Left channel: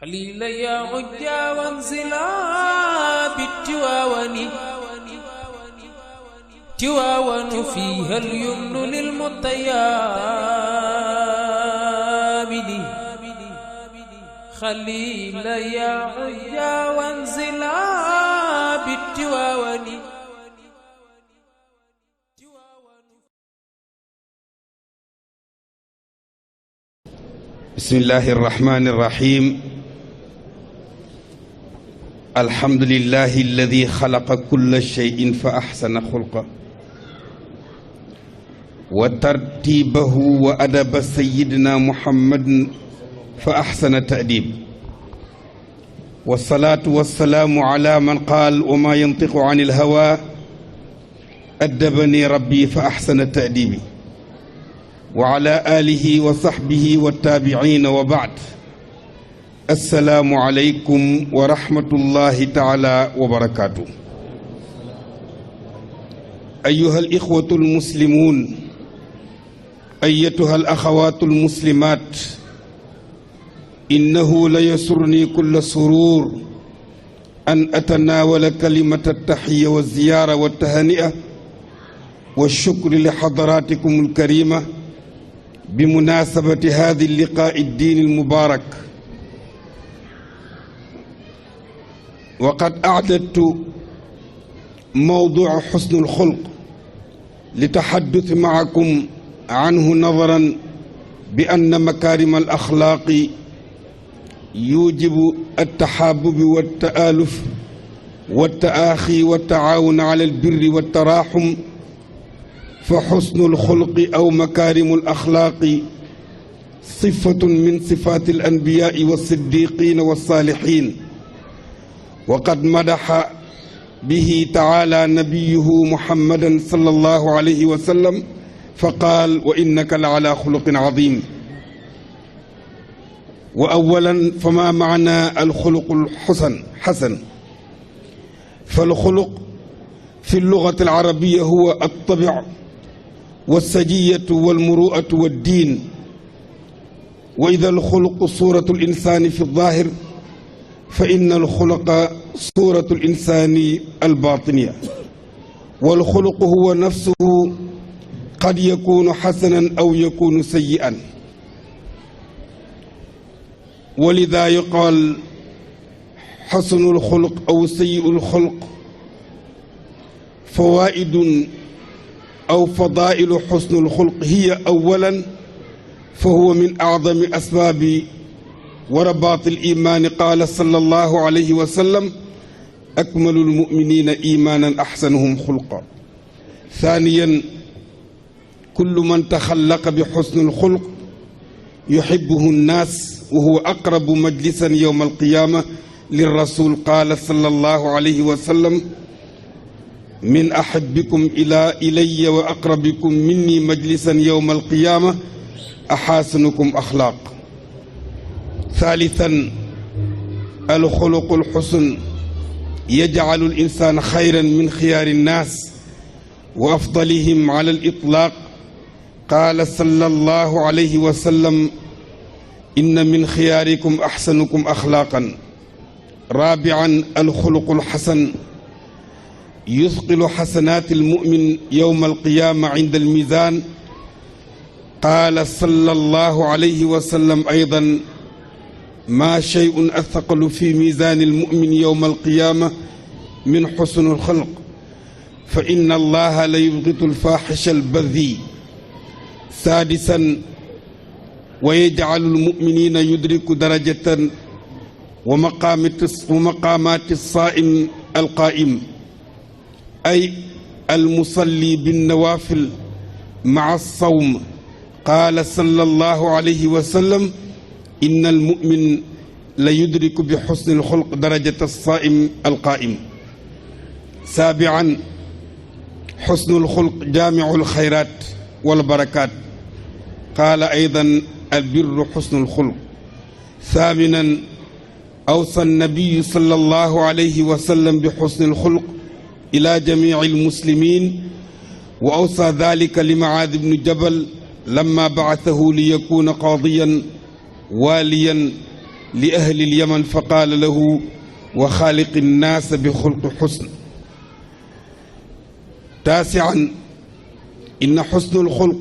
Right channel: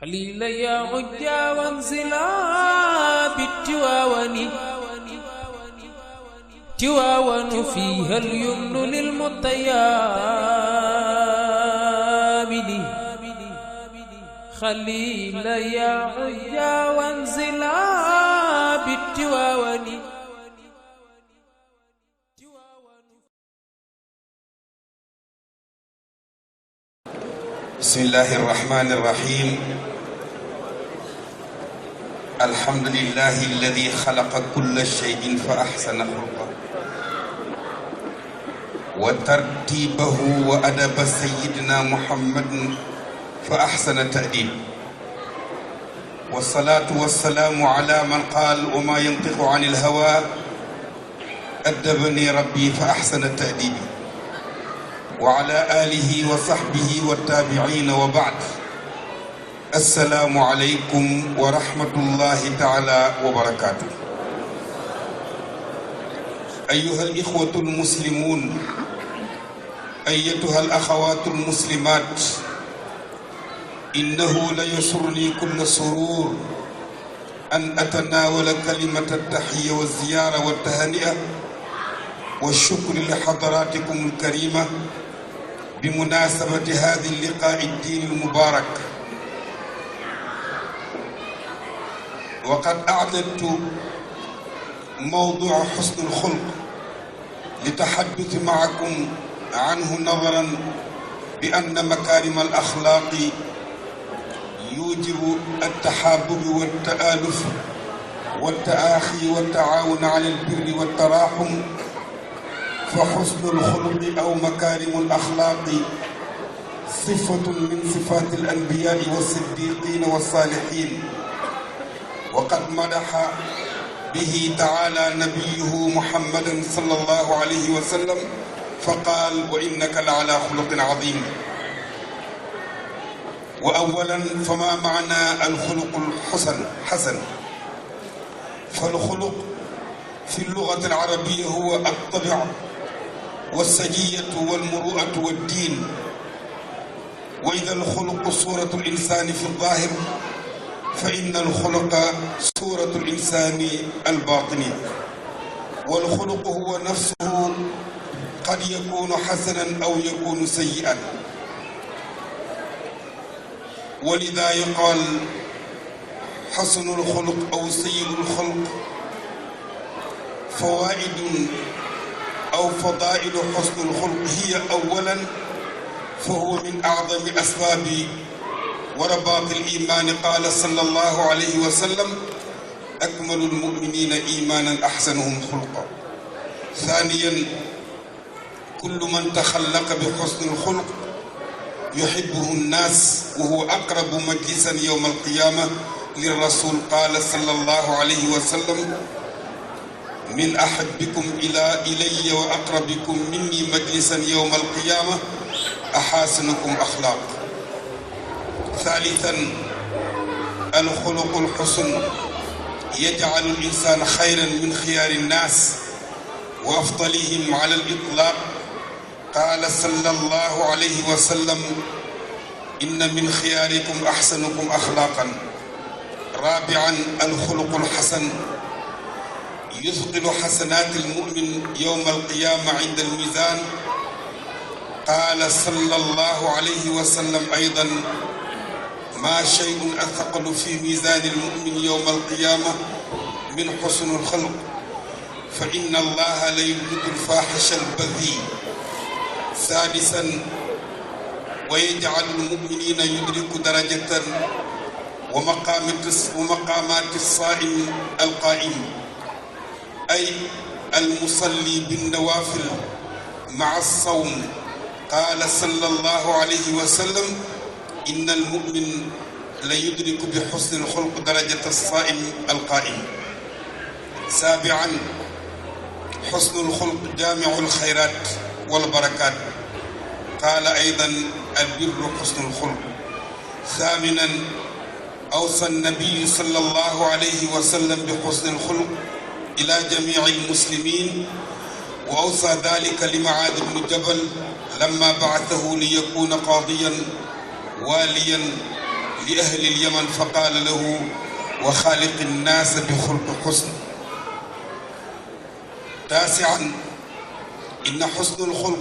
خليل يا عجا وانزلا بالتواون تواون فيها اليمن للمطيابد خليل يا عجا وانزلا بالتواون. بسم الله الرحمن الرحيم. الحمد لله الذي خلق كل شيء فأحسن خلقه وترتيبه وأدب سيدنا محمد فأحسن تأديبه، والصلاة والسلام على من قال وما ينطق عن الهوى أدبني ربي فأحسن تأديبي، وعلى آله وصحبه والتابعين وبعد. السلام عليكم ورحمة الله تعالى وبركاته. أيها الإخوة المسلمون، أيتها الأخوات المسلمات، إنه ليسرني كل سرور أن أتناول كلمة التحية والزيارة والتهنئة والشكر لحضراتكم الكريمة بمناسبة هذا اللقاء الديني المبارك. وقد أعددت موضوع حسن الخلق لتحدث معكم عنه، نظرا بأن مكارم الأخلاق يوجب التحابب والتآلف والتآخي والتعاون على البر والتراحم، فحسن الخلق أو مكارم الأخلاق صفة من صفات الأنبياء والصديقين والصالحين، وقد مدح به تعالى نبيه محمدا صلى الله عليه وسلم فقال: وإنك لعلى خلق عظيم. وأولا، فما معنى الخلق الحسن؟ فالخلق في اللغة العربية هو الطبع والسجية والمروءة والدين. وإذا الخلق صورة الإنسان في الظاهر، فإن الخلق صورة الإنسان الباطنية. والخلق هو نفسه قد يكون حسنا أو يكون سيئا، ولذا يقال حسن الخلق أو سيء الخلق. فوائد أو فضائل حسن الخلق هي: أولا، فهو من أعظم أسباب ورباط الإيمان. قال صلى الله عليه وسلم: أكمل المؤمنين إيمانا أحسنهم خلقا. ثانيا، كل من تخلق بحسن الخلق يحبه الناس، وهو أقرب مجلسا يوم القيامة للرسول. قال صلى الله عليه وسلم: من أحبكم إلي وأقربكم مني مجلسا يوم القيامة أحاسنكم أخلاق. ثالثا، الخلق الحسن يجعل الإنسان خيرا من خيار الناس وأفضلهم على الإطلاق. قال صلى الله عليه وسلم: إن من خياركم أحسنكم أخلاقا. رابعا، الخلق الحسن يثقل حسنات المؤمن يوم القيامة عند الميزان. قال صلى الله عليه وسلم أيضا: ما شيء أثقل في ميزان المؤمن يوم القيامة من حسن الخلق، فإن الله ليبغض الفاحش البذيء. سادسا، ويجعل المؤمنين يدرك درجة ومقامات الصائم القائم، أي المصلي بالنوافل مع الصوم. قال صلى الله عليه وسلم: إن المؤمن ليدرك بحسن الخلق درجة الصائم القائم. سابعا، حسن الخلق جامع الخيرات والبركات. قال أيضا: البر حسن الخلق. ثامنا، أوصى النبي صلى الله عليه وسلم بحسن الخلق إلى جميع المسلمين، وأوصى ذلك لمعاذ بن جبل لما بعثه ليكون قاضيا واليا لأهل اليمن فقال له وخالق الناس بخلق حسن. تاسعا إن حسن الخلق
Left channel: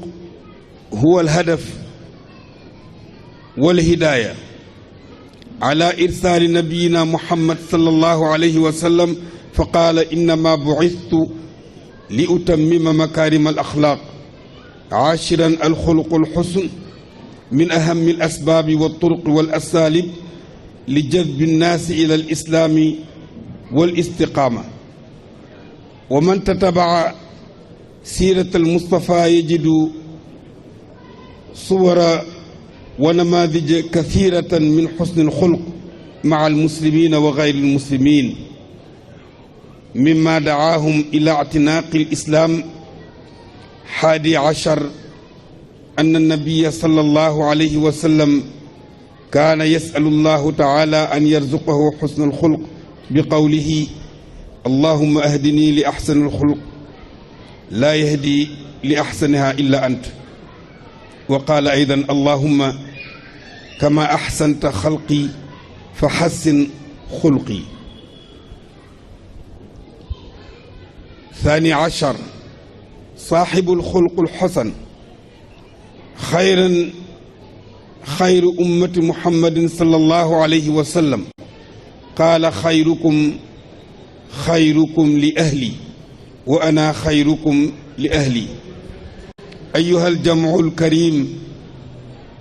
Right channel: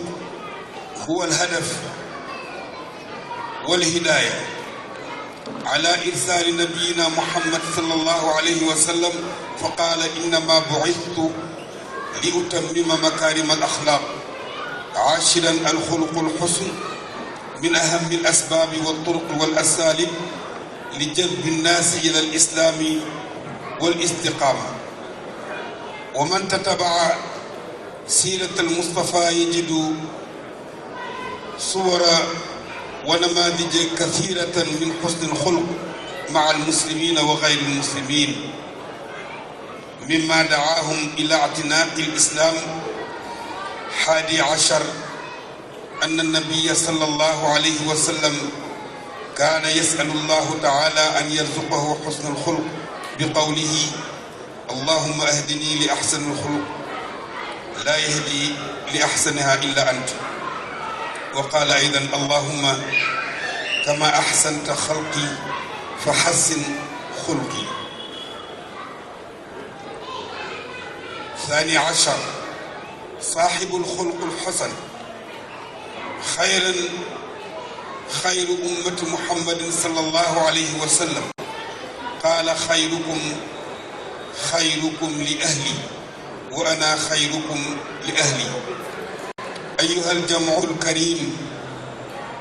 هو الهدف والهداية على إرسال نبينا محمد صلى الله عليه وسلم، فقال إنما بعثت لأتمم مكارم الأخلاق. عاشرا الخلق الحسن من أهم الأسباب والطرق والأساليب لجذب الناس إلى الإسلام والاستقامة. ومن تتبع سيرة المصطفى يجد صور ونماذج كثيرة من حسن الخلق مع المسلمين وغير المسلمين، مما دعاهم إلى اعتناق الإسلام. 11 أن النبي صلى الله عليه وسلم كان يسأل الله تعالى أن يرزقه حسن الخلق بقوله اللهم أهدني لأحسن الخلق لا يهدي لأحسنها إلا أنت. وقال أيضا اللهم كما أحسنت خلقي فحسن خلقي. 12 صاحب الخلق الحسن خير أمة محمد صلى الله عليه وسلم. قال خيركم لأهلي وأنا خيركم لأهلي. أيها الجمع الكريم،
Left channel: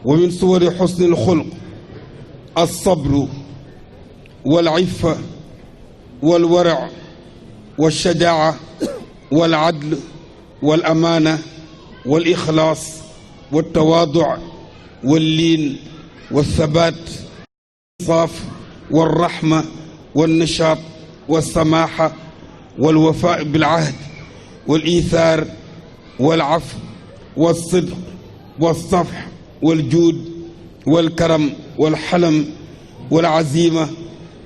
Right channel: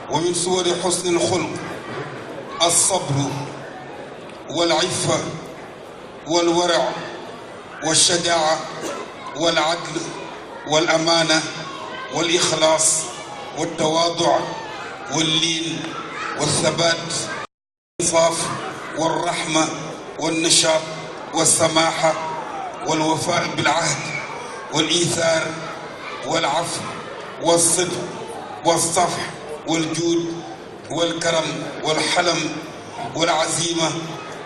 ومن صور حسن الخلق الصبر والعفة والورع والشجاعة والعدل والأمانة والإخلاص والتواضع واللين والثبات والإنصاف والرحمة والنشاط والسماحة والوفاء بالعهد والإيثار والعفو والصدق والصفح والجود والكرم والحلم والعزيمة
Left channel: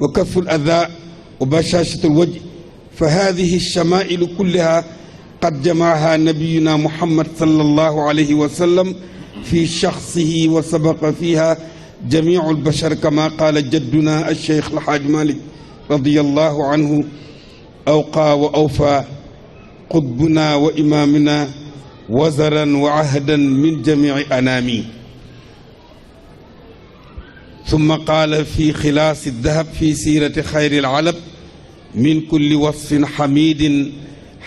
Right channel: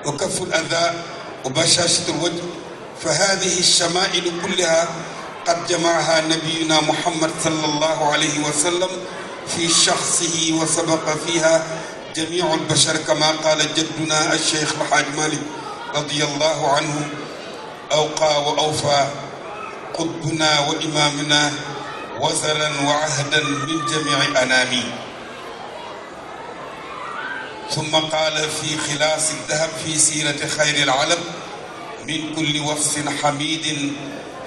وكف الأذى وبشاشة الوجه. فهذه الشمائل كلها قد جمعها نبينا محمد صلى الله عليه وسلم في شخصه، وسبق فيها جميع البشر كما قال جدنا الشيخ الحاج مالك رضي الله عنه أوقى وأوفى قطبنا وإمامنا وزرا وعهدا من جميع أنامي. ثم قال في خلاص الذهب في سيرة خير العلب من كل وصف حميد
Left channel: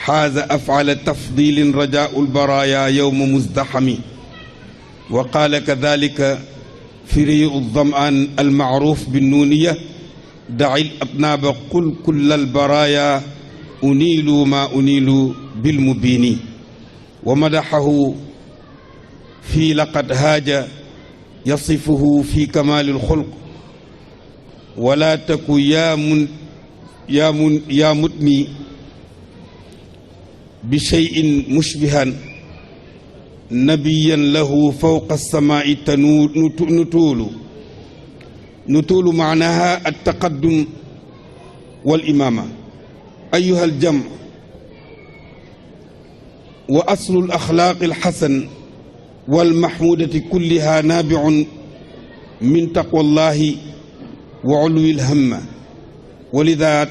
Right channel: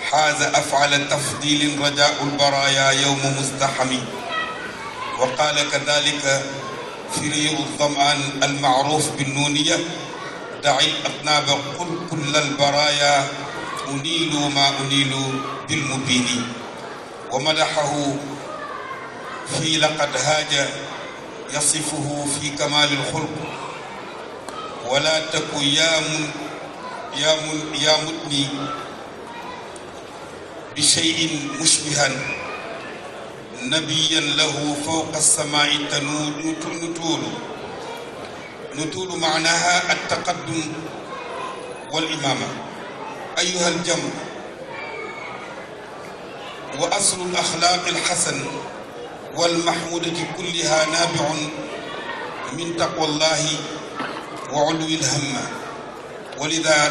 حاز أفعل تفضيل رجاء البرايا يوم مزدحم. وقال كذلك في الظمآن المعروف بالنونية دعي الأطناب قل كل البرايا أنيل ما أنيل بالمبين. ومدحه في لقد هاج يصفه في كمال الخلق ولا تك يا متني بشيء مشبها نبيا له فوق السماء نتول معناها التقدم والإمامة. أيها الجمع، وأصل الأخلاق الحسن والمحمودة كلها نابع من تقوى الله وعلو الهمة. ولذا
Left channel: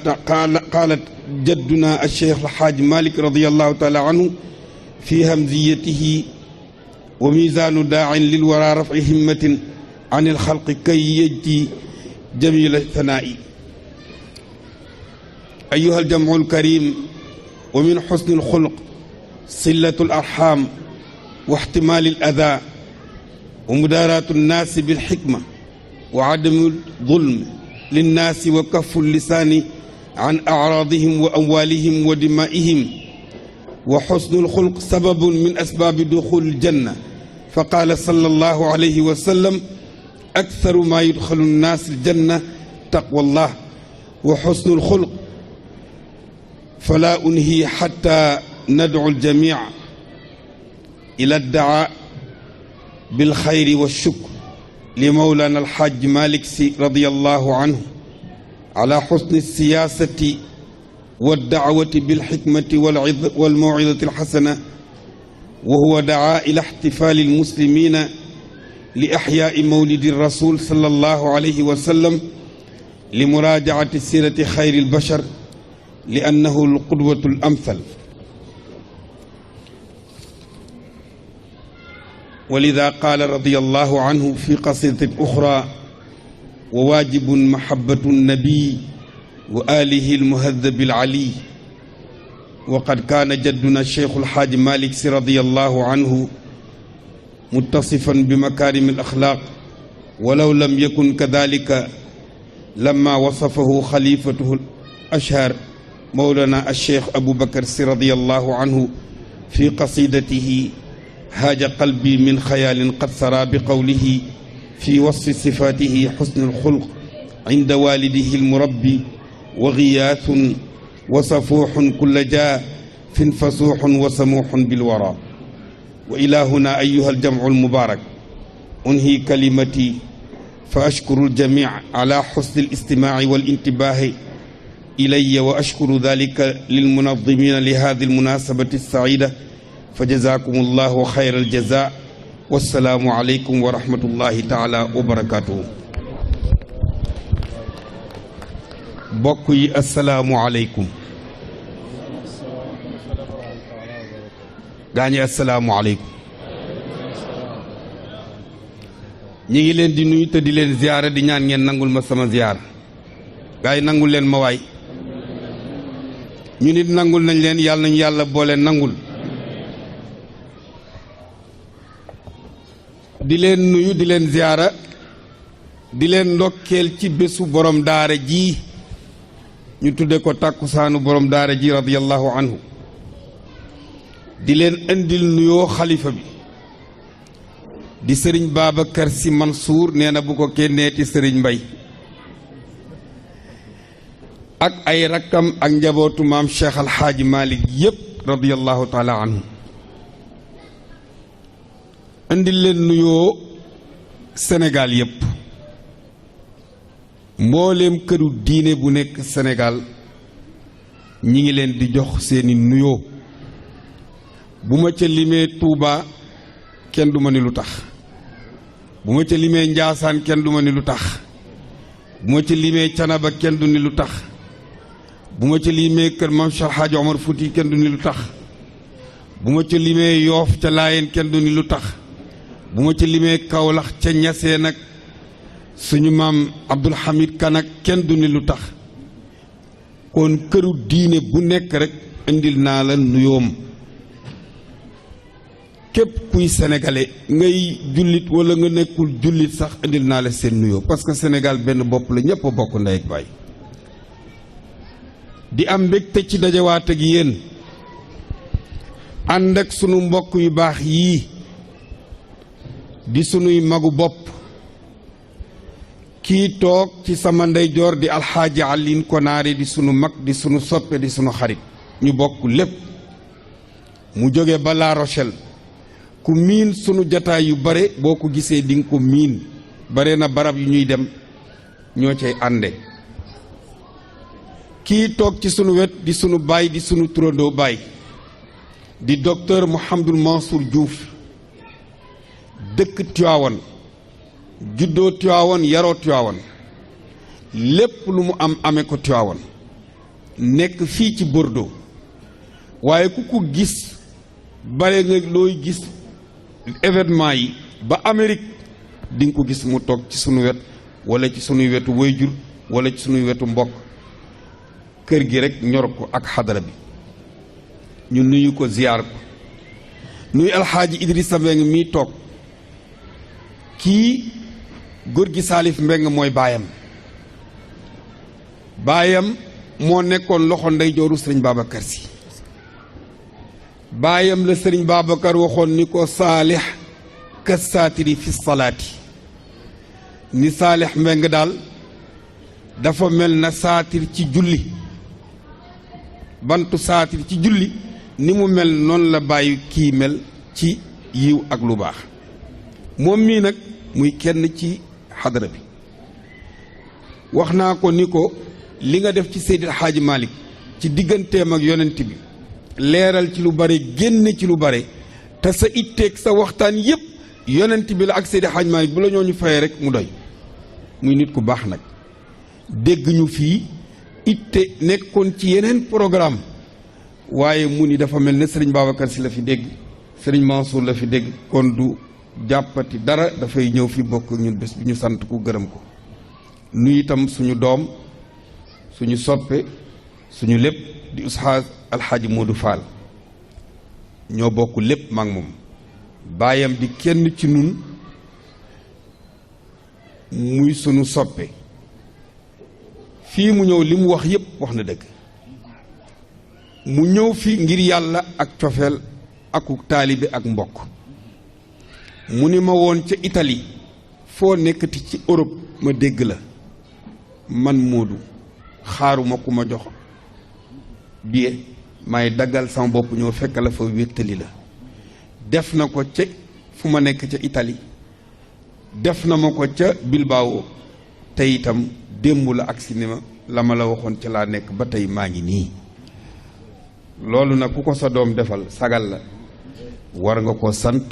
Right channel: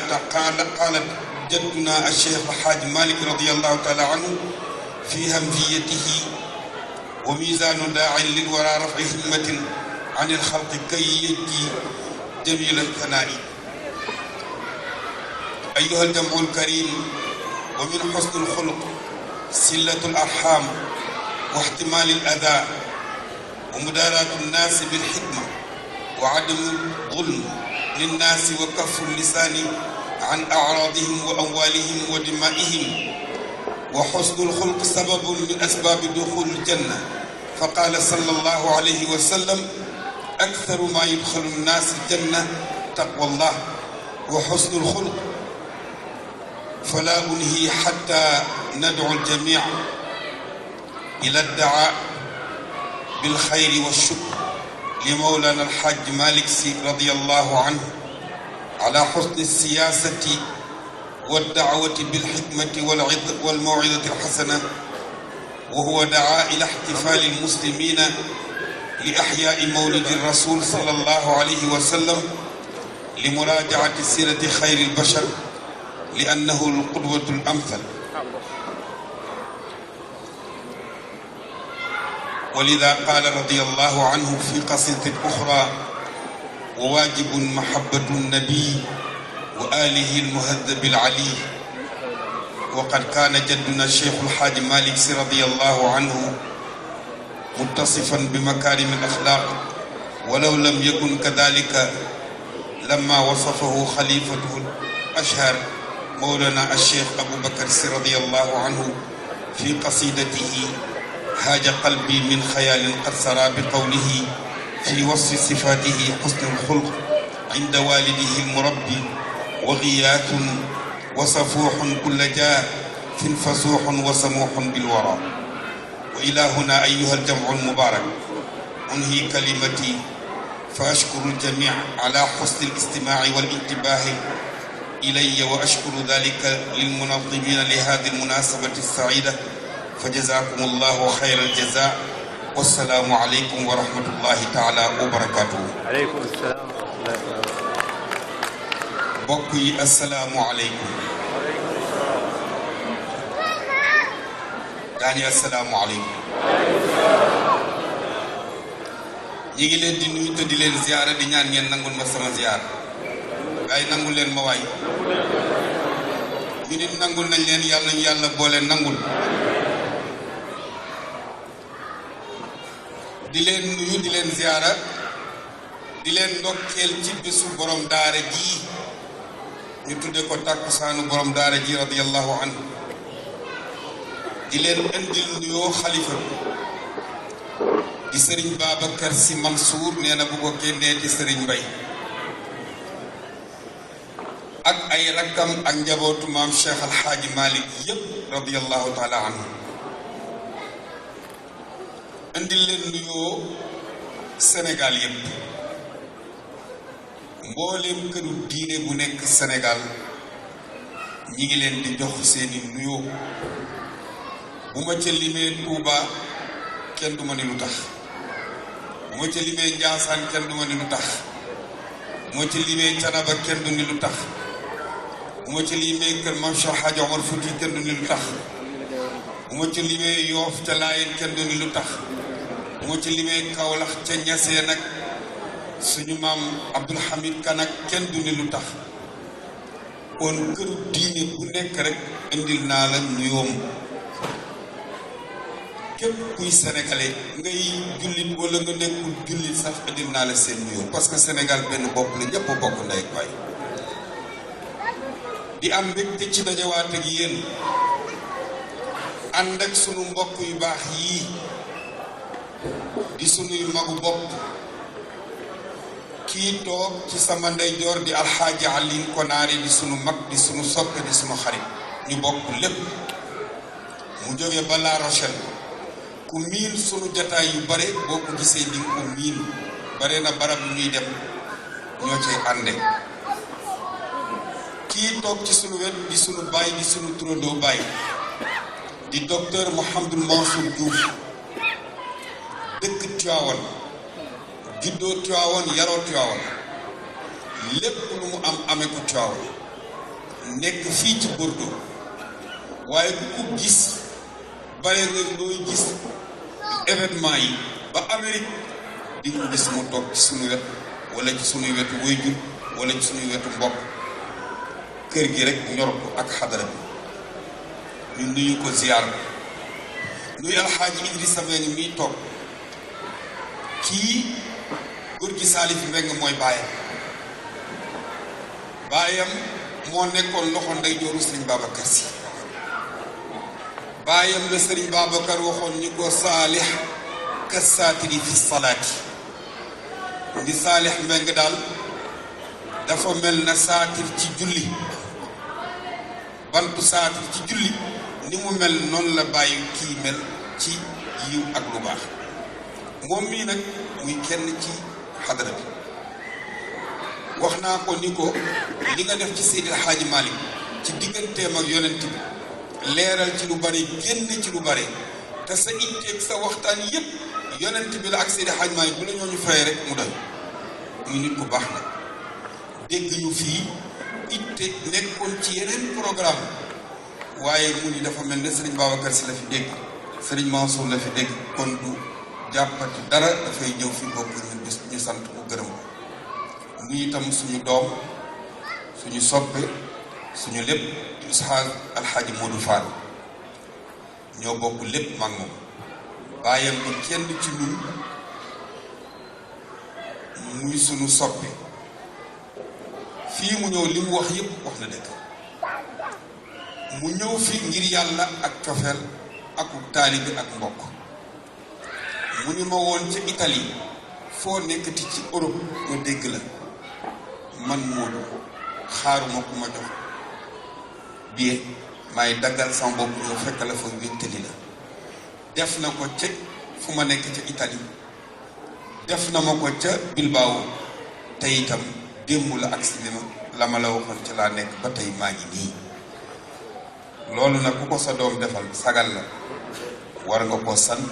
قالت جدنا الشيخ الحاج مالك رضي الله تعالى عنه في همزيته وميزان داع للورى رفع همة عن الخلق كي يجي جميل الثناء. أيها الجمع الكريم، ومن حسن الخلق صلة الأرحام واحتمال الأذى ومداراة الناس بالحكمة وعدم الظلم للناس وكف اللسان عن أعراضهم وأموالهم ودمائهم. وحسن الخلق سبب من أسباب دخول الجنة، فقال صلى الله عليه وسلم أكثر ما يدخل الناس الجنة تقوى الله وحسن الخلق. فلا أنهي حتى ندعو الجميع إلى الدعاء بالخير والشكر لمولانا الحاج مالك رضي الله عنه على حسن السياسة والدعوة بالحكمة والموعظة الحسنة. وهو دعا إلى احتفال المسلمين لإحياء مولد الرسول صلى الله عليه وسلم لمراجعة سيرة خير البشر لأنه القدوة الأمثل. ولذا قال رضي الله عنه في قصيدة أخرى: وواجب محبة النبي وآله المهذب العلي. وقد كان جدنا الشيخ الحاج مالك رضي الله عنه متصفا بمكارم الأخلاق، ولو لم يكن كذلك لما وصفه خليفته الأشهر مولانا الشيخ أبو بكر رضي الله عنه في قصيدته هاج قلبي من خيال قد سرى بقوله في وصف صفاته حسن الخلق عند والده المربي وغياث وصفوح كل جاه فسوح وسموح بالورى. وإلى هنا أيها الجمع المبارك أنهي كلمتي، فأشكر الجميع على حسن الاستماع والانتباه إلي، وأشكر ذلك للمنظمين لهذه المناسبة السعيدة، فجزاكم الله خير الجزاء، والسلام عليكم ورحمة الله تعالى وبركاته. عليكم السلام. بقي السلام عليكم. داني السلام عليكم. ñi ngi leen di nuyu te di leen ziyaara di ñaan ngeen nangul ma sama ziyaar. gaay nangul leen ma waay. ñu nit nangul nañ leen, yàlla nañu yàlla boole nangul. di leen nuyu di leen ziyaara di leen ndokkeel ci bésu borom daara ji ñu tudde ko tàkkusaanu borom daara ji radiyallahu anhu. di leen indil nuyoo xalifa bi di sëriñ Babacar Sy Mansour, nee na bu ko kenneeti sëriñ Mbay ak ay rakkam ak njabootu maam Cheikh Al Hadji Malick yépp radiyallahu taala anhu. indil leen nuyoo Sénégal yépp, mbooleem këru diine bu nekk Sénégal ñi ngi leen di jox seeni nuyoo. bu ma ca limee Touba kenn du ma ni lu tax, bu ma ca limee Njaasaan kenn du ma ni lu tax, bu ma ca limee Canaba kenn du ni lu tax, bu ma ca limee kër Maam Cheikh Hadji Omar Fouti kenn du ni lu tax, bu ma ca limee Yoof ca Laayeen kenn du ni lu tax, bu ma ca limee Kawlax ca Ñaseen ak suñu maam Abdul Hamid Kan ak kenn du ni lu tax. kon këru diine bu nekk rek indil naa la nuyoom. képp kuy sénégalais ngay jullit wala nga nekkul jullit sax indil naa la seen nuyoo, parce que Sénégal benn bopp la, ñëpp a bokk ndey ak baay. di am mbégte ci dajawaat ak yéen ànd ak sunu mbokk yu baax yii di sunuy magu bopp. kii toog ci sama ndeyjoor di alxaaji Alioune Konaare di sunu mag di sunu soppe di sunu xarit, ñu bokk lépp. mu jóge ba La Rochelle, ku miin sunu jataay yu bare boo ko gisee di nga ko miin, bare na barab yu ñuy dem ñoo cay ànde. kii toog ci sunu wet di sunu baay di sunu turandoo baay di docteur Mouhamadou Mansour Diouf, dëkk Tiwaawan, juddoo Tiwaawan, yaroo Tiwaawan, lépp lu mu am amee ko Tiwaawan, nekk fii ci Bordeaux. waaye ku ko gis bare nga looy gis événement yi ba Amérique di nga ko gis mu toog ci sunu wet wala ci sunuy wetu wayjur wala ci sunuy wetu mbokk. kër gi rek ñor ko ak xadara bi. ñu nuyu ko ziyaar nuyu alxaaji Idrissa Mbeng mii toog. kii góor gi Salif Mbeng mooy baayam. baayam moo nekkoon loxo ndeyjooru sëriñ Babacar Sy. baayam la sëriñ Babacar waxoon ni ko Saalix ka saatiri fi salaati, ni Saalix Mbeng daal dafa mel na saatir ci julli, bantu saatir ci julli ni mu mel noonu la bàyyi kii mel ci yiw ak lu baax. moom mii nag muy kenn ci xadara bi. wax naa ko ni ko li nga def ci Seydi El Hadji Malick ci digganteem ak yonent bi, leeral ci lu bare, génne ci lu bare, te sa itteeg sa waxtaan yépp yonent bi la ak Seydi Hadj Malick bu la ñoo ñu fay rek mu doy muy nit ku baax na dégg ñu fii itte nekkoon ci yeneen programme waaye mu ni dafa mel ne Serigne Babacar Sy la fi dégg Serigne Mansour la fi dégg kon du jàppati dara dafay ñëw fi bokk ñun bés ñu sant ku gërëm ko nuyu itam suñu doom suñu soppe suñu lépp di Oustaz Alxaaji Modou Fall ñoo bokk lépp maak moom baayam di kenn ci ñun muy suñu soppe fii mu ñëw li mu wax yépp wax na dëgg mu ñëw fi ngir yàlla ak cofeel ak taalibe ak mbokk mu ni ma woon ca Italie foo nekkati ci Europe ma dégg la man Moodu xaaruma ku ma jox billet maay daggal sama bopp ñoo fekk la fa wéttali la def na ko ca fu ma nekk ca Italie def na ma ko ca Bilbao te itam démb la ak cinéma la ma la waxoon ca laa nekk ba tey maa ngi nii loolu nag ku ko sa doom defal sagal la war nga ko sant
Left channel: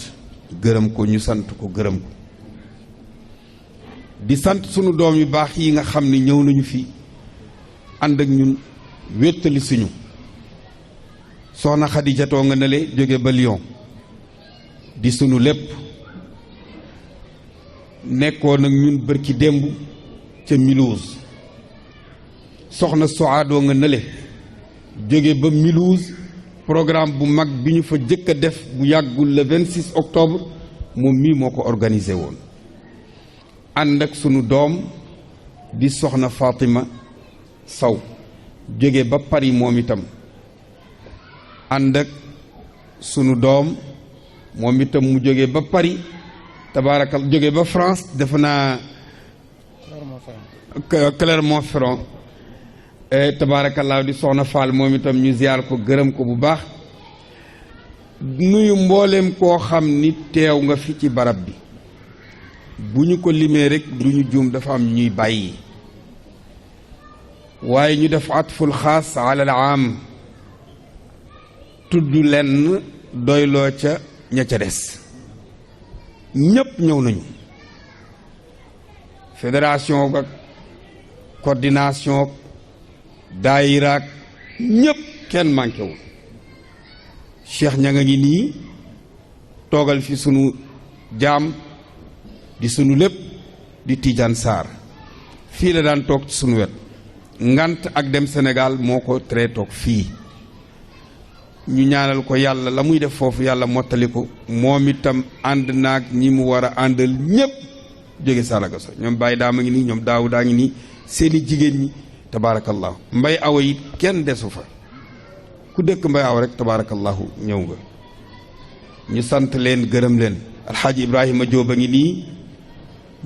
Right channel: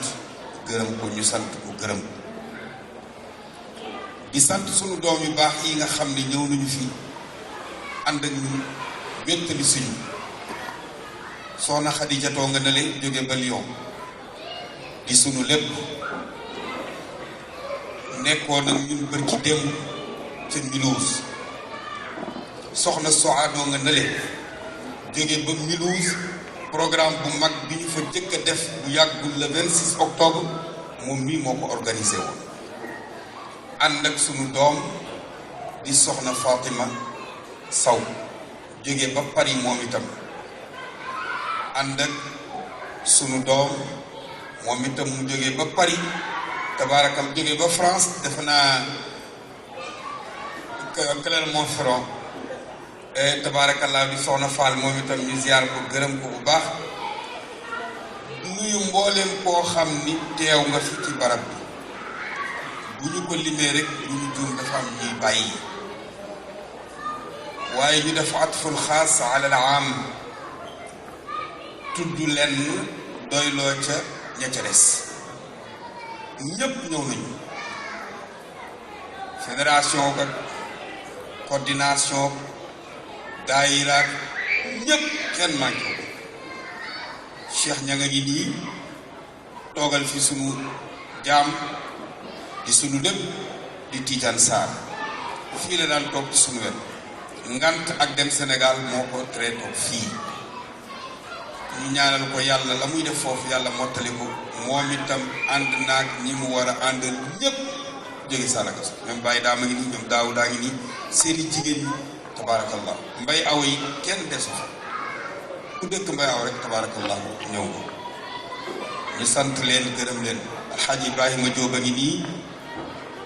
gërëm ko ñu sant ko gërëm di sant sunu doom yu baax yi nga xam ni ñëw nañu fi ànd ak ñun wéttali suñu soxna Xadijatoo nga nele jóge ba Lyon di sunu lépp nekkoon ak ñun bërki démb ca Mulhouse soxna Soadoo nga nele jóge ba Mulhouse programme bu mag bi ñu fa jëkk a def bu yàggul le 26 octobre moom mii moo ko organisé woon ànd ak sunu doom di soxna Fatima Sow jóge ba Paris moom itam ànd ak sunu doom moom itam mu jóge ba Paris tabaaraka jóge ba France def naa Clermont-Ferrand tabaarakallaa di soxna Fall moom itam ñu ziar ko gërëm ko bu baax nuyu mbooleem koo xam ni teew nga fi ci barab bi bu ñu ko limee rek du ñu juum dafa am ñuy bàyyi waaye ñu def atful xaas ala al aam tudd lenn doyloo ca ña ca des ñépp ñëw nañu fédération ak coordination daayiraak ñépp kenn manqué wu Cheikh ña nga ngi nii toogal fi sunu jaam di sunu lépp di Tidiane Sarr fii la daan toog sunu wet ngant ak dem Sénégal moo ko tere toog fii ñu ñaanal ko yàlla la muy def foofu yàlla mottali ko moom itam ànd naag ñi mu war a àndal ñépp jóge Saragossa ñoom Baye Daama ngi nii ñoom daaw daa ngi nii seeni jigéen ñi tabaarakallahu mbay aw yi kenn desu fa ku dëkk mbay aw rek tabaarakallahu ñëw nga ñu sant leen gërëm leen alxaaji Ibrahima Jóob a ngi nii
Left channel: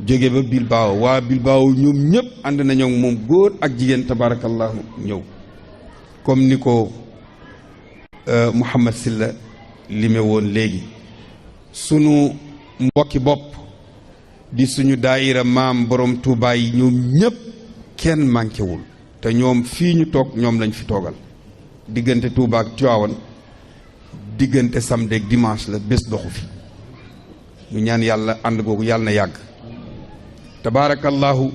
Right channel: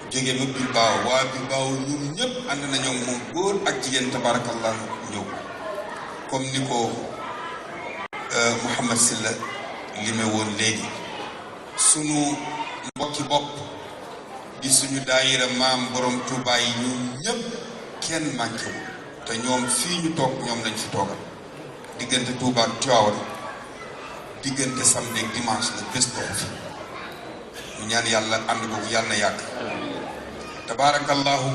jóge ba Bilbao waa Bilbao ñoom ñëpp ànd nañoo moom góor ak jigéen tabaarakallahu ñëw comme ni ko Mouhamad Silla li me woon léegi sunu mbokki bopp di suñu daayira maam borom Touba yi ñoom ñëpp kenn manqué wul te ñoom fii ñu toog ñoom lañ fi toogal diggante Touba ak Tivaouane diggante samedi ak dimanche la bés doxu fi ñu ñaan yàlla ànd googu yàlla na yàgg tabaarakallahu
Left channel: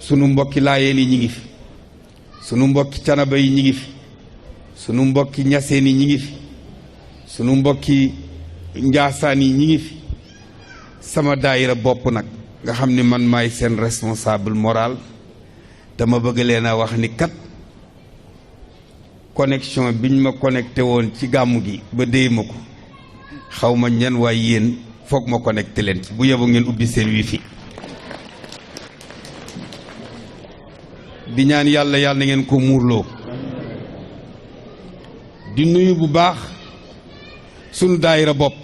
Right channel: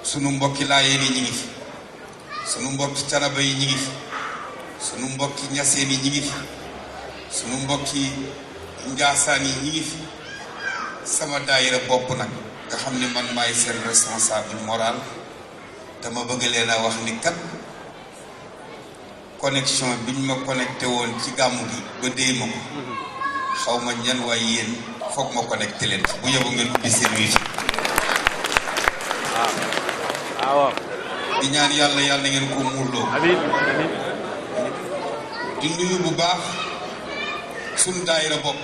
sunu mbokki laayeen yi ñi ngi fi sunu mbokki canaba yi ñi ngi fi sunu mbokki ñaseen yi ñi ngi fi sunu mbokki njaasaan yi ñi ngi fi sama daayira bopp nag nga xam ni man maay seen responsable moral dama bëgg leen a wax ni kat connexion biñ ma connecté woon ci gàmmu gi ba déy ma ko xaw ma ñan waaye yéen foog ma connecté leen bu yebu ngeen ubbi seen wifi di ñaan yàlla yàlla na ngeen ko muurloo di nuyu bu baax suñu daayira bopp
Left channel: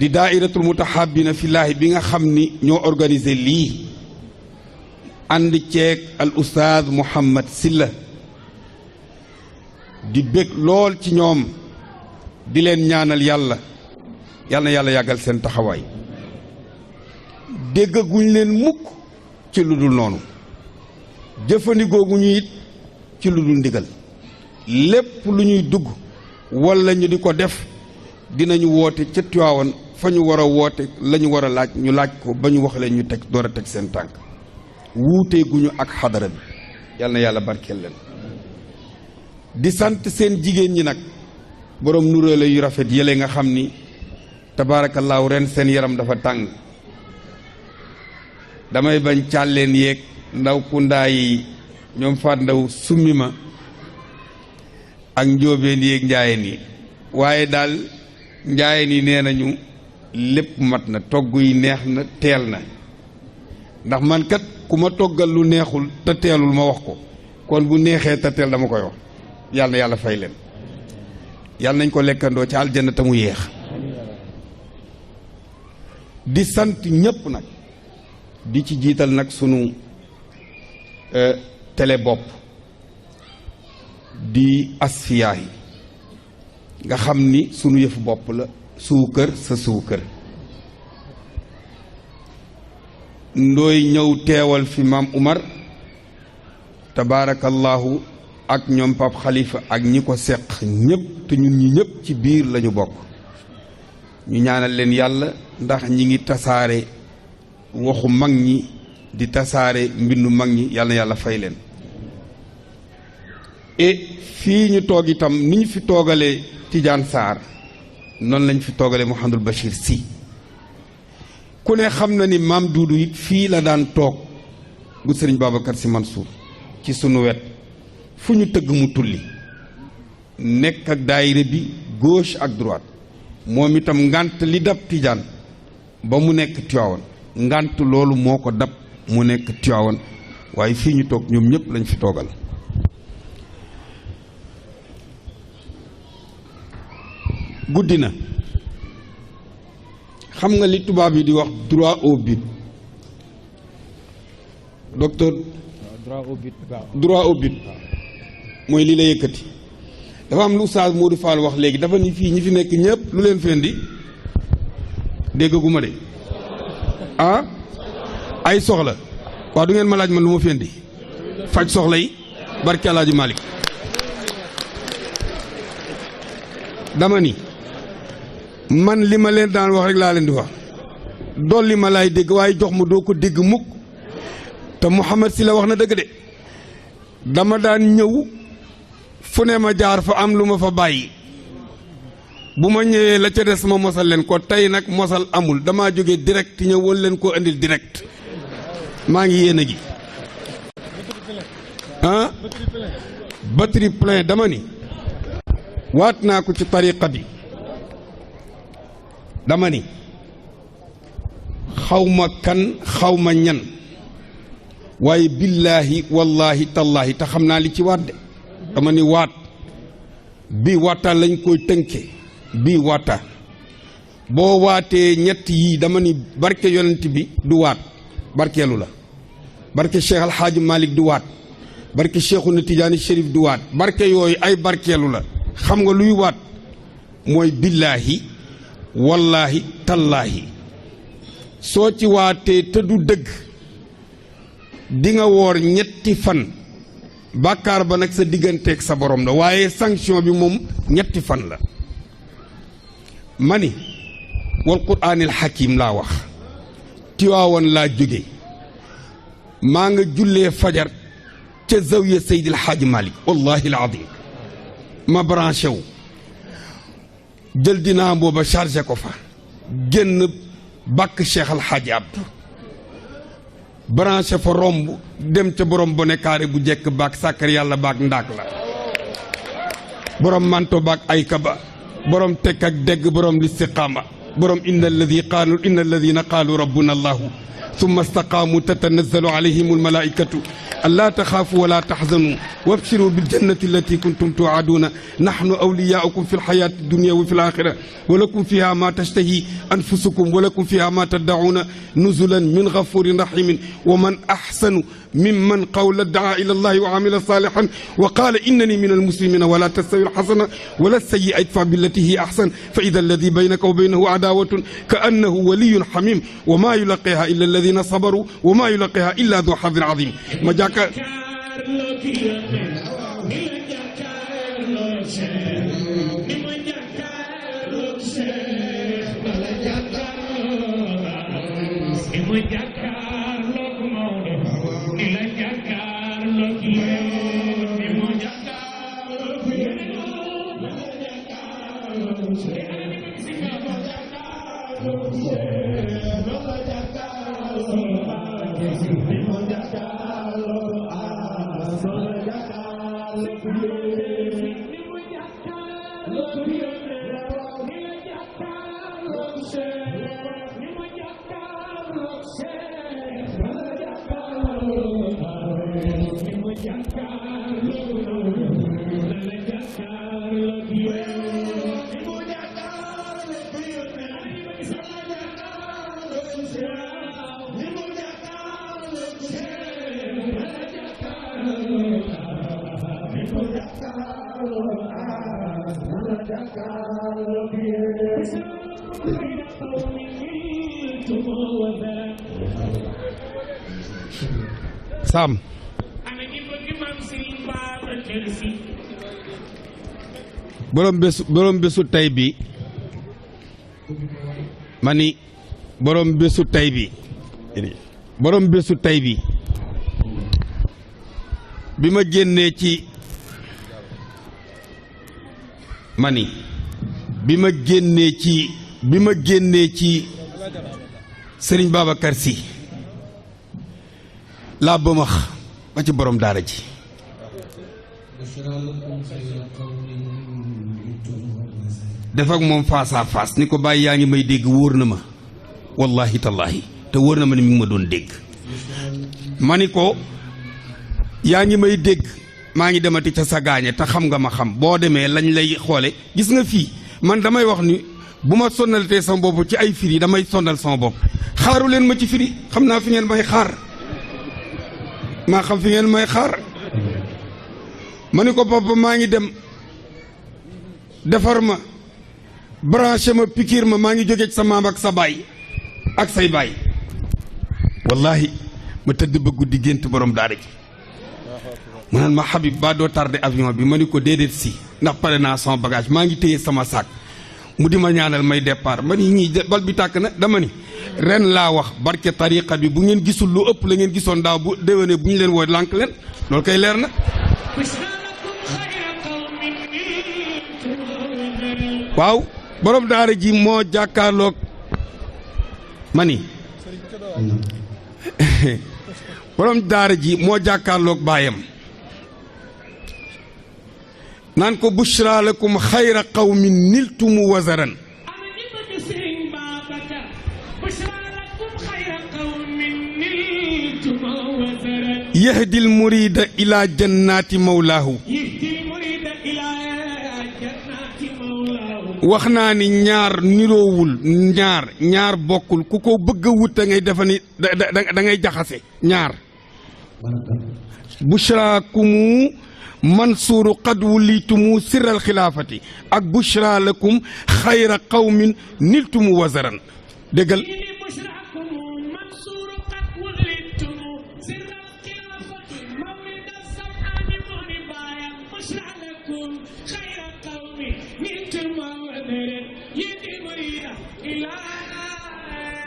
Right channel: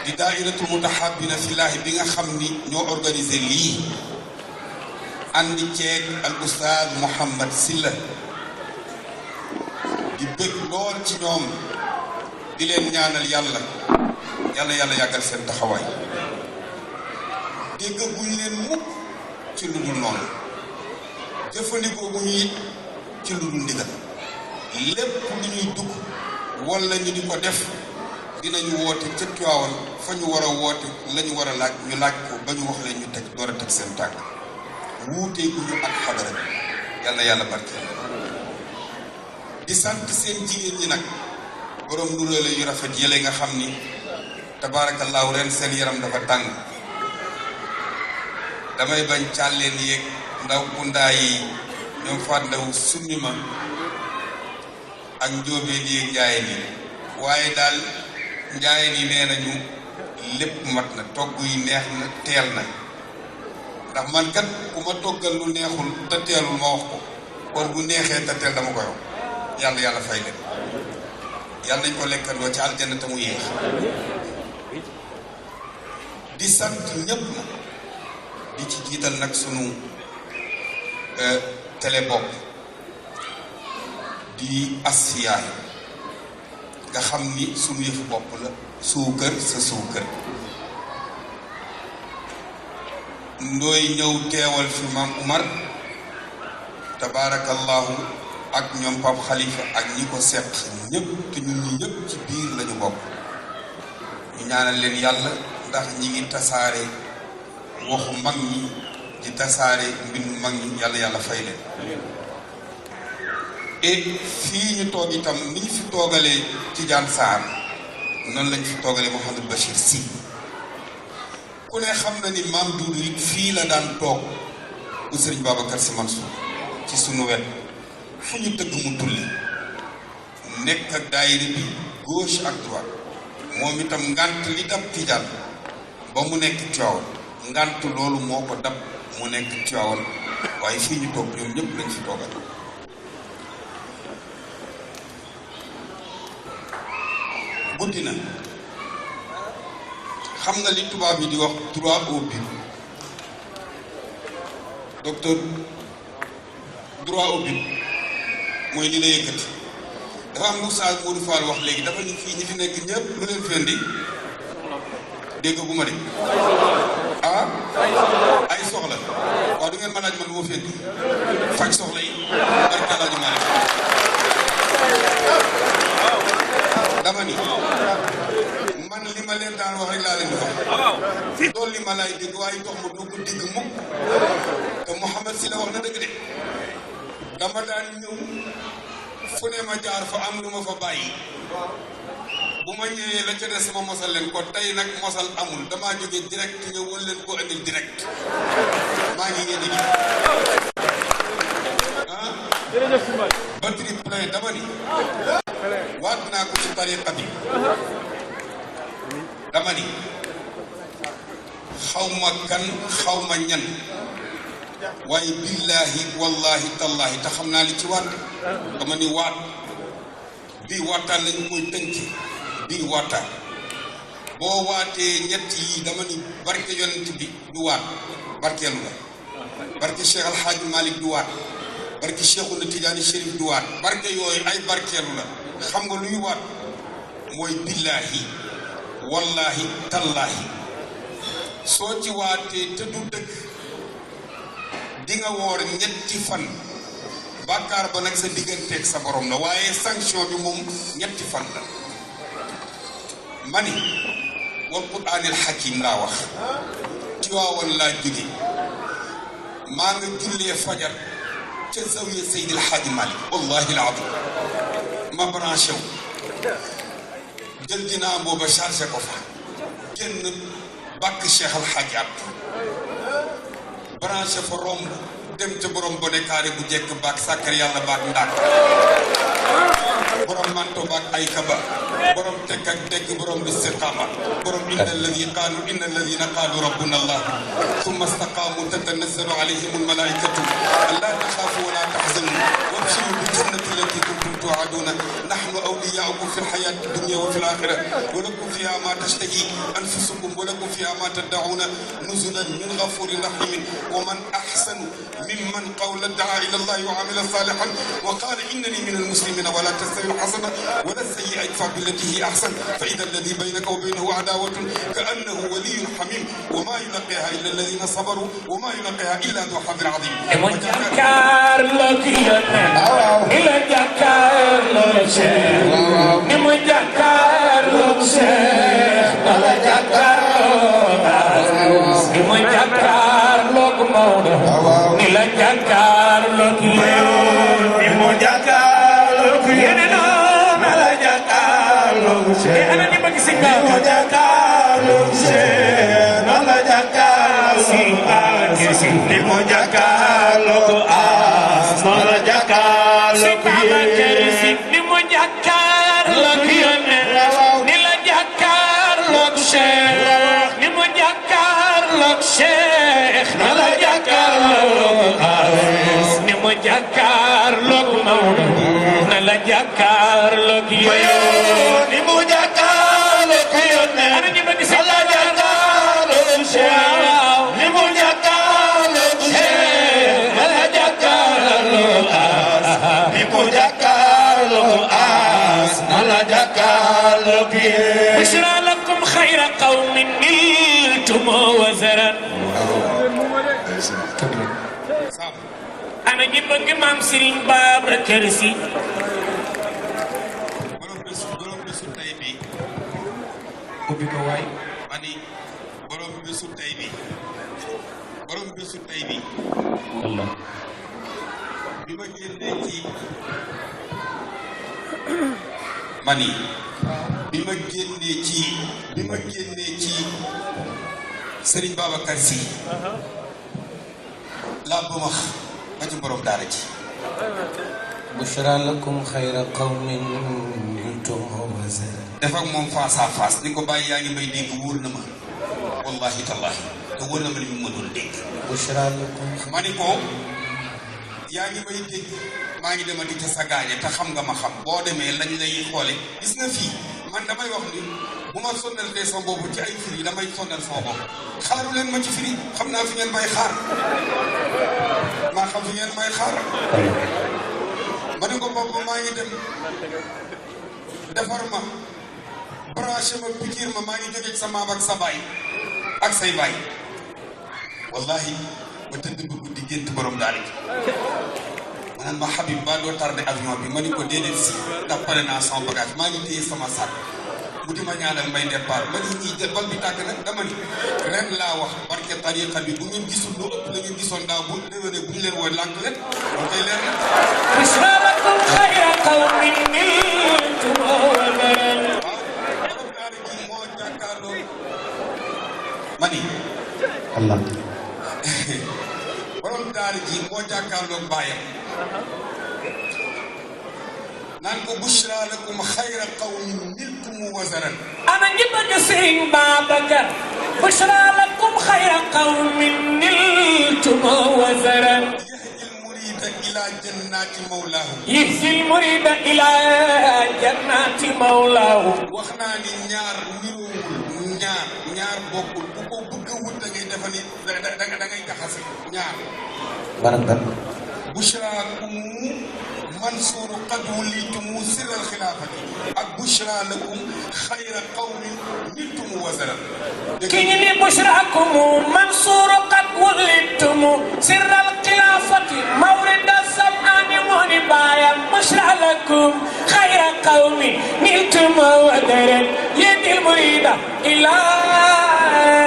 di daayiratul mutahabbina fillaahi bi nga xam ni ñoo organisé lii ànd ceeg al oustaz Mouhamad Silla di bëgg lool ci ñoom di leen ñaanal yàlla yàlla na yàlla yàggal seen taxawaay déggaguñ leen mukk ci lu dul noonu jëfandikoo gu ñu it ci lu dul ndigal lépp lu ñuy dugg walla ñu di ko def dinañu woote ca Tiwaawan fa ñu war a woote la ñu war a laaj ñu laaj ko ba ñu wax leen ñu teg door a teg seen tànk wuutee gu ñu ak xadara bi yal na yàlla barkeel leen di sant seen jigéen ñi nag borom nuróole yu rafet yële nga xam ni tabaarakallaahu ren seen yaram dafa tàng damay bañ càlleen yeeg ndaw ku ndaa yi ñoom faat ndaw summi ma ak njóobeen yeeg njaayeen yi waaye daal njaayeen yi nee nañu lépp mat na togg yi neex na teel na ndax man kat ku ma toggal lu neexul te teelul ma wax ko kon bu neexee te teel dama koy wax yàlla na yàlla fay leen yàlla nañ ko lekkandoo ca aljanna te mu yéex di sant ñépp na di ci jiital nag sunu télé bopp di Asfiyahi nga xam ni sunu yëf bopp la suukar sa suukar ndooy ñëw teewal fi maam Umar tabaarakallahu ak ñoom Pape Khalifa ak ñi ko seq ñëpp te ñun ñi ñëpp ci biir lañu bokk ñu ñaanal leen yàlla ndax ñi ngi tasaare waxu mag ñi di tasaare mbindu mag ñi yàlla yàlla fay leen et fii ñu toog itam ni ñu fi toogalee Tidiane Sarr noonu lañ fi toogalee Mouhamadou Bachir Sy ku ne xam na ni maam Duudu it fii la daan toog bu sëriñ Babacar Sy Mansour ci sunu wet fu ñu tëgg mu tulli nekk ak daayira bi gauche ak droite moom itam ngànt li dab Tidiane ba mu nekk Tiwaawan ngànt loolu moo ko dab mu nekk Tiwaawan waaye fii ñu toog ñoom ñëpp lañ fi toogal guddi na xam nga li tubaab yi di wax droit au but docteur droit au but mooy li la yëkkati dafa am lu Oustaz Modou Fall wax léegi dafa ni fii ñi fi nekk ñëpp lu leen fendi déggaguma de ah ay soxla waaw du ngeen ma laaj man lu ma fendi faj soxla yi barke Alaaji Maalik dama ni man li ma leen daan wax rek laa leen di wax dolli ma laay dégg waaye jox ma doo ko dégg mukk te Mouhamed Sy la wax na dëgg de dama daan ñëw fu ne ma jaar fa am lu ma fa bàyyi bu ma ñëwee la ca des ma mosal leen ko tey nag mosal amul damaa jóge direct ñëw wal leen koo indil direct maa ngi yéene gi ah batterie plein dama ni waat naa ko ci tariqa bi dama ni xawma kan xawma ñan waaye billaahi wallaahi tallaahi te xam naa li ci waat dama ni waat bii waataan lañ koy tënke bii waataan boo waatee ñett yii dama ni barke yonent bi du waat barkeelu la barke Cheikh Alhaaji Malick du waat barke Cheikhouna Tidiane Chérif du waat barke yooyu ay barkeelu la xam nga luy waat mooy billaahi wallaahi tallaahi soo ci waatee te du dëgg di nga woor ñetti fan bàkkaar ba nag sa digganteeg sa borom la waaye sanction bi moom ñetti fan la mani wal quraanil hakiim laa wax Tiwaawan laa jóge maa nga jullee fajar ca zawiya Seydil Hadji Malick wallahi al azim ma branché wu jël dinaa booba chargé ko fa génn bàkk Cheikh Al Hadji Abdou branché fa romb dem ca borom bone kaare bu jekk baak sàkkar yàlla baak ndaak borom manto baak ay kaba borom tekk ak dégg borom listiqaama borom inna alladina qaalu rabbuna allah thumma istaqaamu tatanazzalu alayhim almalaikatu an laa taxaafu wala taxzanu wabshiru biljannati allati kuntum tuuaduuna nahnu awliyaaukum fi lxayaati dunia wa fi laxira wa lakum fiha ma tashtahi anfusukum wa lakum fiha ma taddacuuna nuzulan min gafurin rahimin wa man axsanu ممن قول دعا إلى الله وعمل صالحا وقال إنني من المسلمين ولا تستوي الحسنة ولا السيئة ادفع بالتي هي أحسن فإذا الذي بينك وبينه عداوة كأنه ولي حميم وما يلقيها إلا الذين صبروا وما يلقيها إلا ذو حظ عظيم ana ni bëgg si nga mo jàkkaarloog Cheikh la jàkkaarloog si ni mo jàkkaarloog as la jàkkaarloog si ni mo jàkkaarloog ni la jàkkaarloog Cheikh ni mo jàkkaarloog Cheikh la jàkkaarloog as ni mo jàkkaarloog Maodo na la jàkkaarloog yow ni mo jàkkaarloog yow ana ñu bëgg si la jàkkaarloog Cheikh ni mo jàkkaarloog Cheikh na la jàkkaarloog as ni mo jàkkaarloog as na la jàkkaarloog yow bushra lakum khayra qawmin niltum wazaran Sam ana ñi bëgg maam Serigne Babacar Sy borom bésu tey bi ma ni borom bésu tey bi bi ma génnee ci ma ni bi ma génnee ci Serigne Babacar Sy laa ba max ma ci borom daara ji bushra lakum xayra qawmin niltum wazaran def ak moom face à face ni ko bàyyi yaa ngi may dégg wóor na ma wallahi tallahi te wóor na ma ne mi ma doon dégg bushra lakum ma ni ko yaa ngi may dégg maa ngi demati ca sa gaañe te xam nga ma xam boo demee lañ lay xoole gis nga fii man damay wax ni bu ma sonnaltee sama bopp ci ay firi damay sonnal sama bopp xaaru leen ma ci firi xam naa fi ngeen may xaar maa xam fi ngeen may xaar ma ni ko papa maa ngi dem defar ma branché ma pikiir ma maa ngi jóge ci sa maam ak sa baay ak say baay wallahi ma tëdd ba guddi gént borom daara ji ma naan ma Habib ba doo tardé avion bi ma ni ko déedéet si ndax pare naa sama bagage maa ngi téye sama sac mu di ma ñaanal may départ ma ni ñii bal bi tàkk na dama ni ren laa wax barke tariqa bi bu ngeen gisul lu ëpp la ngeen gisoon daaw bu déwénee bu ñu leen woo lànk leen loolu koy leer na waaw borom daara ji moo jàkkaarloog ma ni borom daara ji moo jàkkaarloog baayam naan ko bushra lakum xayra qawmin niltum wazaran ana ñi bëgg Serigne Babacar bushra lakum xayra qawmin niltum wazaran yahdil murida ila jannati mawlaahu yahdil murida ila jannati mawlaahu wax naa ni ñaar niroowul ñaar bokkul ku ko bëgg a wut da ngay defa ni da ngay jaxase ñaar bushraakumu mansuuru qad wulitumu sirral xilaafati ak bushra lakum xayra qawmin niltumu wazaran déggal ki ni bushraakumu mansuuru qad wulitumu sirral xilaafati mawrida sam'ani moo di baayam bushra lakum xayra qawmin niltumu wazaran yedil murida ilaa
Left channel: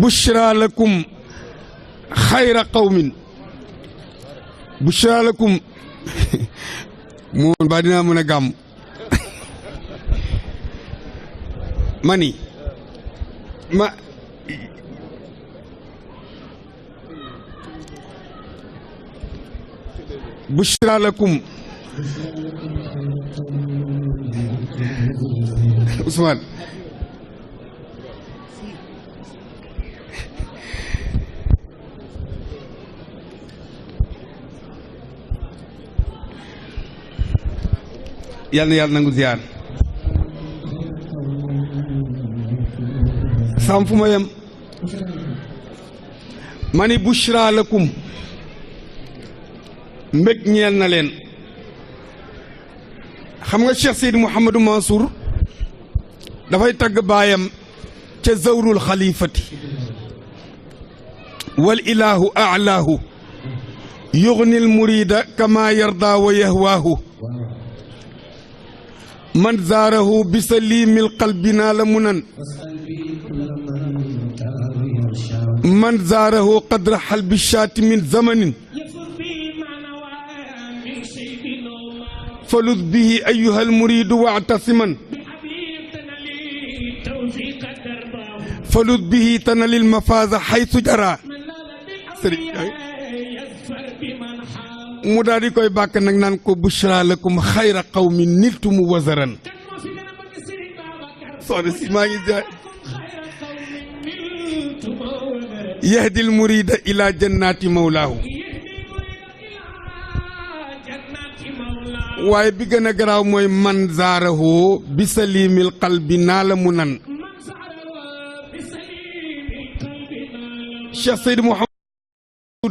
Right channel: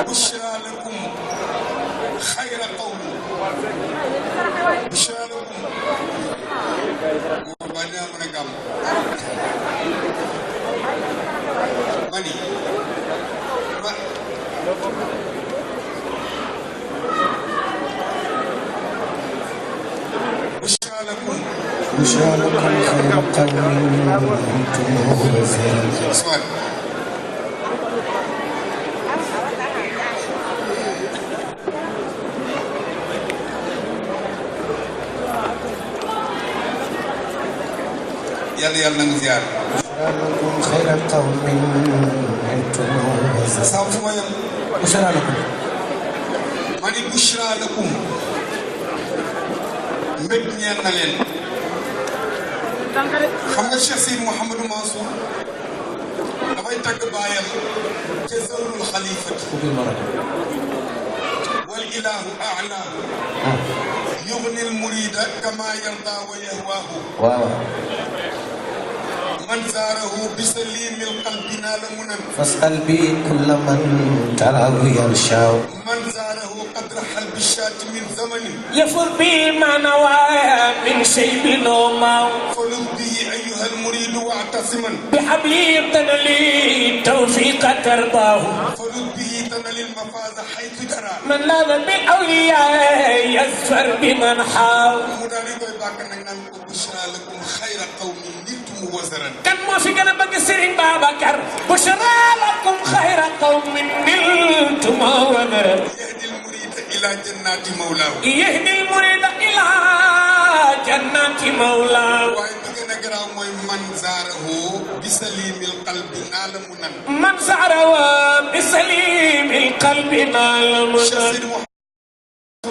bushra lakum xayra qawmin bushra lakum moom ba dinaa mën a gàmm mani ma bushra lakum xayra qawmin niltum wazaran yàlla nañ ziar sam fu ma yem ma ni bushra lakum mbég ñeel na leen xam nga Cheikh Seydi Mouhamadou Mansour dafay tagg baayam ca zawrul xalifati wal ilahu a'laahu yugnil murida kama yarda wa yahwaahu من زاره بسليم القلب نال منن فاسأل به كل من تراه يرشاه من زاره قدر حلب الشاة من زمن يفوز به ما نوى من شيب نوما فلذ به أيها المريد واعتصما بحبلي تنلي توفيق ترضاه فلذ به تنل المفاز حيث جرى من لاذ بالأولياء يزفر بمن حاول mu daal di koy bàkk nag naan ko bushra lakum xayra qawmin niltum wazaran kan moo fi gën a bëgg Serigne Babacar bushra lakum xayra qawmin niltum wazaran yahdi almurida ila jannati mawlaahu yahdi almurida ila jannati mawlaahu waaye bi gën a garaaw mooy man zaarahu bi salimil qalbi naa la mu nan man zaarahu bi salimil qalbi naa la mu Cheikh Seydi Mouhamed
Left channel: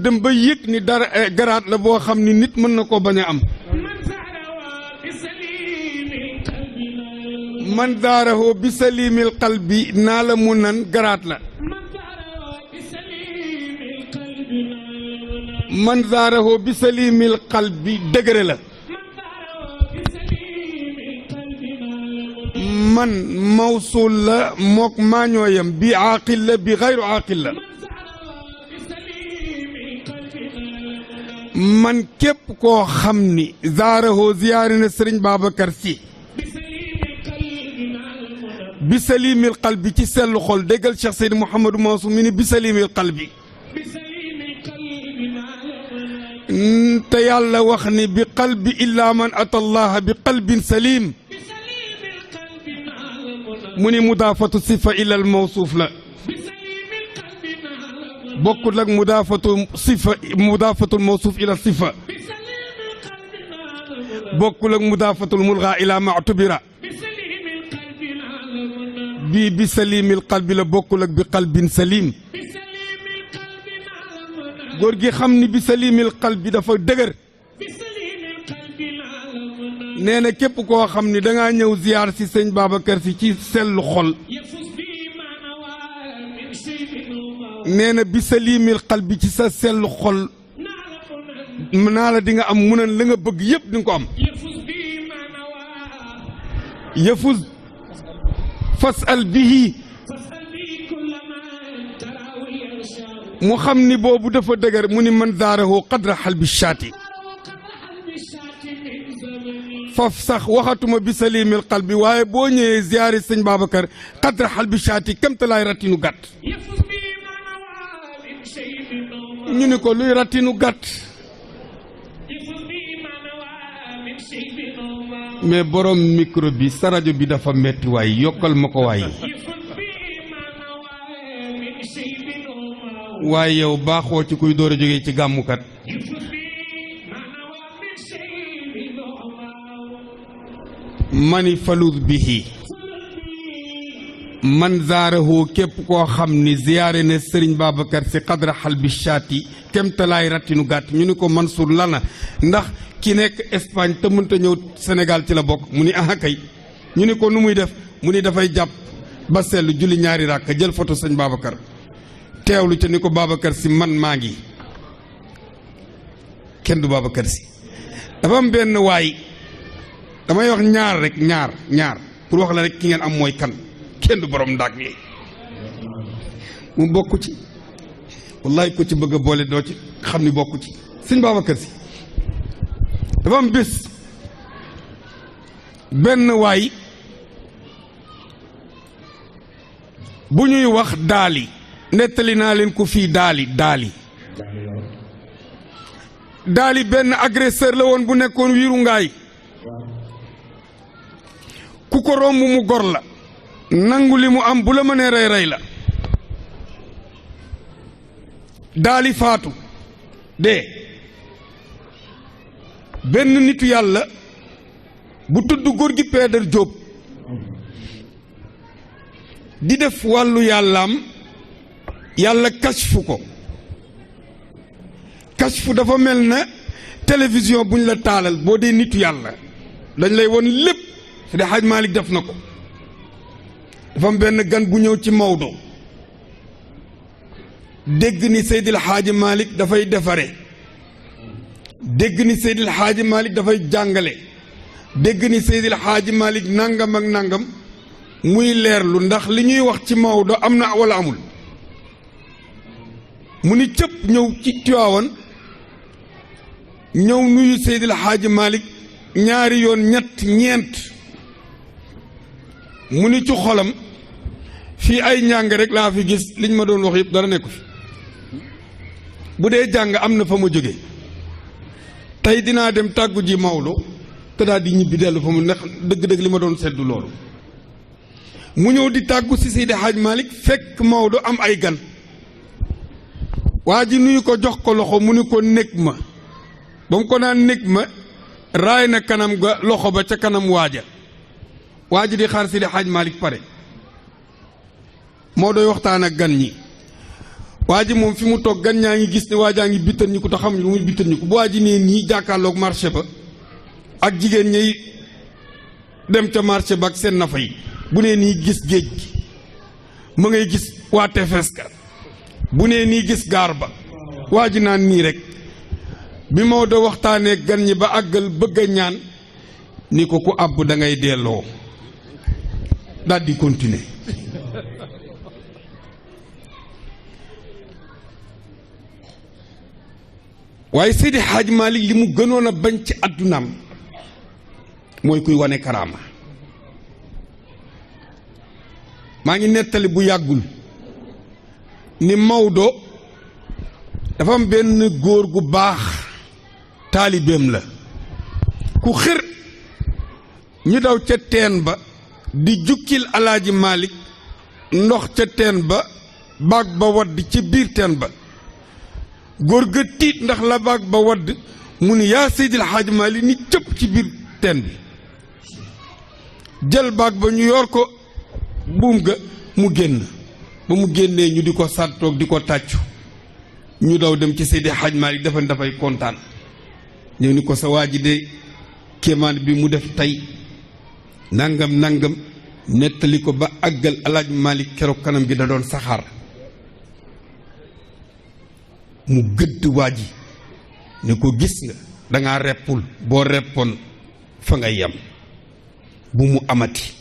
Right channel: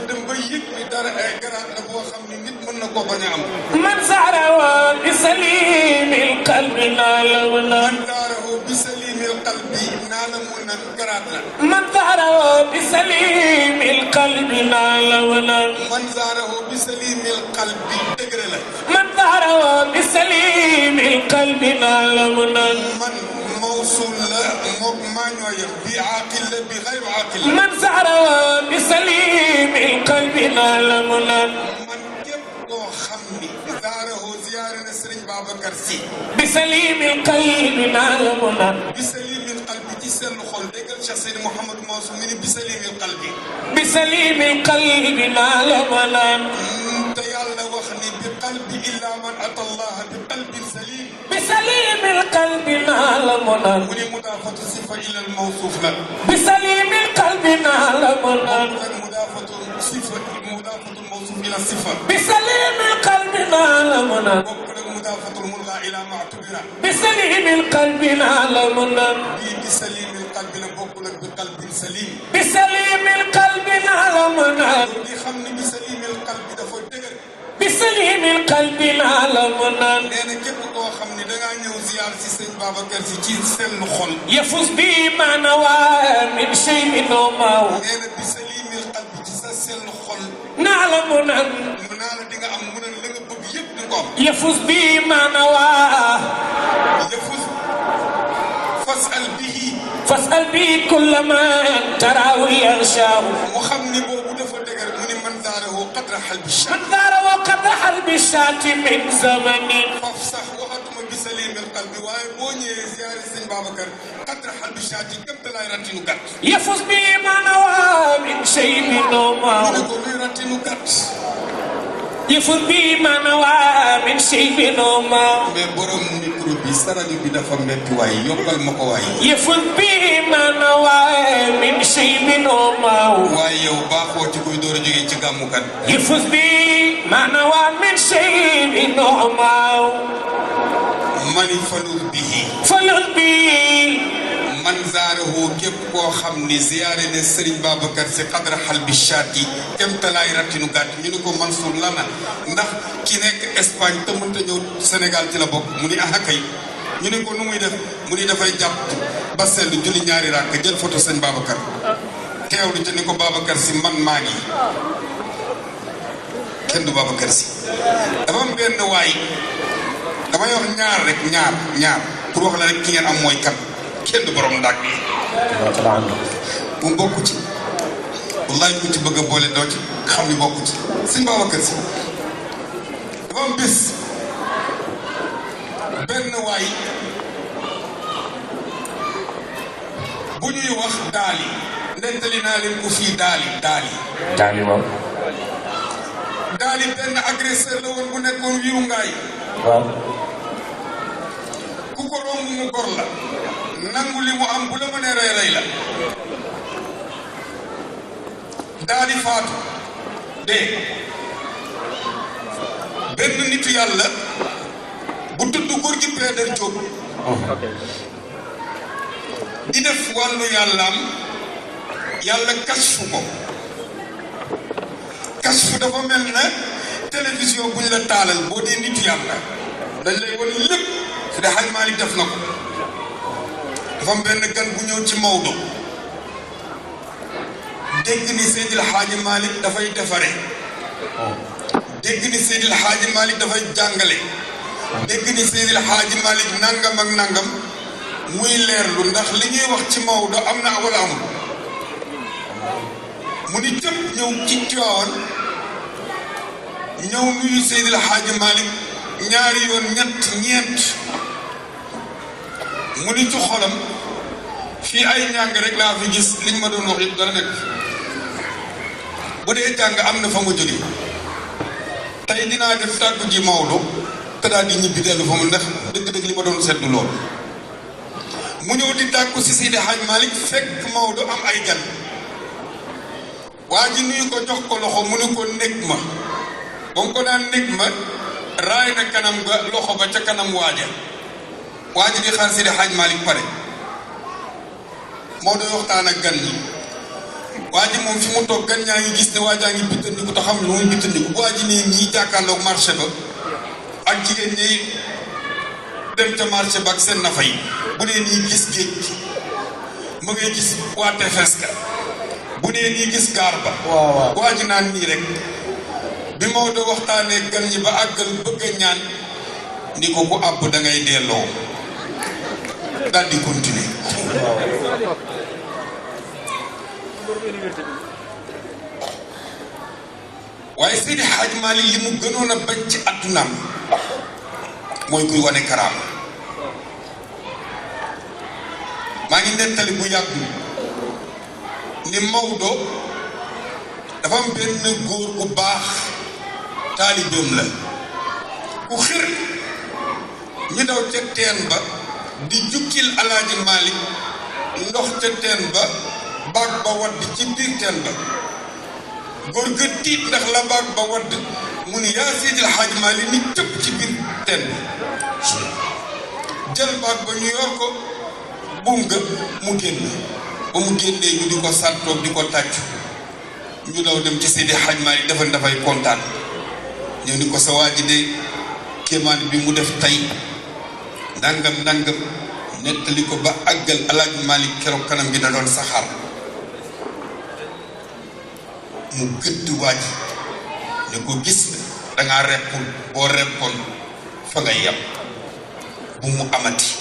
dem ba yëg ni dara garaat la boo xam ni nit mën na koo bañ a am man zaarahu bi salimil qalbi naa la mu nan man zaarahu bi salimil qalbi naa la mu nan garaat la man zaarahu bi salimil qalbi naa la mu nan man zaarahu bi salimil qalbi dëgëre la man zaarahu bi salimil qalbi naa la mu nan man mawsul la mook maañooyam bi aaqil la bi xayru aaqil la man zaarahu bi salimil qalbi naa la mu nan man képp koo xam ni zaarahu ziyaare na Sëriñ Babacar Sy bi salimil qalbi naa la mu nan bi salimil qalbi ci sellu xol déggal Cheikh Seydi Mouhamadou Mansour mi ni bi salimil qalbi bi salimil qalbi naa la mu nan te yàlla wax ni bi qalbi illa man ata allah bi qalbin salim bi salimil qalbi naa la mu nan mu ni mudaafatu sifa ila al mawsuuf la bi salimil qalbi naa la mu nan bokkul ak mudaafatu sifa mudaafatul mawsuuf ila sifa bi salimil qalbi naa la mu nan bokkul ak mudaafatul mulgha ila ma'tubira bi salimil qalbi naa la mu nan bii bi salimil qalbi la bokkul ak bi qalbin salim bi salimil qalbi naa la mu nan góor gi xam ni bi salimil qalbi dafa dëgër bi salimil qalbi naa la mu nan nee na képp koo xam ni dangaa ñëw ziyaar si sëñ Babacar Sy ci sellu xol yafuz bi ma nawaa min shay'in maaw nee na bi salimil qalbi ci sa sellu xol naa la mu nan naa la di nga am mu ne la nga bëgg yëpp di nga ko am yafuz bi ma nawaa yafuz fasal bihi fasal bi kulla man taraahu yarshaahu mu xam ni boobu dafa dëgër mu ni man daarahu qadra xalbi shaati min zamanin faf sax waxatuma bi salimil qalbi waaye boo ñëwee ziyaari sëñ Babacar qadra xalbi shaati kamtalaay ratinu gàtt yafuz bi ma nawaa min shay'in ñu ne ko luy ratinu gàtt yafuz bi ma nawaa min shay'in mais borom micro bi sa rajo bi dafa métti waay yokkal ma ko waay yafuz bi ma nawaa min shay'in waaye yow baaxoo ci kuy door a jógee ci gàmmukat yafuz bi ma nawaa min shay'in mani falul bihi falul bi man zaarahu képp koo xam ni ziyaare ne Serigne Babacar Sy qadra xalbi shaati kemtalaay ratinu gàtt ñu ni ko Mansour lana ndax ki nekk Espagne te mënta ñëw Sénégal ci la bokk mu ni aha kay ñu ni ko nu muy def mu ni dafay jàpp ba seetlu julli ñaari rakk jël photo Serigne Babacar teewlu te ni ko Babacar Sy man maa ngi kenn du Babacar Sy dafa am benn waay damay wax ñaar rek ñaar pour wax la rek ki ngeen am mooy kan kenn du borom ndaag mu bokku ci wallaay ko ci bëgg a boole doot xam ni bokku ci Sëñ Babacar Sy dafa am bés benn waay bu ñuy wax daali nettali naa leen ko fii daali waaw daali benn agresseur la woon bu nekkoon wiiru ngaay ku ko romb mu gor la nangu li mu am bu la mënee rey la daali faatu dee benn nitu yàlla bu tudd góor gi Pédar Jóob di def wàllu yàllaam yàlla kashfu ko kashfu dafa mel na télévision bu ñu la taalal boo dee nitu yàlla dañ lay won lépp te Haj Malick def na ko dafa am benn gan bu ñëw ci Maodo dégg ni Seydil Haaji Malick dafay defare dégg ni Seydil Haaji Malick dafay jàngale dégg ni Seydil Hadji Malick nangam ak nangam muy leerlu ndax li ñuy wax ci Maodo am na wala amul mu ni cëpp ñëw ci Tiwaawan ñëw nuyu Seydil Hadji Malick ñaari yoon ñett ñeent mu ni ci xolam fii ay ñàng rek laa fi gis liñ ma doon wax yëpp dara nekk bu dee jàng am na fa mu jóge tey dinaa dem tàggu ji Maodo te daal di ñibbi dellu fa mu ndax dëgg-dëgg li ma doon seetlu lool mu ñëw di tàggu si Seydi Hadji Malick fekk Maodo am ay gan waa ji nuyu ko jox ko loxo mu ne ko nekk ma ba mu ko naan nekk ma raay na kanam ga loxo ba ca kanam waaja waa ji di xaar Seydi Hadji Malick pare Maodo waxtaan ak gan ñi waa ji moom fi mu toog gan ñaa ngi gis ne waajaa ngi bittani ko te xam ne moom bittani bu waa ji ne ñii jàkkaarloog marché ba ak jigéen ñi dem ca marché ba ak seen nafa yi bu nee nii gis géej ma ngay gis waa tefes bu nee nii gis gaal ba waa ji naan nii rek bi Maodo waxtaanee gan ñi ba àggal bëgg a ñaan ni ko ku àbb da ngay delloo daal di continuer waaye Seydi Hadji Malick li mu gënoon a bañ ci àddunaam mooy kuy wane karaama maa ngi nettali bu yàggul ni Maodo dafa am benn góor gu baax taalibeem la ku xër ñu daw ca teen ba di jukkil Alaaji Malick ndox ca teen ba baag ba wadd ci biir teen ba góor ga tiit ndax la baag ba wadd mu ni yaa Seydil Hadji Malick ni cëpp ci biir teen bi jël baag ba ñu yor ko buum ga mu génn ba mu génnee ñu di ko sàttoo di ko tàcc ñu daw dem ci Seydi Hadji Malick dafa dafay kontaan ñu ni ko sa waa ji de kéemaan bi mu def tey nangam nangam nettali ko ba àggal Alaaji Malick keroog kanam bi da doon saxaar mu gëdd waa ji ni ko gis nga dangaa reppul boo reppoon fa nga yam bu mu amati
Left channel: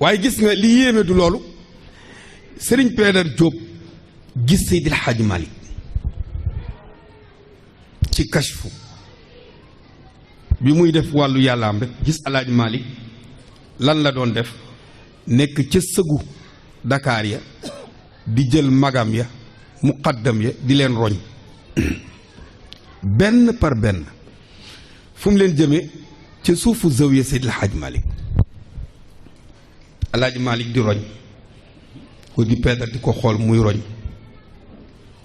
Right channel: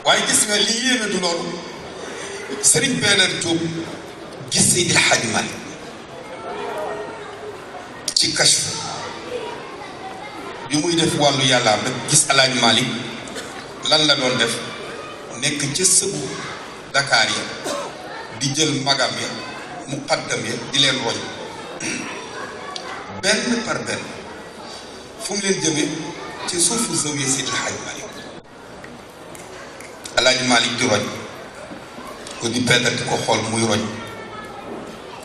waaye gis nga li yéena du loolu Serigne Pédar Diop gis Seydi Hadji Malick ci Kashf bi muy def wàllu yàllaam rek gis Alaaji Malick lan la doon def nekk ca sëgu Dakar ya di jël magam ya muqaddam ya di leen roñ benn par benn fu mu leen jëmee ci suufu zawiya Seydi Hadji Malick Alaaji Malick di roñ bu di Pédar di ko xool muy roñ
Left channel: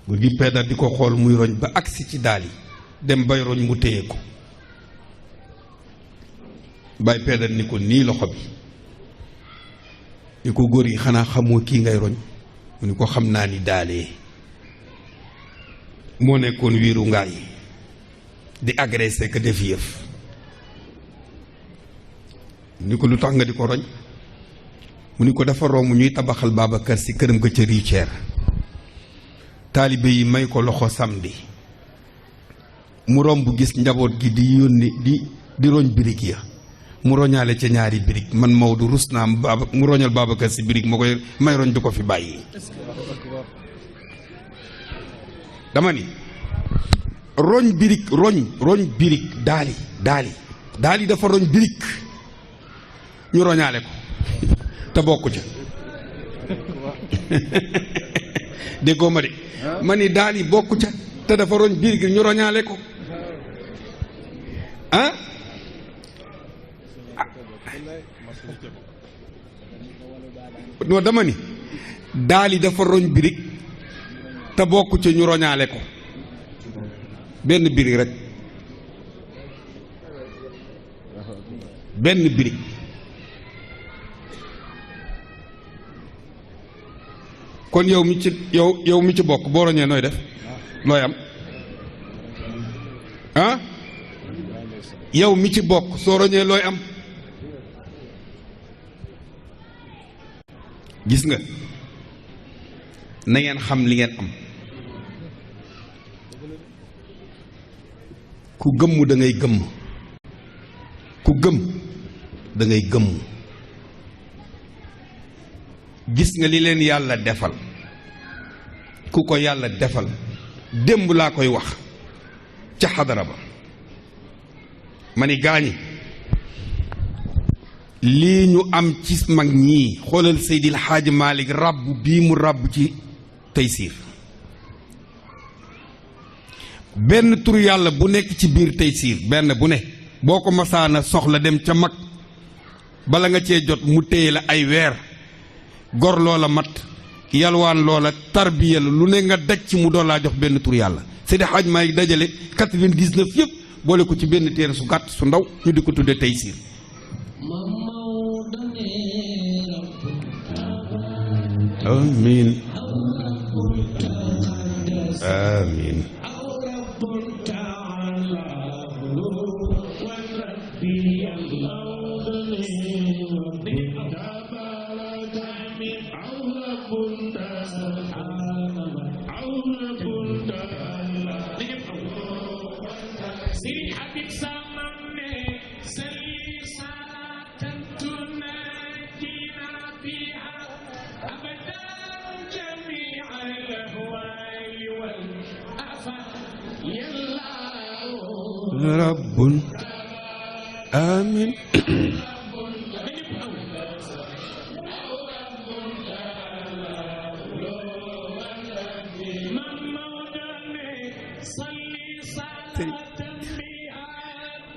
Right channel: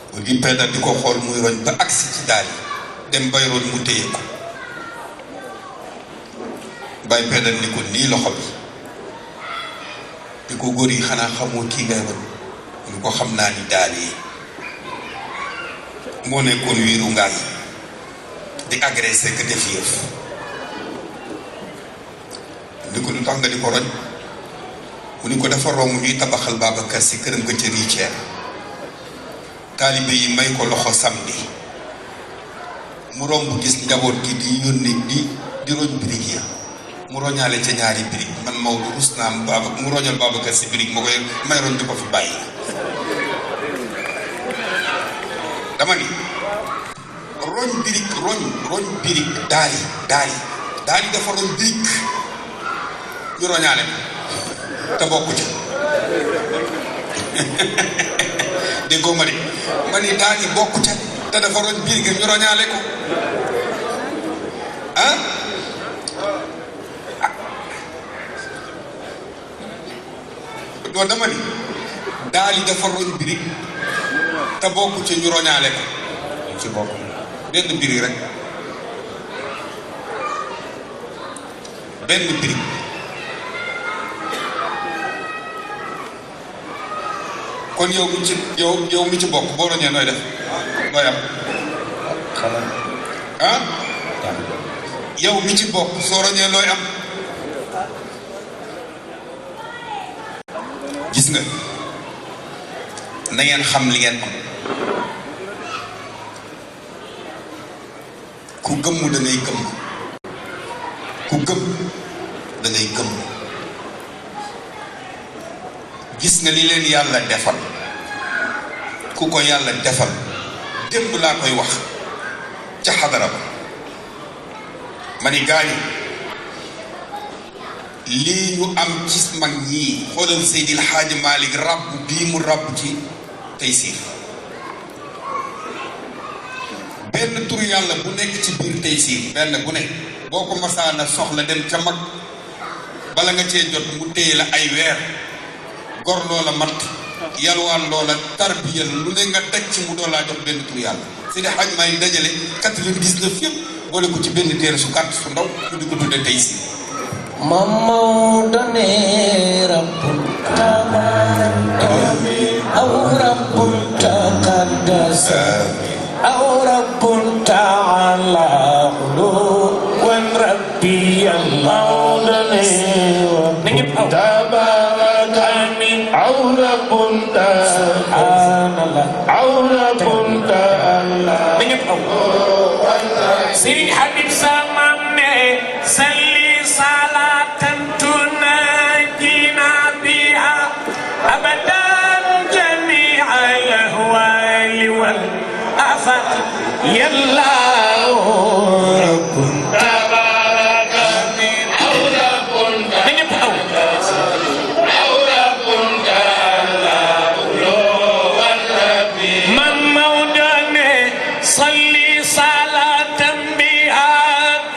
bu di Pédar di ko xool muy roñ ba agsi ci daal dem bay roñ mu téye ko Baye Pédar ni ko nii loxo bi ñu ko góor yi xanaa xamoo kii ngay roñ ñu ko xam naa ni daal yi moo nekkoon wiiru ngaal di agressé que def yëf ñu ko lu tax nga di ko roñ mu ni ko dafa romb ñuy tabaxal Babacar si këram ba ca Riceer taalibe yi may ko loxo samedi mu romb gis njaboot gi di yónni di roñ birig ya mu roñaale ca ñaari birig man Maodo rus naa mu roñal Babacar si birig moo koy may roñ di ko fi bàyyi dama ni roñ birig roñ birig daay dafa roñ birig ñu roñaale te bokku ci déggoo ma de ma ni daal di bokku ci te dafa roñ birig ñu roñaale ko ah doo dama ni daal di dafa roñ birig te bokku ci ñu roñaale ko ci bokk benn birig rek benn birig kon yow mi ci yow mi ci bokk boo roñee nooy def looy am ah yow mi ci bokk soo roñee looy am gis nga na ngeen xam li ngeen am ku gëmm da ngay gëmm gëm da ngay gëm gis nga li leen yàlla defal ku ko yàlla defal démb laa koy wax ca xadara ba ma ni gaañi lii ñu am ci mag ñii xoolal Seydil Hadji Malick rabb bii mu rabb ci Taysiir benn tur yàlla bu nekk ci biir Taysiir benn bu ne boo ko masaana soxla dem ca mag bala nga cee jot mu téye la ay weer gor loola mat yalwaan loola tarbiyal lu ne nga daj ci mu doon laa jox benn tur yàlla Seydil Hadji Malick dajale 99 yëpp boole ko ci benn téere su gàtt su ndaw ñu di ko tuddee Taysiir Mamadou ne rabbul amiin aw rabbul taqaddas aw rabbul taala wan rabbi Mamadou ne tabarak amiin aw rabbul subhanallah aw rabbul taala Sëriñ Habib Sama ne salli salatan tunajjina biha abadan jami'a al-ahwali wal afat yalla rabbun tabarak amin aw rabbun aw rabbun ta'ala wal rabbi man mawdane salli salatan biha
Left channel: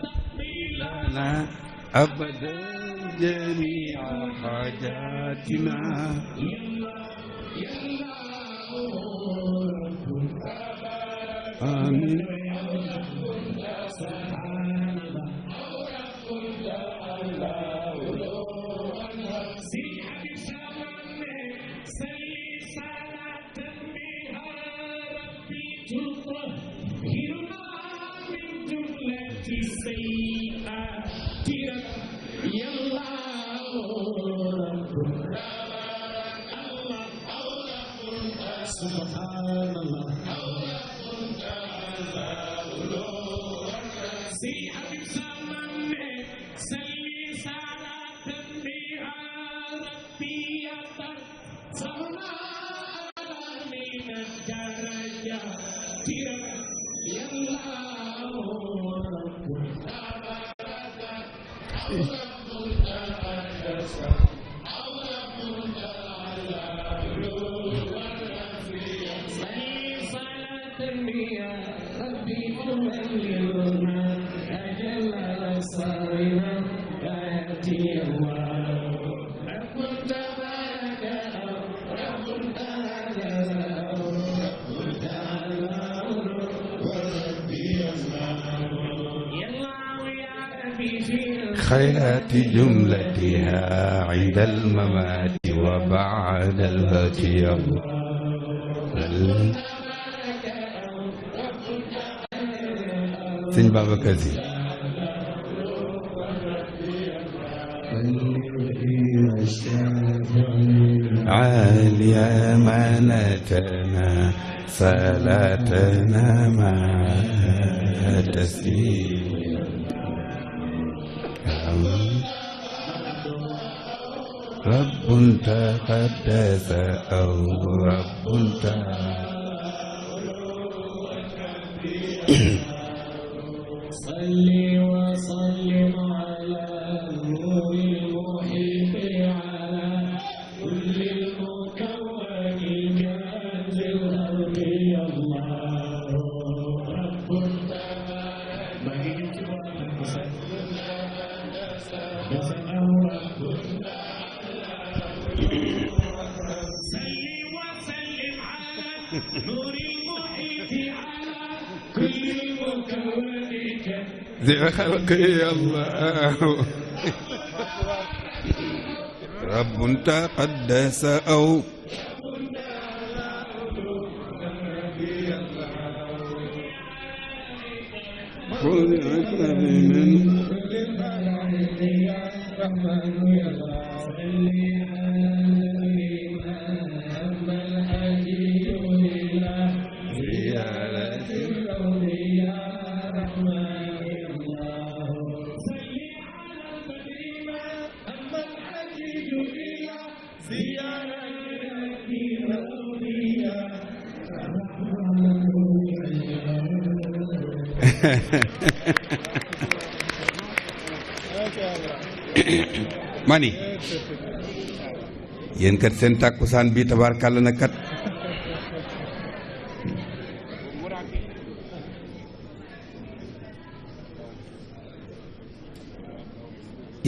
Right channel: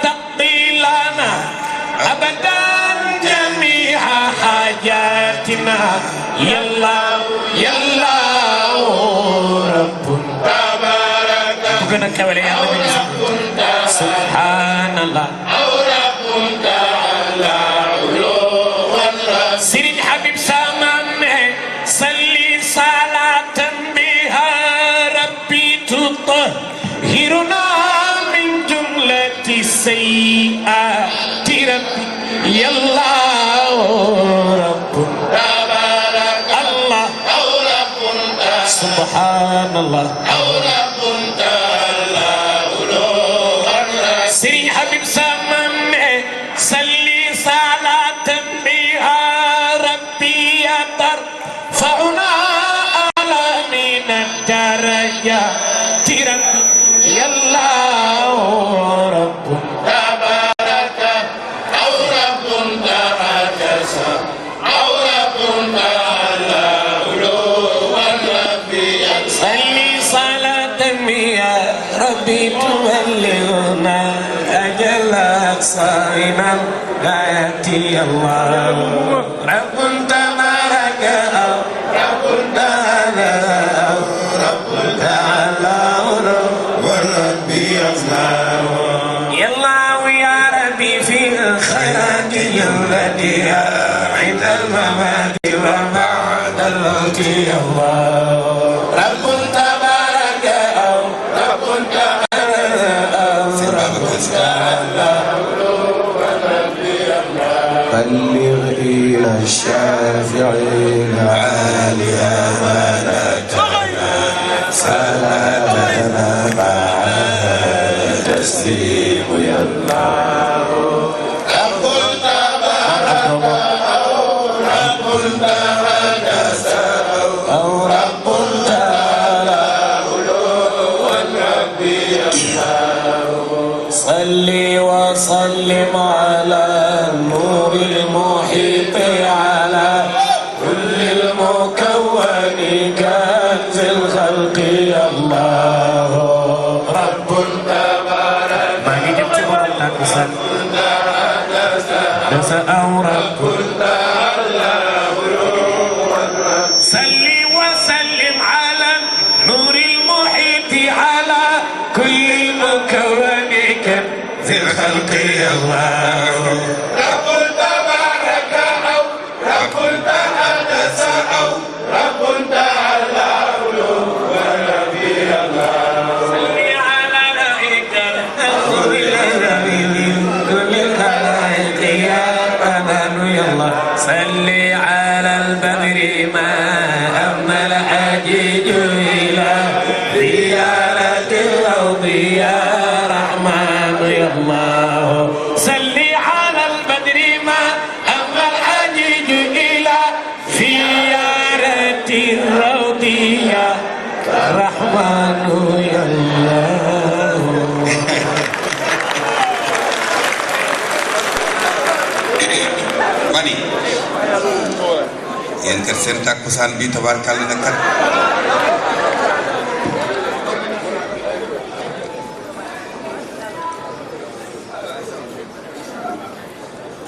taqilana abadan jami'a hajatina yalla yalla rabbun tabarak gëna kawale yàlla subhanallah aw rabbun ta'ala Sëriñ Habib Sama ne salli salatan biha rabbi tutahhiruna min jumlati sayyi'ati rabbi yalla rabbun tabarak Allah aw rabbun subhanallah aw rabbun ta'ala Sëriñ Habib Sama ne salli salatan biha rabbi tarfa'una ala min ad-darajati rabbi yalla rabbun tabarak aw rabbun taqaddas aw rabbun ta'ala wan rabbi salli salatan ya rabbi tuballighuna ajala sa'ina ayati Allah rabbun tabarak rabbun ta'ala rabbun ta'ala wan rabbi يلا ويا ربي في الخيرات جملتها عند الممات وبعد الموت يا الله رب تبارك أو رب تعالى بلغ إلى الشافعين عالي أمانتنا صلاتنا مع تسليم يا الله رب تبارك رب تقدس أو رب تعالى والرب صل وسلم على النور المحيط على كل المكون كنز الخلق الله رب تبارك ما جبت ولا كسر دس أو رب صل وسلم على النور المحيط على كل المكون كنز الخلق الله رب تبارك أو رب تقدس أو رب تعالى ونبي الله صل على رأيك النور الذي كل الخلائق يا ربنا يا الله صل على البدر ما أمل أجيج إلى زيارة الأرض يا رحمن يا الله صل على yéen kat seen tàkkusaan bi tabaarkalla na kat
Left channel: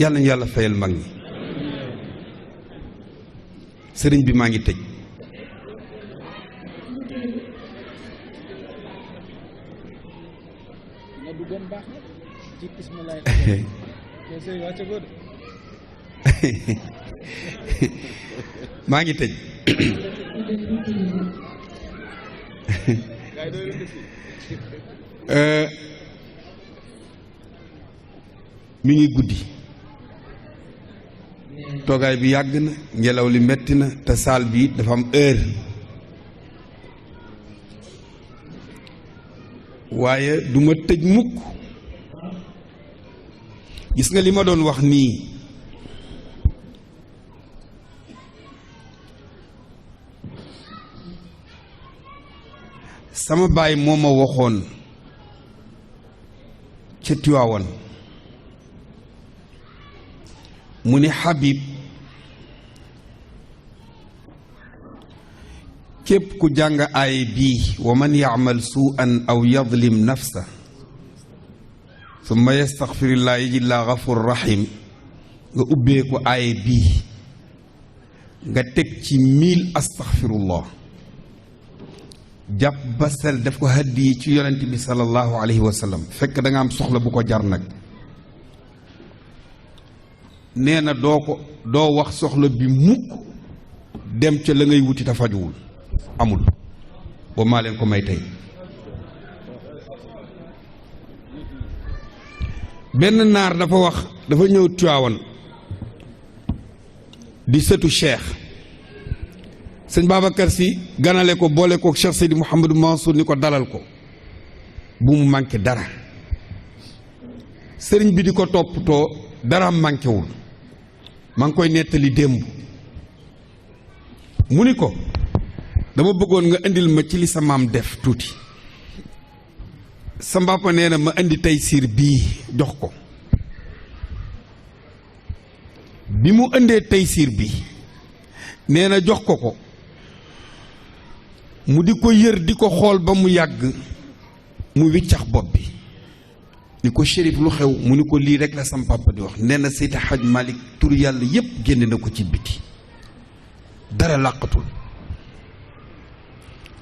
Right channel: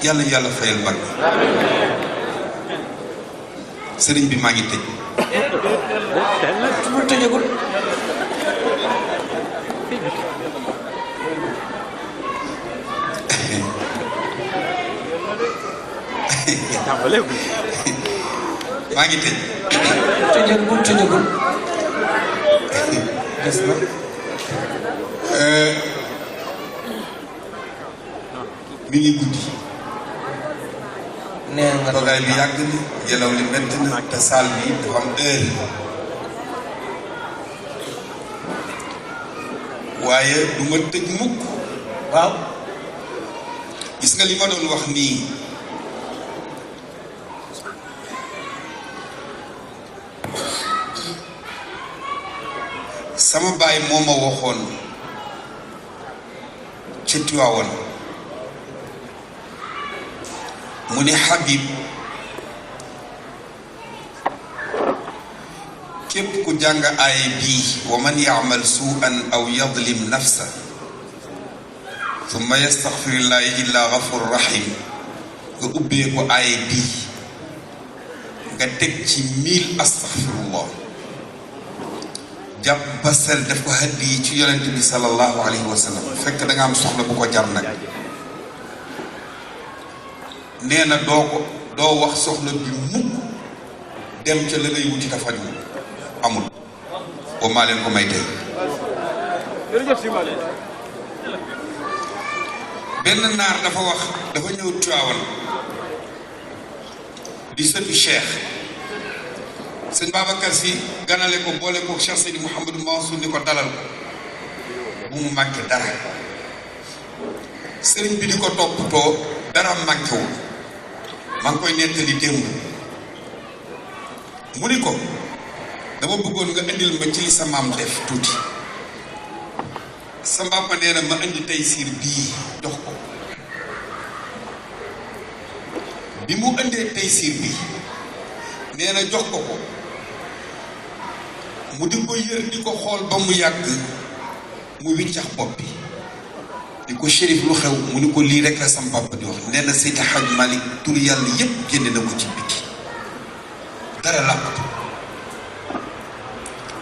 yàlla yàlla fayal mag sëriñ bi maa ngi tëj mu tëjagul maa ngi tëj tëjagul des na mi ngi guddi nee nga toogaay bi yàgg na ngelaw li metti na te saal bi dafa am heure waaye du ma tëj mukk waaw gis nga li ma doon wax nii sama baay moo ma waxoon ci Tiwaawan mu ni Habib képp ku jàng aaya bii wa man ya'mal suu'an aw yadlim nafsa summa yastaghfirullah illa ghafur rahim nga ubbee ko aaya bii nga teg ci 1000 astaghfirullah jàpp ba sel def ko hadiyi ci yonent bi sallallahu alayhi wa sallam fekk da nga am soxla bu ko jar nag nee na doo wax soxla bi mukk dem ca la ngay wuti dafa ñëw amul boo maale ko may tey benn naar dafa wax dafa ñëw Tiwaawan di sëtu Cheikh sëñ Babacar Si ganale ko boole ko Cheikh Seydi Mouhamadou Mansour ni ko dalal ko bu mu manqué dara sëriñ bi di ko toppatoo dara manqué wu maa ngi koy nettali démb mu ni ko dama bëggoon nga indil ma ci sa maam def tuuti sa papa nee na ma indi tey siir bii jox ko bi mu indee tey siir bii nee na jox ko ko mu di ko yër di ko xool ba mu yàgg mu wiccax bopp bi ni ko Chérif lu xew mu ni ko lii rek a sama papa di wax nee na Seydi Hadj Malick tur yàlla yépp génne na ko ci biti dara làkkatu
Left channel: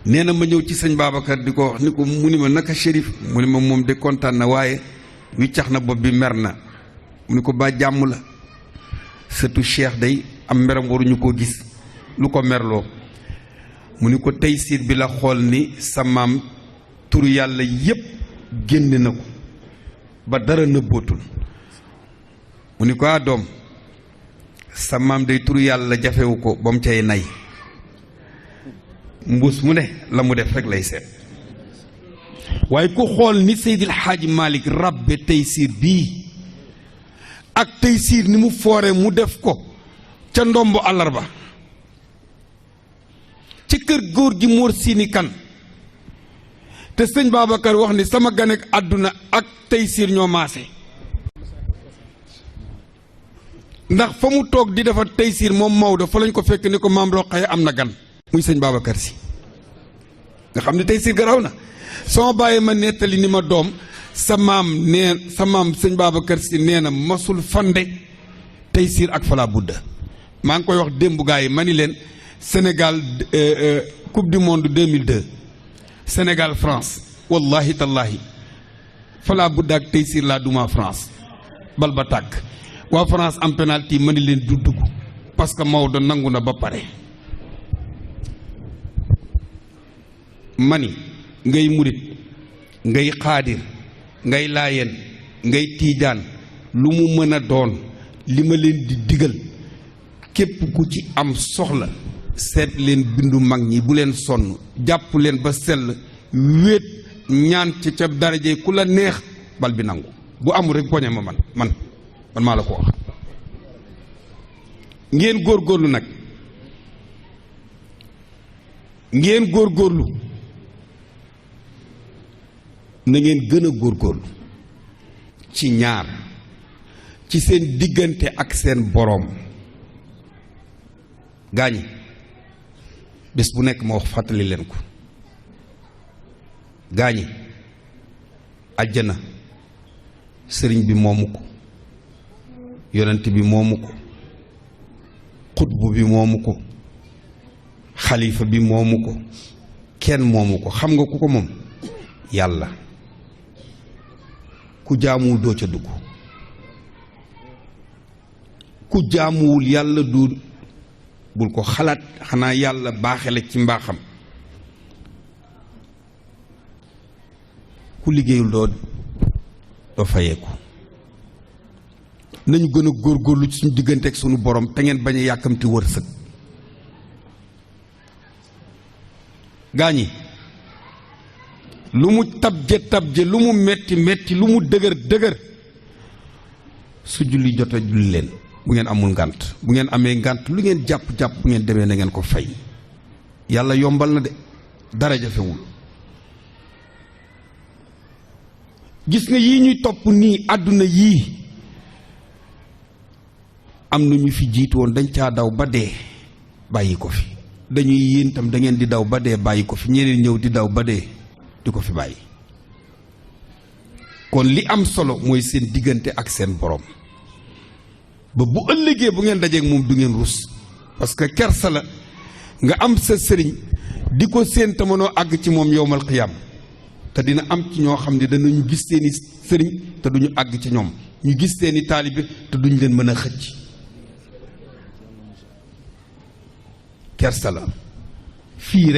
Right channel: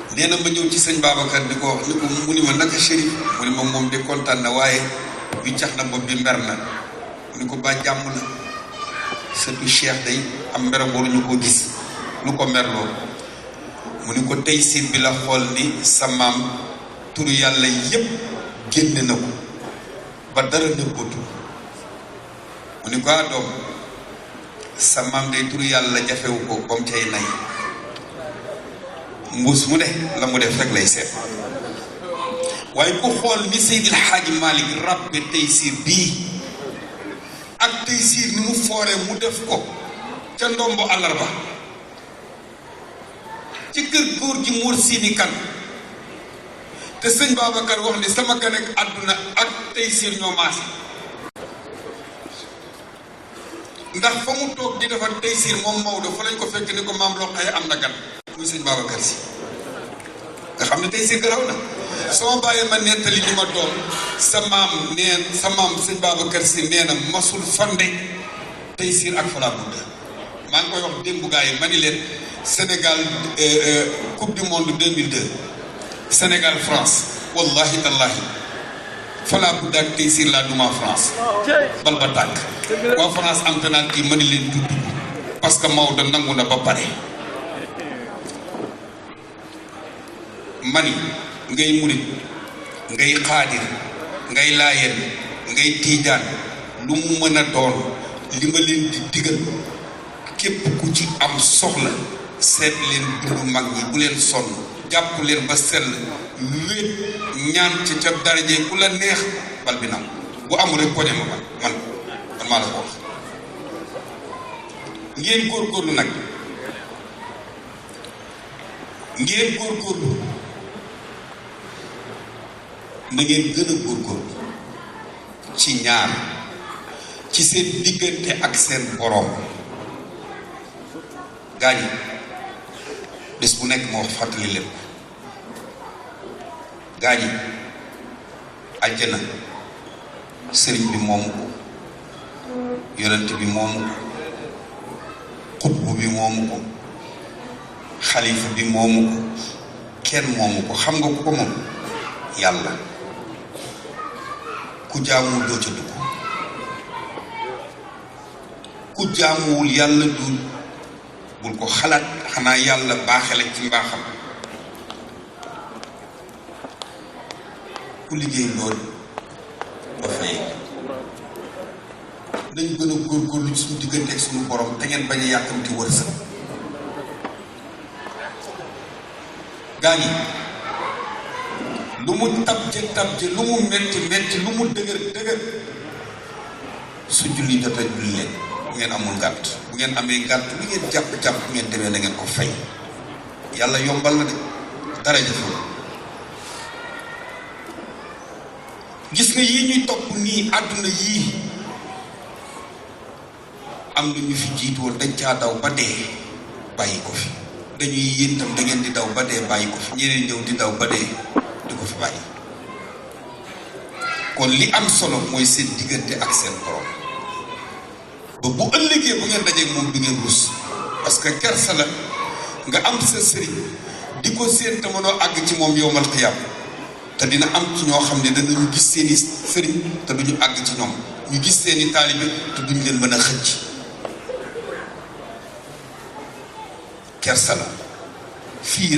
nee na ma ñëw ci sëñ Babacar di ko wax ni ko mu ni ma naka Chérif mu ni ma moom de kontaan na waaye wiccax na bopp bi mer na mu ni ko ba jàmm la surtout Cheikh day am mer waruñu ko gis lu ko merloo mu ni ko tey siir bi la xool ni sa maam tur yàlla yépp génne na ko ba dara nëbbootu mu ni ko doom sa maam day tur yàlla jafewu ko ba mu cay nay mbuus mu ne la mu def rek lay seet waaye ku xool ni Seydil Hadji Malick rabbe tey siir bii ak tey siir ni mu foore mu def ko ca ndombo àllarba ci kër góor gi Mor Sini Kan te sëñ Babacar wax ni sama ganek àdduna ak tey siir ñoo maasi ndax fa mu toog di defar tey siir moom Maodo fa lañ ko fekk ni ko maam loo xaye am na gan muy sëñ Babacar Si nga xam ne tey siir garaw na soo bàyyi ma nettali ni ma doom sa maam sëñ Babacar Si nee na masul fande tey siir ak Fala Budda maa ngi koy wax démb gaa yi ma ni leen Sénégal coupe du monde 2002 Sénégal France wallahi tallahi Fala Budda ak tey siir laa duma France bal ba tàkk waa France am penalty ma ni leen dugg parce que Maodo nangu na ba pare mani ngay murit ngay xaadir ngay laayeen ngay tiijaan lu mu mën a doon li ma leen di digal képp ku ci am soxla seet leen bindu mag ñi bu leen sonn jàpp leen ba sell wéet ñaan ci ca daraje ku la neex bal bi naan bu amul rek poñe ma man maa la ko wax ngeen góorgóorlu nag ngeen góorgóorlu na ngeen gën a góorgóorlu ci ñaar ci seen diggante ak seen boroom gaañ bés bu nekk ma wax fàttali leen gaañ àjjana sëriñ bi moomu ko yonent bi moomu ko xutbu bi moomu ko xalifa bi moomu ko kenn moomu ko xam nga ku ko moom yàlla ku jaamuwul doo ca dugg ku jaamuwul yàlla du bul ko xalaat xanaa yàlla baaxale ci mbaaxam ku liggéeyul doo fayee nañ gën a góorgóorlu ci suñu diggante ak suñu borom te ngeen bañ a yàkkamti wërsëg gaañ yi lu mu tabje lu mu metti lu mu dëgër su julli jotee julli leen bu ngeen amul ngànt bu ngeen amee ngànt lu ngeen jàpp bu ngeen demee na ngeen ko fay yàlla yombal la de dara jafewul gis nga yii ñu topp nii àdduna yii am na ñu fi jiitu woon dañ caa daw ba dee bàyyi ko fi dañuy yéen tam da ngeen di daw ba dee bàyyi ko fi ñeneen ñëw di daw ba dee du ko fi bàyyi kon li am solo mooy seen diggante ak seen borom ba bu ëllëgee bu ngeen dajee moom du ngeen rus parce que kersa la nga am sa sëriñ di ko seen tamanoo àgg ci moom yowmal xiyaam te dina am ci ñoo xam ne danañu gis seeni sëriñ te duñu àgg ci ñoom ñu gis seeni taalibe te duñu leen mën a xëcc kersa la fii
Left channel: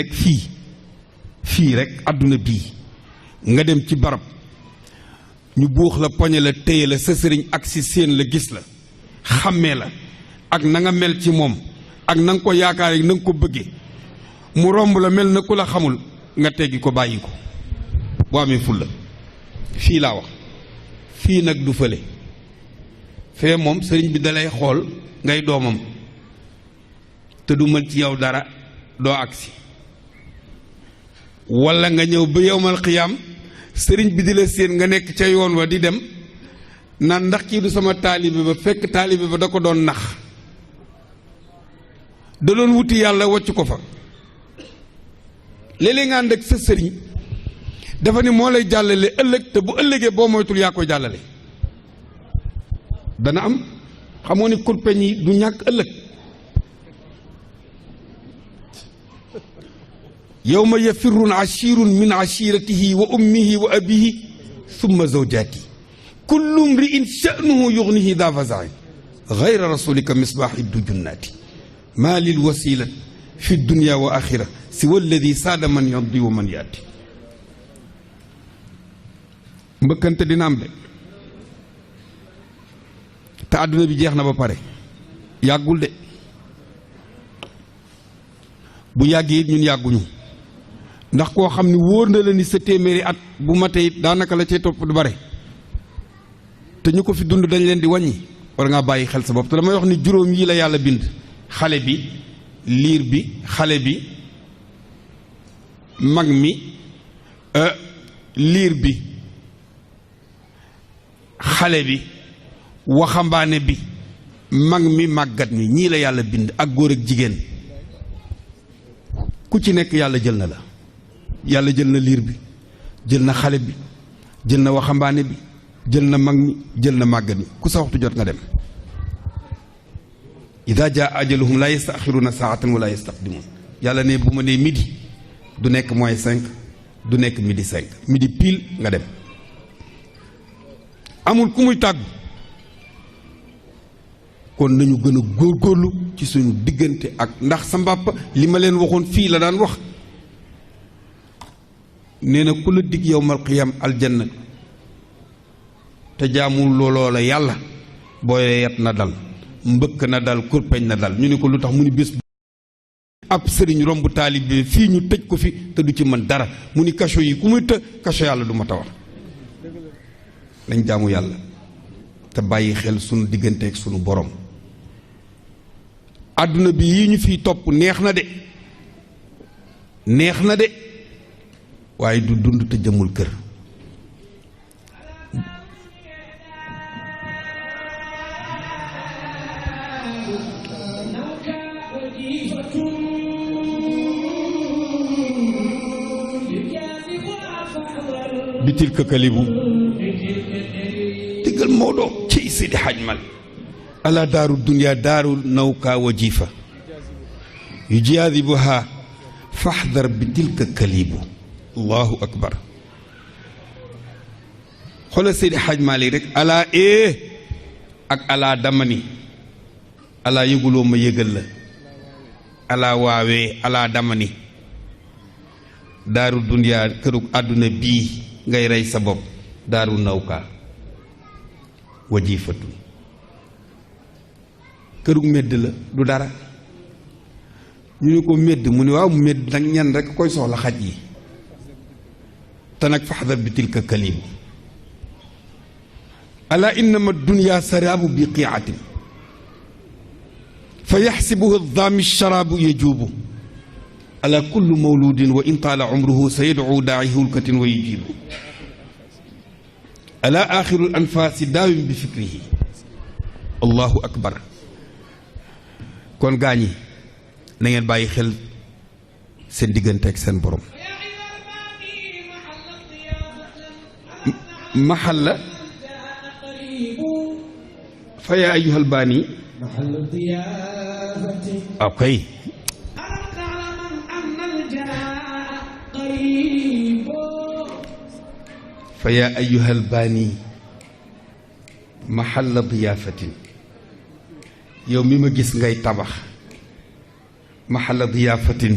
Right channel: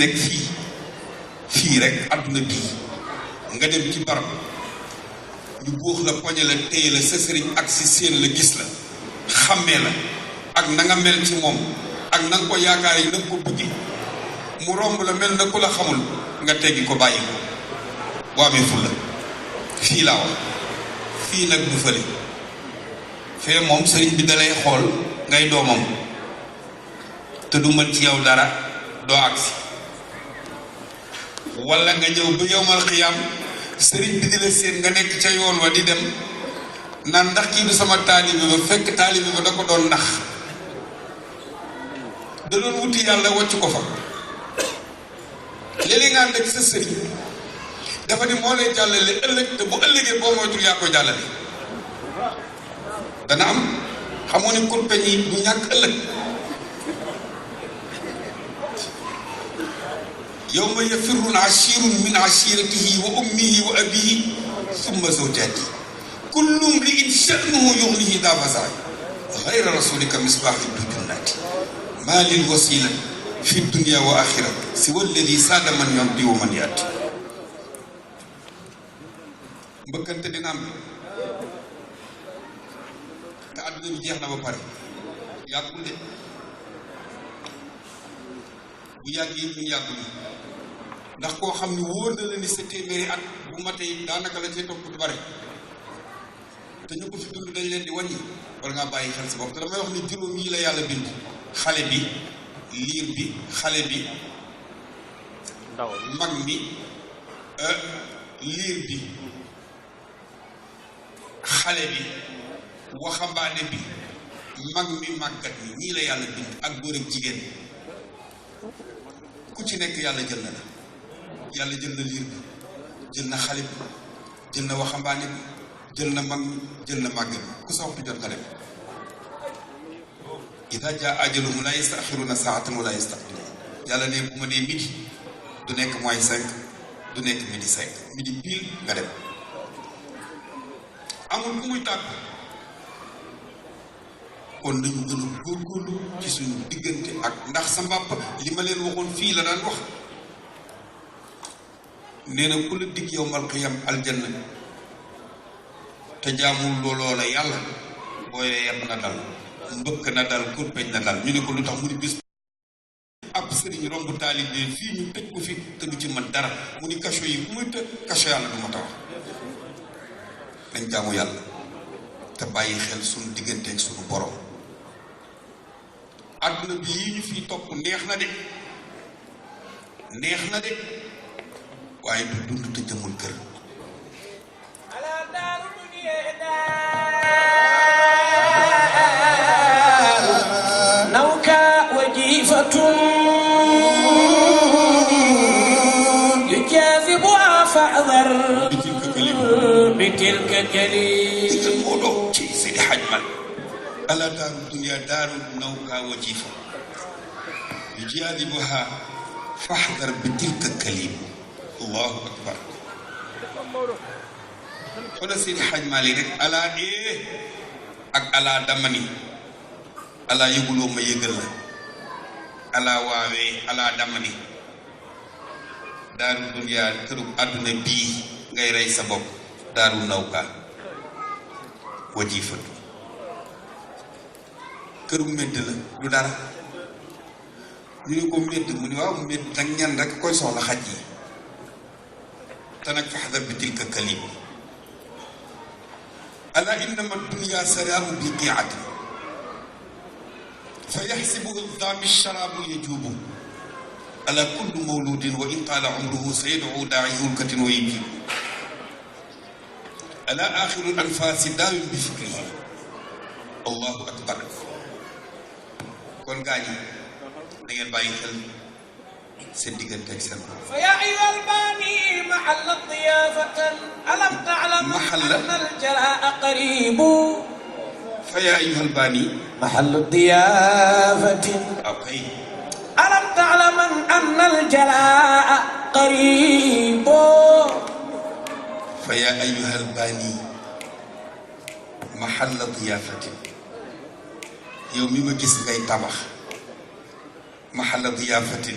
rek àdduna bii nga dem ci barab ñu buux la poñe la téye la sa sëriñ ak si seen la gis la xàmmee la ak na nga mel ci moom ak na nga ko yaakaar yi na nga ko bëggee mu romb la mel na ku la xamul nga teggi ko bàyyi ko boo amee ful la fii laa wax fii nag du fële fee moom sëriñ bi dalay xool ngay doomam te du mën ci yow dara doo agsi walla nga ñëw ba yowmal xiyaam sëriñ bi di la séen nga nekk ca yoon wa di dem naan ndax kii du sama taalibe ba fekk taalibe ba da ko doon nax da doon wuti yàlla wacc ko fa léeg-léeg nga ànd ak sa sëriñ dafa ni moo lay jàllale ëllëg te bu ëllëgee boo moytul yaa ko jàllale dana am xamoo ni compagnie yi du ñàkk ëllëg yawma yafirru ashirun min ashiratihi wa ummihi wa abihi summa zawjati kullu mri'in sha'nuhu yughnihi daa bazar ghayra rasulika misbahi bilbinati ma lil wasila fi dunya wa akhira siwa alladi saada man yamdi wa man yaati mbëkkante dina am de te àdduna bi jeex na ba pare yàggul de bu yàggee it ñun yàgguñu ndax koo xam ni wóor na la ni sa téeméeri at bu matee it daanaka la cay topp du bare te ñu ko fi dund dañ leen di wàññi war ngaa bàyyi xel sa bopp te damay wax ni juróom yi la yàlla bind xale bi liir bi xale bi mag mi liir bi xale bi waxambaane bi mag mi màggat mi ñii la yàlla bind ak góor ak jigéen ku ci nekk yàlla jël na la yàlla jël na liir bi jël na xale bi jël na waxambaane bi jël na mag mi jël na màggat mi ku sa waxtu jot na dem ida jaa ajaluhum la yastaxiruna saatan wala yastaqdimun yàlla ne bu ma nee midi du nekk moins 5 du nekk midi 5 midi pile nga dem amul ku muy tàgg kon nañu gën a góorgóorlu ci suñu diggante ak ndax sa mbàpp li ma leen waxoon fii la daan wax nee na ku la dig yowmal qiyam aljanna te jaamul looloo la yàlla booyee yat na dal mbëkk na dal kurpeñ na dal ñu ne ko lu tax mu ni bés ab sëriñ romb taalibe fii ñu tëj ko fi te du ci mën dara mu ni kaso yi ku muy tëj kaso yàlla du ma taw lañ jaamu yàlla te bàyyi xel sunu diggante ak sunu borom àdduna bi yi ñu fiy topp neex na de waaye du dund te jëmul kër bitilka kalibu بتلك كليب digal Maodo kii Seydi Hadj Malick ala daaru dunya daaru nawka wa jiifa yujaadibuha fahdar bitilka kalibu allahu akbar xoolal Seydi Hadj Malick rek ala ak ala damani ala yëguloo ma yëgal la ala waawee ala damani daaru dunyaa këru àdduna bii ngay rey sa bopp daaru nawka wajiifatu këru medd la du dara ñu ni ko medd mu ni waaw medd nag ñan rek koy soxla xaj yi te nag faxdar bi tilka kalib ala innama dunya saraabu biqiati fa yaxsibuhu daami sharaabu yajuubu ala kulli mawludin wa in taala umruhu sa yadcu daaci hulkatin wa yajibu ala axiru anfaasi daawim bi fikrihi allahu akbar kon gaañi na ngeen bàyyi xel seen diggante ak seen borom فيا أيها الباني محل ضيافة ألم تعلم محل أن الجلاء قريب fa yaa ayyuhal baani محل الضيافة ok ألم تعلم أن الجلاء قريب fa yaa ayyuhal baani mahalla diyaafatin yow mi ma gis ngay tabax mahalla diyaafatin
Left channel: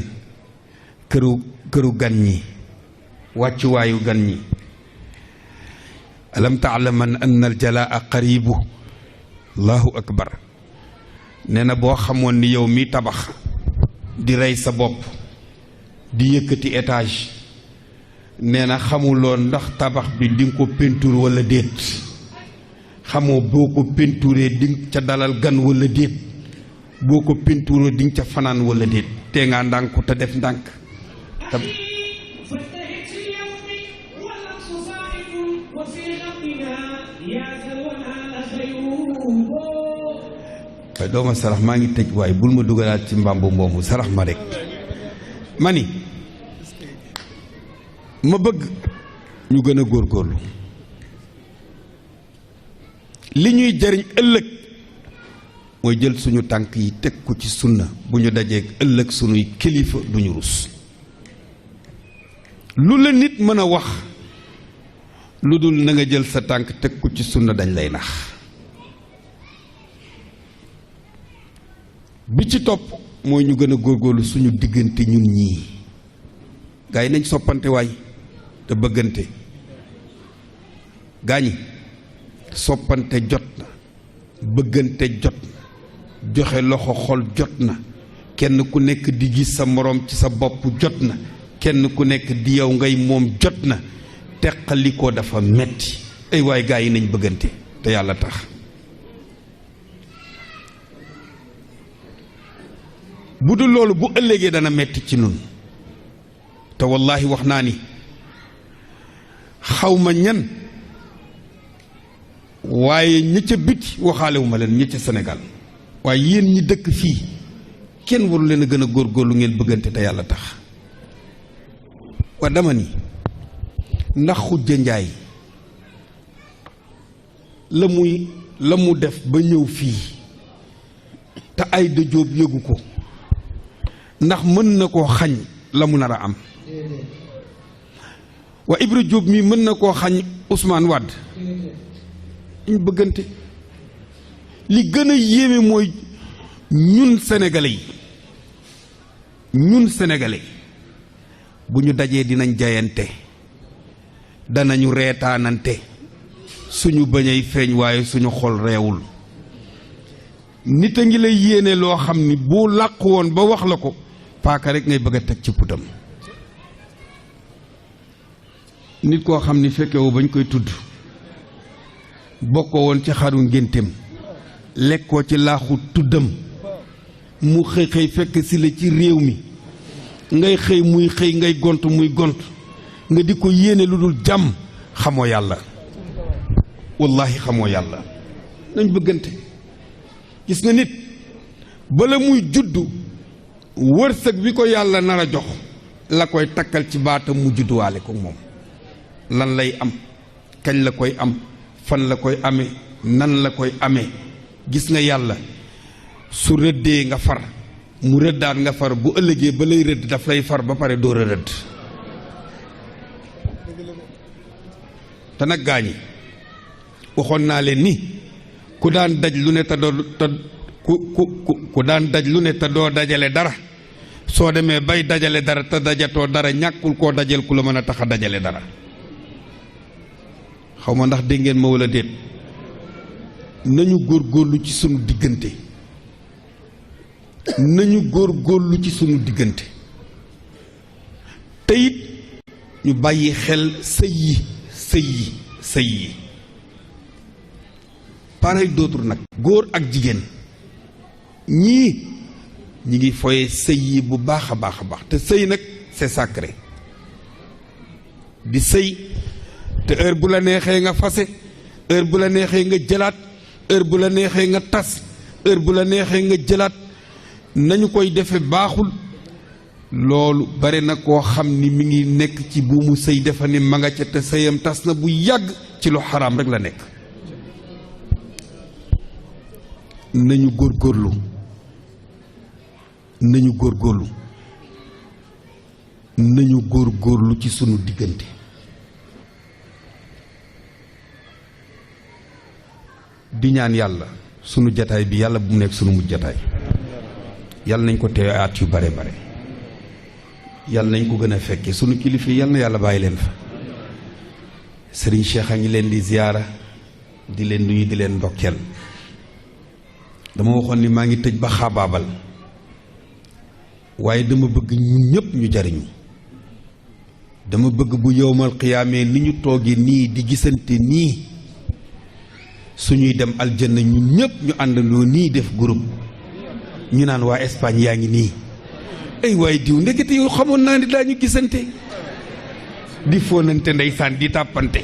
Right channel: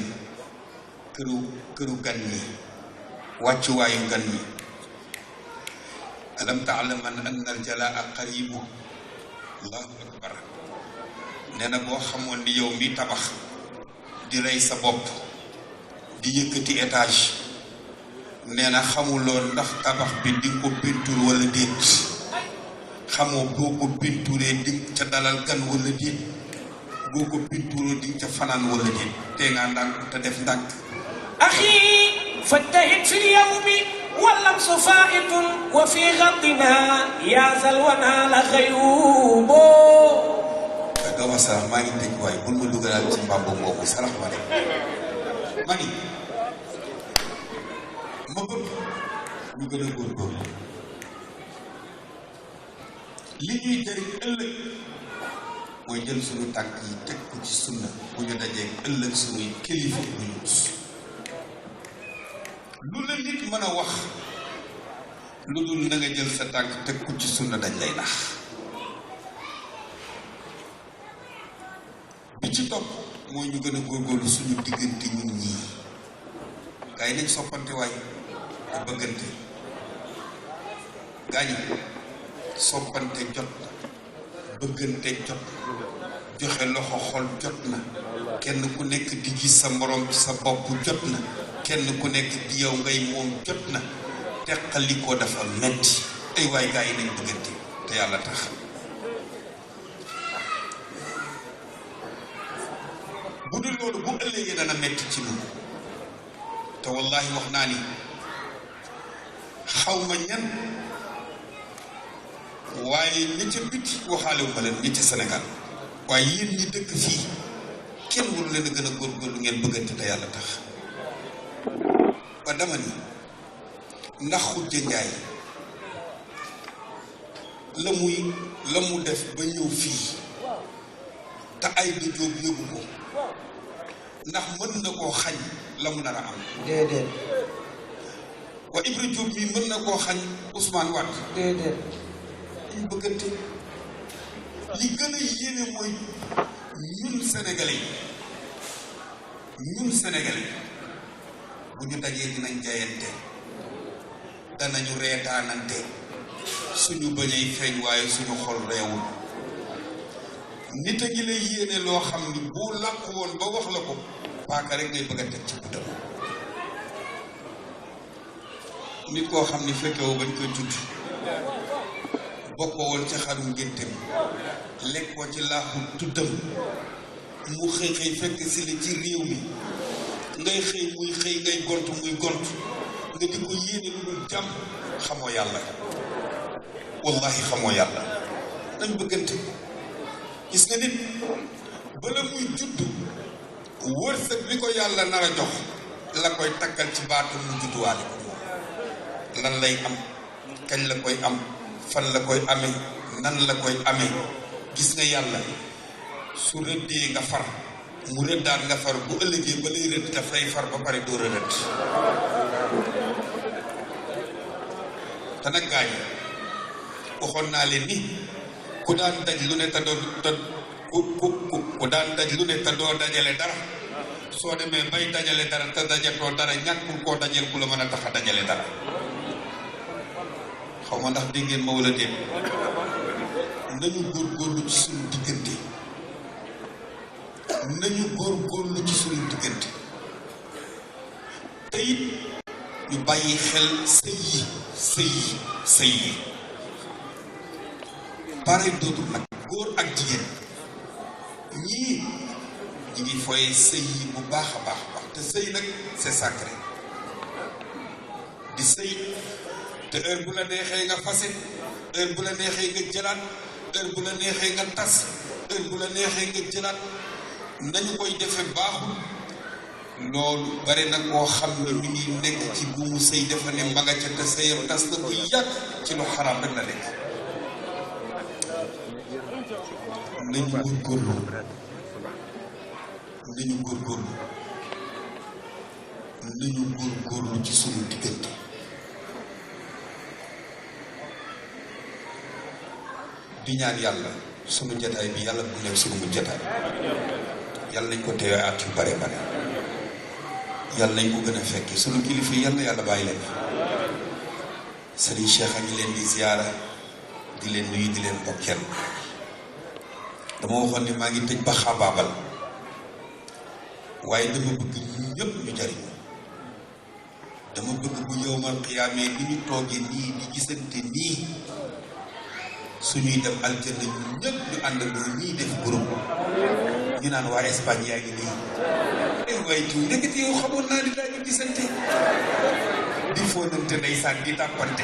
këru gan ñi wàccuwaayu gan ñi alam taalaman anna al jalaa qaribu allahu akbar nee na boo xamoon ni yow mi tabax di rey sa bopp di yëkkati étage nee na xamuloon ndax tabax bi di nga ko peinture wala déet xamoo boo ko peinturee di nga ca dalal gan wala déet boo ko peinturee di nga ca fanaan wala déet tee ngaa ndànk te def ndànk أخي فاجتهد في اليوم واللمس فائت وفي غطنا يا زلونا لخيوب te doo ma sarax maa ngi tëj waaye bul ma dugalaat ci mbambu moomu sarax ma de ma ni ma bëgg ñu gën a góorgóorlu li ñuy jariñ ëllëg mooy jël suñu tànk yi teg ko ci sunna bu ñu dajee ëllëg suñuy kilifa bu ñu rus lu la nit mën a wax lu dul na nga jël sa tànk teg ko ci sunna dañ lay nax bi ci topp mooy ñu gën a góorgóorlu suñu diggante ñun ñii gaa yi nañ soppante waay te bëggante gaa yi soppante jot na bëggante jot joxe loxo xol jot na kenn ku nekk di gis sa moroom ci sa bopp jot na kenn ku nekk di yow ngay moom jot na teqali ko dafa metti ay waay gaa yi nañ bëggante te yàlla tax bu dul loolu bu ëllëgee dana metti ci nun te wallaahi wax naa ni xawma ñan waaye ñi ca biti waxaalewu ma leen ñi ca Sénégal waaye yéen ñi dëkk fii kenn waru leen a gën a góorgóorlu ngeen bëggante te yàlla tax waa dama ni ndax Xujja Njaay la mu def ba ñëw fii te Ayda Jóob yëgu ko ndax mën na koo xañ la mu nar a am déedéet waa Ibra Jóob mii mën na koo xañ Ousmane Wade déedéet ñu bëggante li gën a yéeme mooy ñun sénégalais bu ñu dajee dinañ jayante danañu reetaanante suñu bañay feeñ waaye suñu xol reewul nit a ngi lay yéene loo xam ni bu làqu woon ba wax la ko paaka rek ngay bëgg a teg ci putam nit koo xam ni fekkewu bañ koy tudd bokkoo woon ci xaru ngénteem lekkoo ci laaxu tuddam mu xëy xëy fekk si la ci réew mi ngay xëy muy xëy ngay gont muy gont nga di ko yéene lu dul jàmm xamoo yàlla wallaahi xamoo yàlla nañ bëggante gis nga nit bala muy juddu wërsëg bi ko yàlla nar a jox la koy takkal ci baatam mu judduwaale ko moom lan lay am kañ la koy am fan la koy amee nan la koy amee gis nga yàlla su rëddee nga far mu rëddaat nga far bu ëllëgee ba lay rëdd daf lay far ba pare door a rëdd te nag gaañi waxoon naa leen ni ku daan daj lu ne te doo ku daan daj lu ne te doo dajale dara soo demee bay dajale dara te dajatoo dara ñàkkul koo dajal ku la mën a tax a dajale dara xaw ma ndax dégg ngeen ma wala déet nañu góorgóorlu ci sunu diggante nañu góorgóorlu ci sunu diggante te it ñu bàyyi xel sëy yi pareil d'autre nag góor ak jigéen ñi ngi foye sëy yi bu baax a baax te sëy nag c'est sacré di sëy te heure bu la neexee nga fase heure bu la neexee nga jëlaat heure bu la neexee nga tas heure bu la neexee nga jëlaat nañu koy defe baaxul loolu bari na koo xam ni mi ngi nekk ci buumu sëy defa ni ma nga ca te sëyam tas na bu yàgg ci lu xaraam rek la nekk nañu góorgóorlu nañu góorgóorlu ci sunu diggante di ñaan yàlla sunu jataay bi yàlla bu nekk sunu jataay yàlla nañ ko teew at yu bare bare yàlla nañ ko gën a fekke sunu kilifa yàlla na yàlla bàyyi leen fa Serigne Cheikh a ngi leen di ziyaara di leen nuyu di leen ndokkeel dama waxoon ni maa ngi tëj ba xaabaabal waaye dama bëgg ñun ñëpp ñu jariñu dama bëgg bu yowmal xiyaamee ni ñu toogee nii di gisante nii suñuy dem aljanna ñun ñëpp ñu àndandoo nii def groupe ñu naan waa Espagne yaa ngi nii ay waaye diw ndekete yow xamoon naa ni daañu gisante di fóonante ndeysaan di tàppante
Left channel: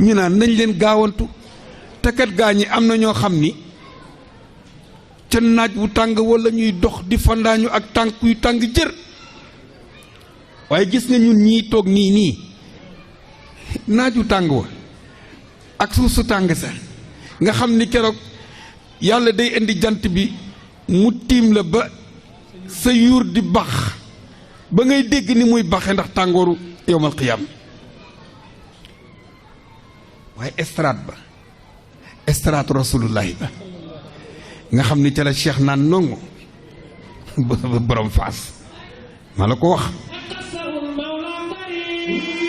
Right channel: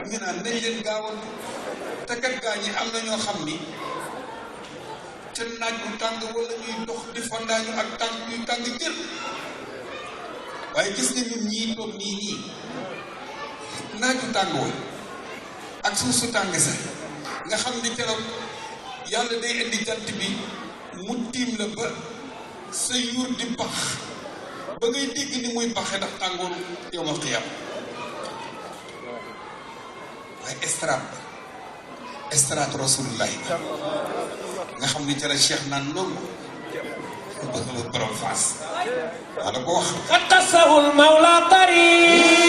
ñu naan nañ leen gaawantu te kat gaa ñi am na ñoo xam ni ca naaj bu tàng walla ñuy dox di fandaañu ak tànk yu tàng jër waaye gis nga ñun ñii toog nii naaj bu tàng wa ak suuf su tàng sa nga xam ni keroog yàlla day indi jant bi mu tiim la ba sa yuur di bax ba ngay dégg ni muy baxe ndax tàngooru yowmal xiyaam waaye estrade rasulullahi nga xam ni ca la Cheikh naan nongu borom faas maa la ko wax qatasahul mawla tariq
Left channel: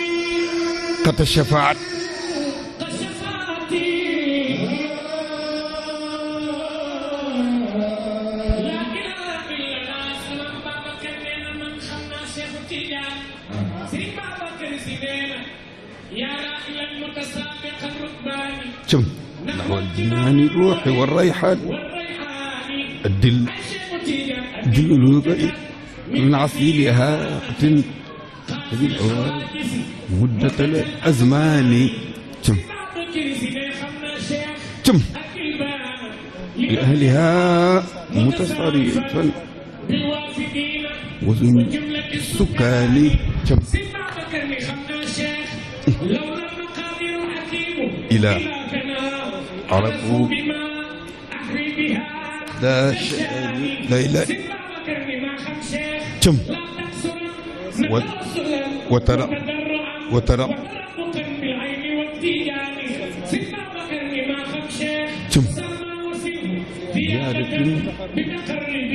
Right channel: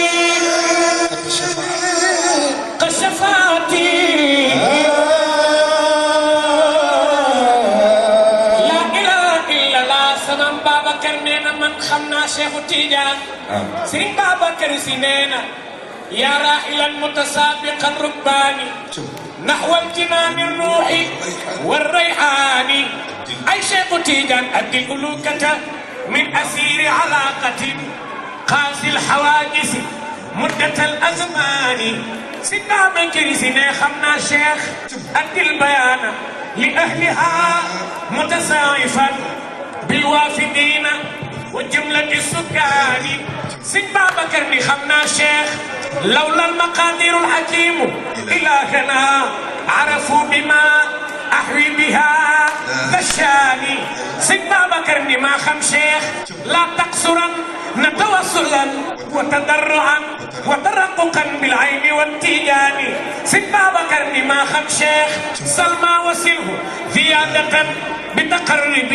kata shafaat kashafaati la ilaha illallah samam Babacar nee na man xam naa Cheikhu Tidiane Serigne Babacar Si nee na yaa raahilan mutasaabiqan rukbaani نحو امتنان الروح والريحان أي شيخ تيجان أدي قلوكك من أسير علاقة قاسي الحوادث مدة الأزمان سيدنا بكر سيدنا خمنا شيخ أدي البيان لأهلها متساعفا بالوافدين وجملة السكان سيدنا بكر خمنا شيخ لولا المقادير الحكيم إلهنا عرفوا بما أحوي بها كشاني سيدنا بكر ما خم شيخ لا تقصرا نتوصلا وتضرعا وترققا بالعين والتيجان سيدنا بكر ما خم شيخ سلمى وسله زيادة بتقرب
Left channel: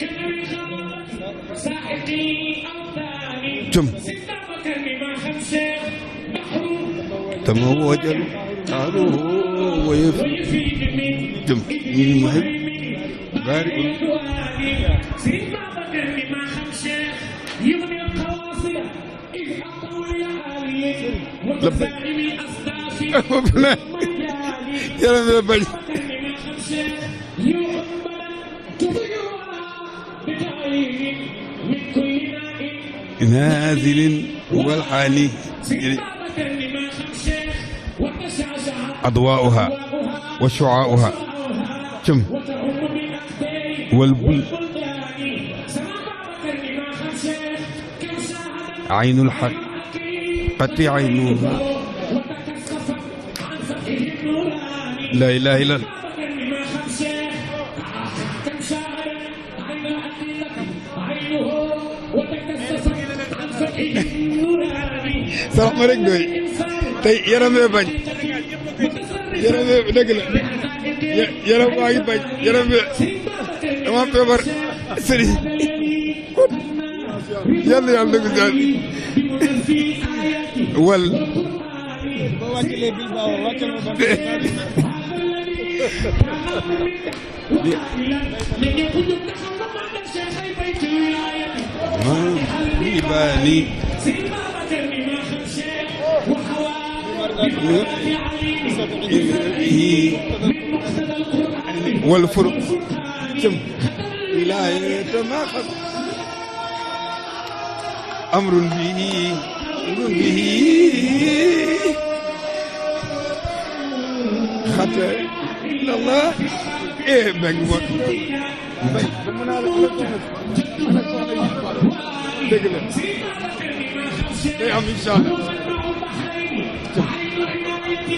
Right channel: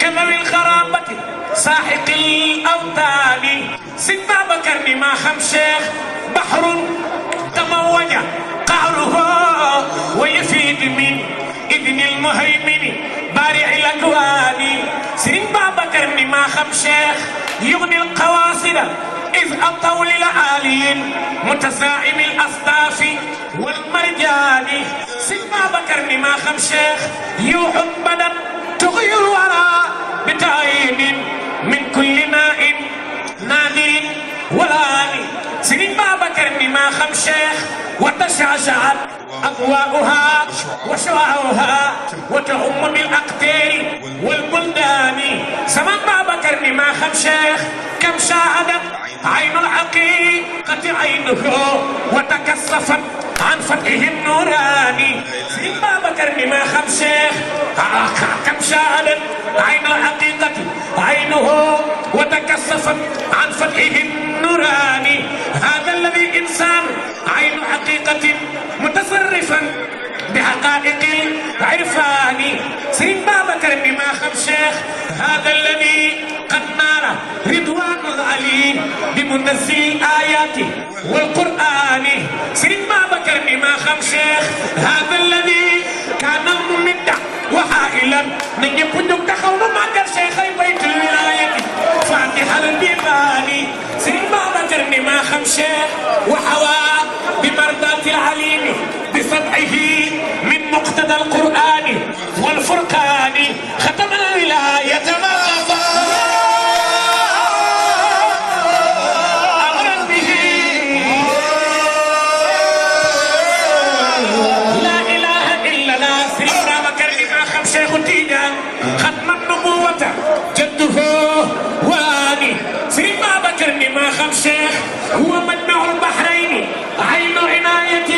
كذوي الغرابة ساحق الأوتان سيدنا بكر ما خم شيخ بحر تموج قعره ويفيد من إذن المهيمن بارع الأكوان سيدنا بكر ما خم شيخ يغني القواصد إذ أطول لعالي متساعم الأصداف والمرجان سيدنا بكر ما خم شيخ يوحب بدن تغير الورى بتعيين من كل ماء نادي ولا آلي سيدنا بكر ما خم شيخ وتشعشعت أضواؤها وشعاعها وتهم بالأقدار والبلدان سمع بكر ما خم شيخ كم شاهدت عين الحقيق حقيقة عينه وتكثفت عن فتحه النوراني لا إله إلا الله بكر ما خم شيخ كم شاهدت عين الحقيقة عينه وتكثفت عن فتحه النوراني هذا الذي إنسان عين حقيقة متصرفا بحقائق العرفان سيد بابكر ما خم شيخ هذا الذي قد نار رضوان الله بمنزل الآيات والقرآن سيد بابكر ما خم شيخ هذا الذي كان ممدع وحائلا من يكون تخول ما قال شيخي بيت الولاية فاتح البيباني سيد بابكر ما خم شيخ وحوى بمردات العليم بسمعه من مقتضى القرآن والفرقان ختم الولاية ما أمر به لا إله إلا الله سيدنا بكر ما خم شيخ تيجان ختم النبوة جده واني سيدنا بكر ما خم شيخ هو مجمع البحرين عين عناية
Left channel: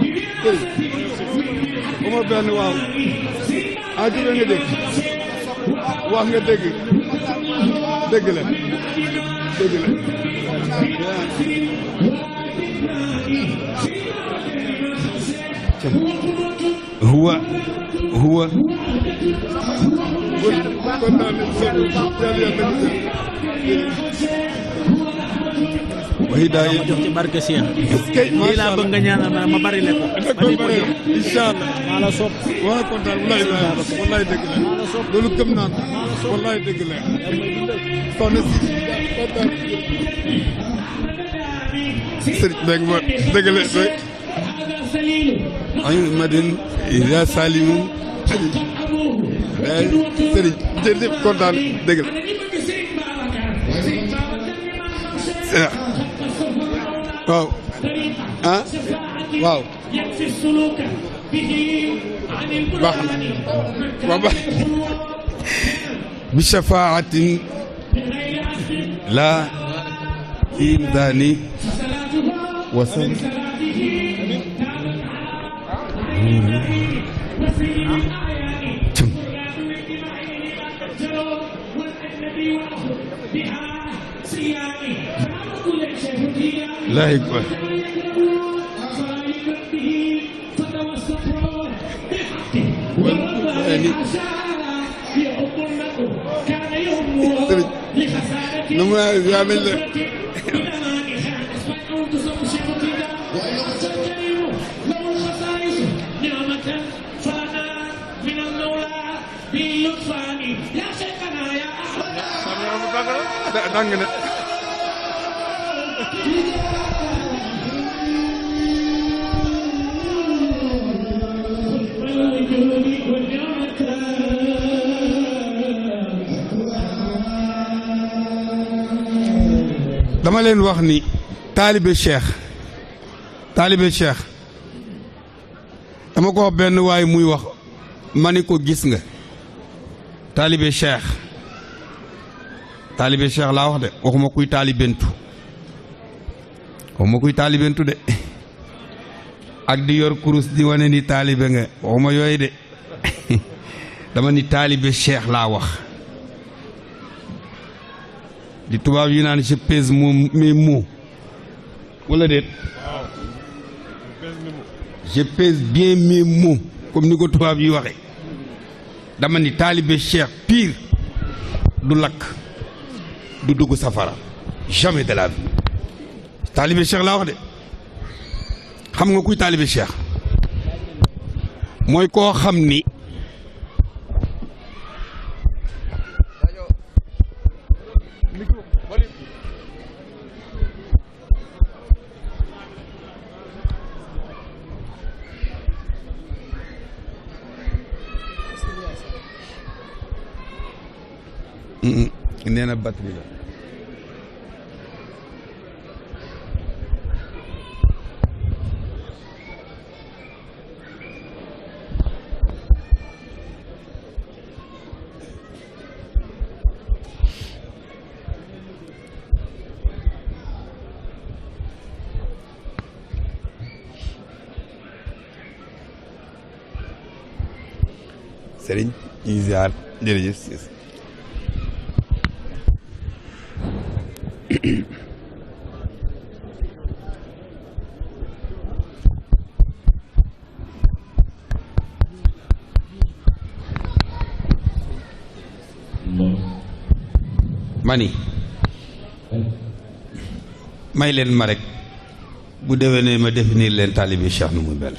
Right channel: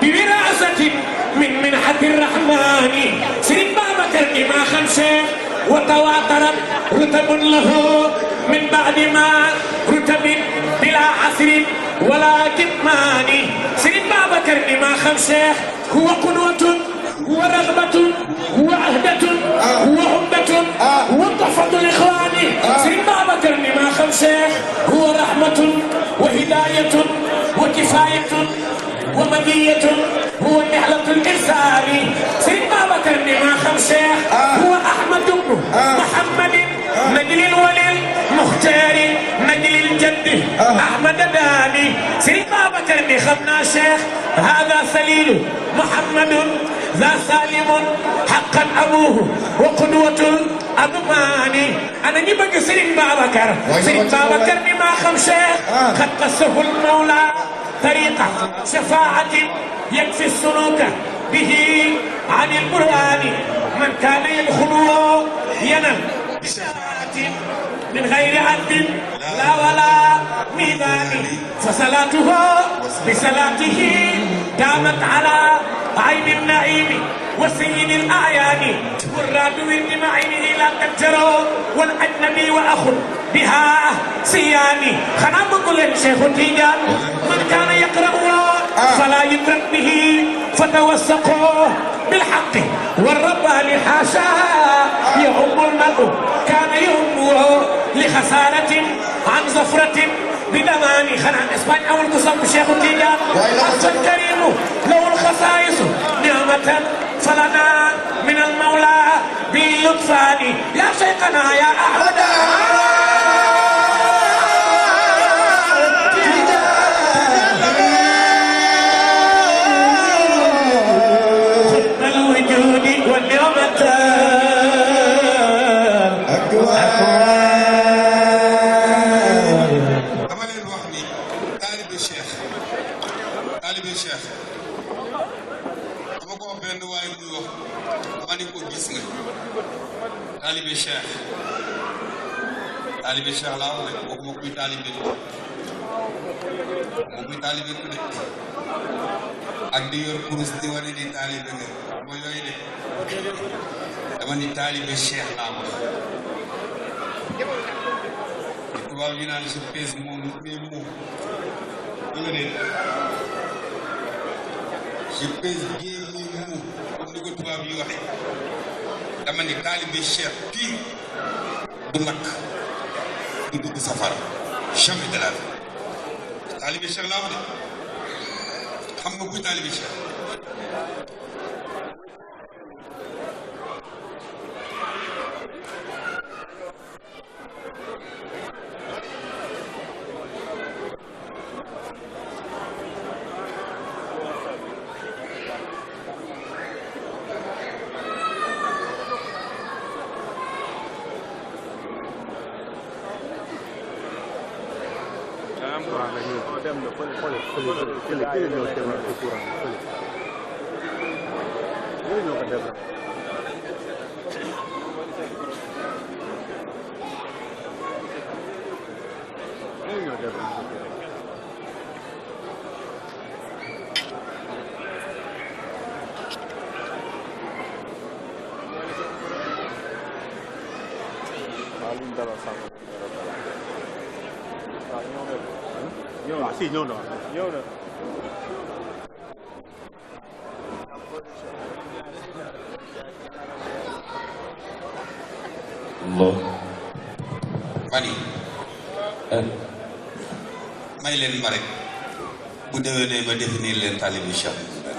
بوراثة من منحة الرحمن سيدنا بكر ما خم شيخ وتواترت رتب له من بعد ما رتب بلا عسر ولا كتمان سيدنا بكر ما خم شيخ هو قدوة هو رغبة هو عهدة هو عقدة هو تحفظ الإخوان سيدنا بكر ما خم شيخ هو رحمة وهداية وكفاية ومدية هو نعلة الإنسان سيدنا بكر ما خم شيخ هو أحمد بن محمد نجل الولي المختار نجل الجد أحمد داني سيدنا بكر خم شيخ هذا سليل محمد ذا سالم حقا أبوه وقدوة أضماني أنا نبقى سيرين بابكر سيرين بابكر بما خمشة قد قصه المولى طريقة شفاعة يكفي السلوك به عن القرآن من كان يدخله ينم بشفاعة من غير عذب لا ولا ميزان فصلاته بصلاته دامت على عين النعيم وسيد الأعيان والراد ورد معينه لا تجروا والأجنبي وأخو بها سياني خنا بقول الشيخ تيجان من كان يقرأ فلا يدرك به فتوثقوا بالحق والرباني حاشا يعم المرء كان يهمه لخسارة عن زفرة بدماني خلان اسبانيا اول قصه الشيخ تيجان اصل الكريم له الخصائص نعمة فلنا من المولى باللطفان يا شيخنا يا احمد خدم الوجود والنعمة dama leen wax ni taalibe cheikh dama ko wax benn waay muy wax ma ni ko gis nga taalibe cheikh laa wax de waxuma kuy taalibentu de ak di yor kurus di wane ni taalibe nga waxuma yooyu de dama ni taalibe cheikh laa wax di tubaab yi naan je pèse mes mots wala déet je pèse bien mes mots comme ni ko tubaab yi waxe dama ni taalibe cheikh pire du lakk du dugg safara jamais de la vie taalibe cheikh laa wax de xam nga kuy taalibe cheikh mooy koo xam ni nee na batterie ziar jërëjëf. mani may leen ma rek bu déwénee ma définir leen taalibi Cheikh nu mu mel.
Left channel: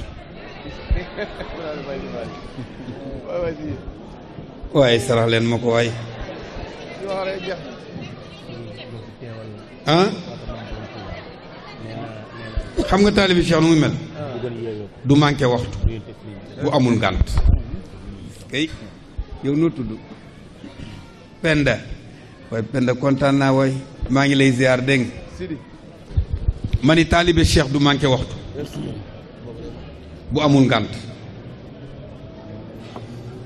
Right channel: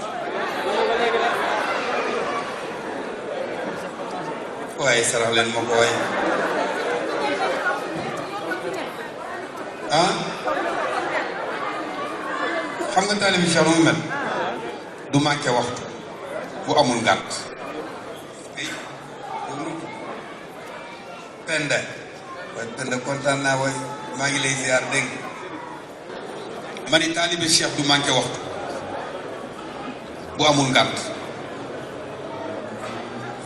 waaye sarax leen ma ko waaye ah xam nga taalibi Cheikh nu mu mel du manqué waxtu bu amul gànt kay yow noo tudd Penda waaye Penda kontaan naa waaye maa ngi lay ziar dégg ma ni taalibe Cheikh du manqué waxtu bu amul ngànt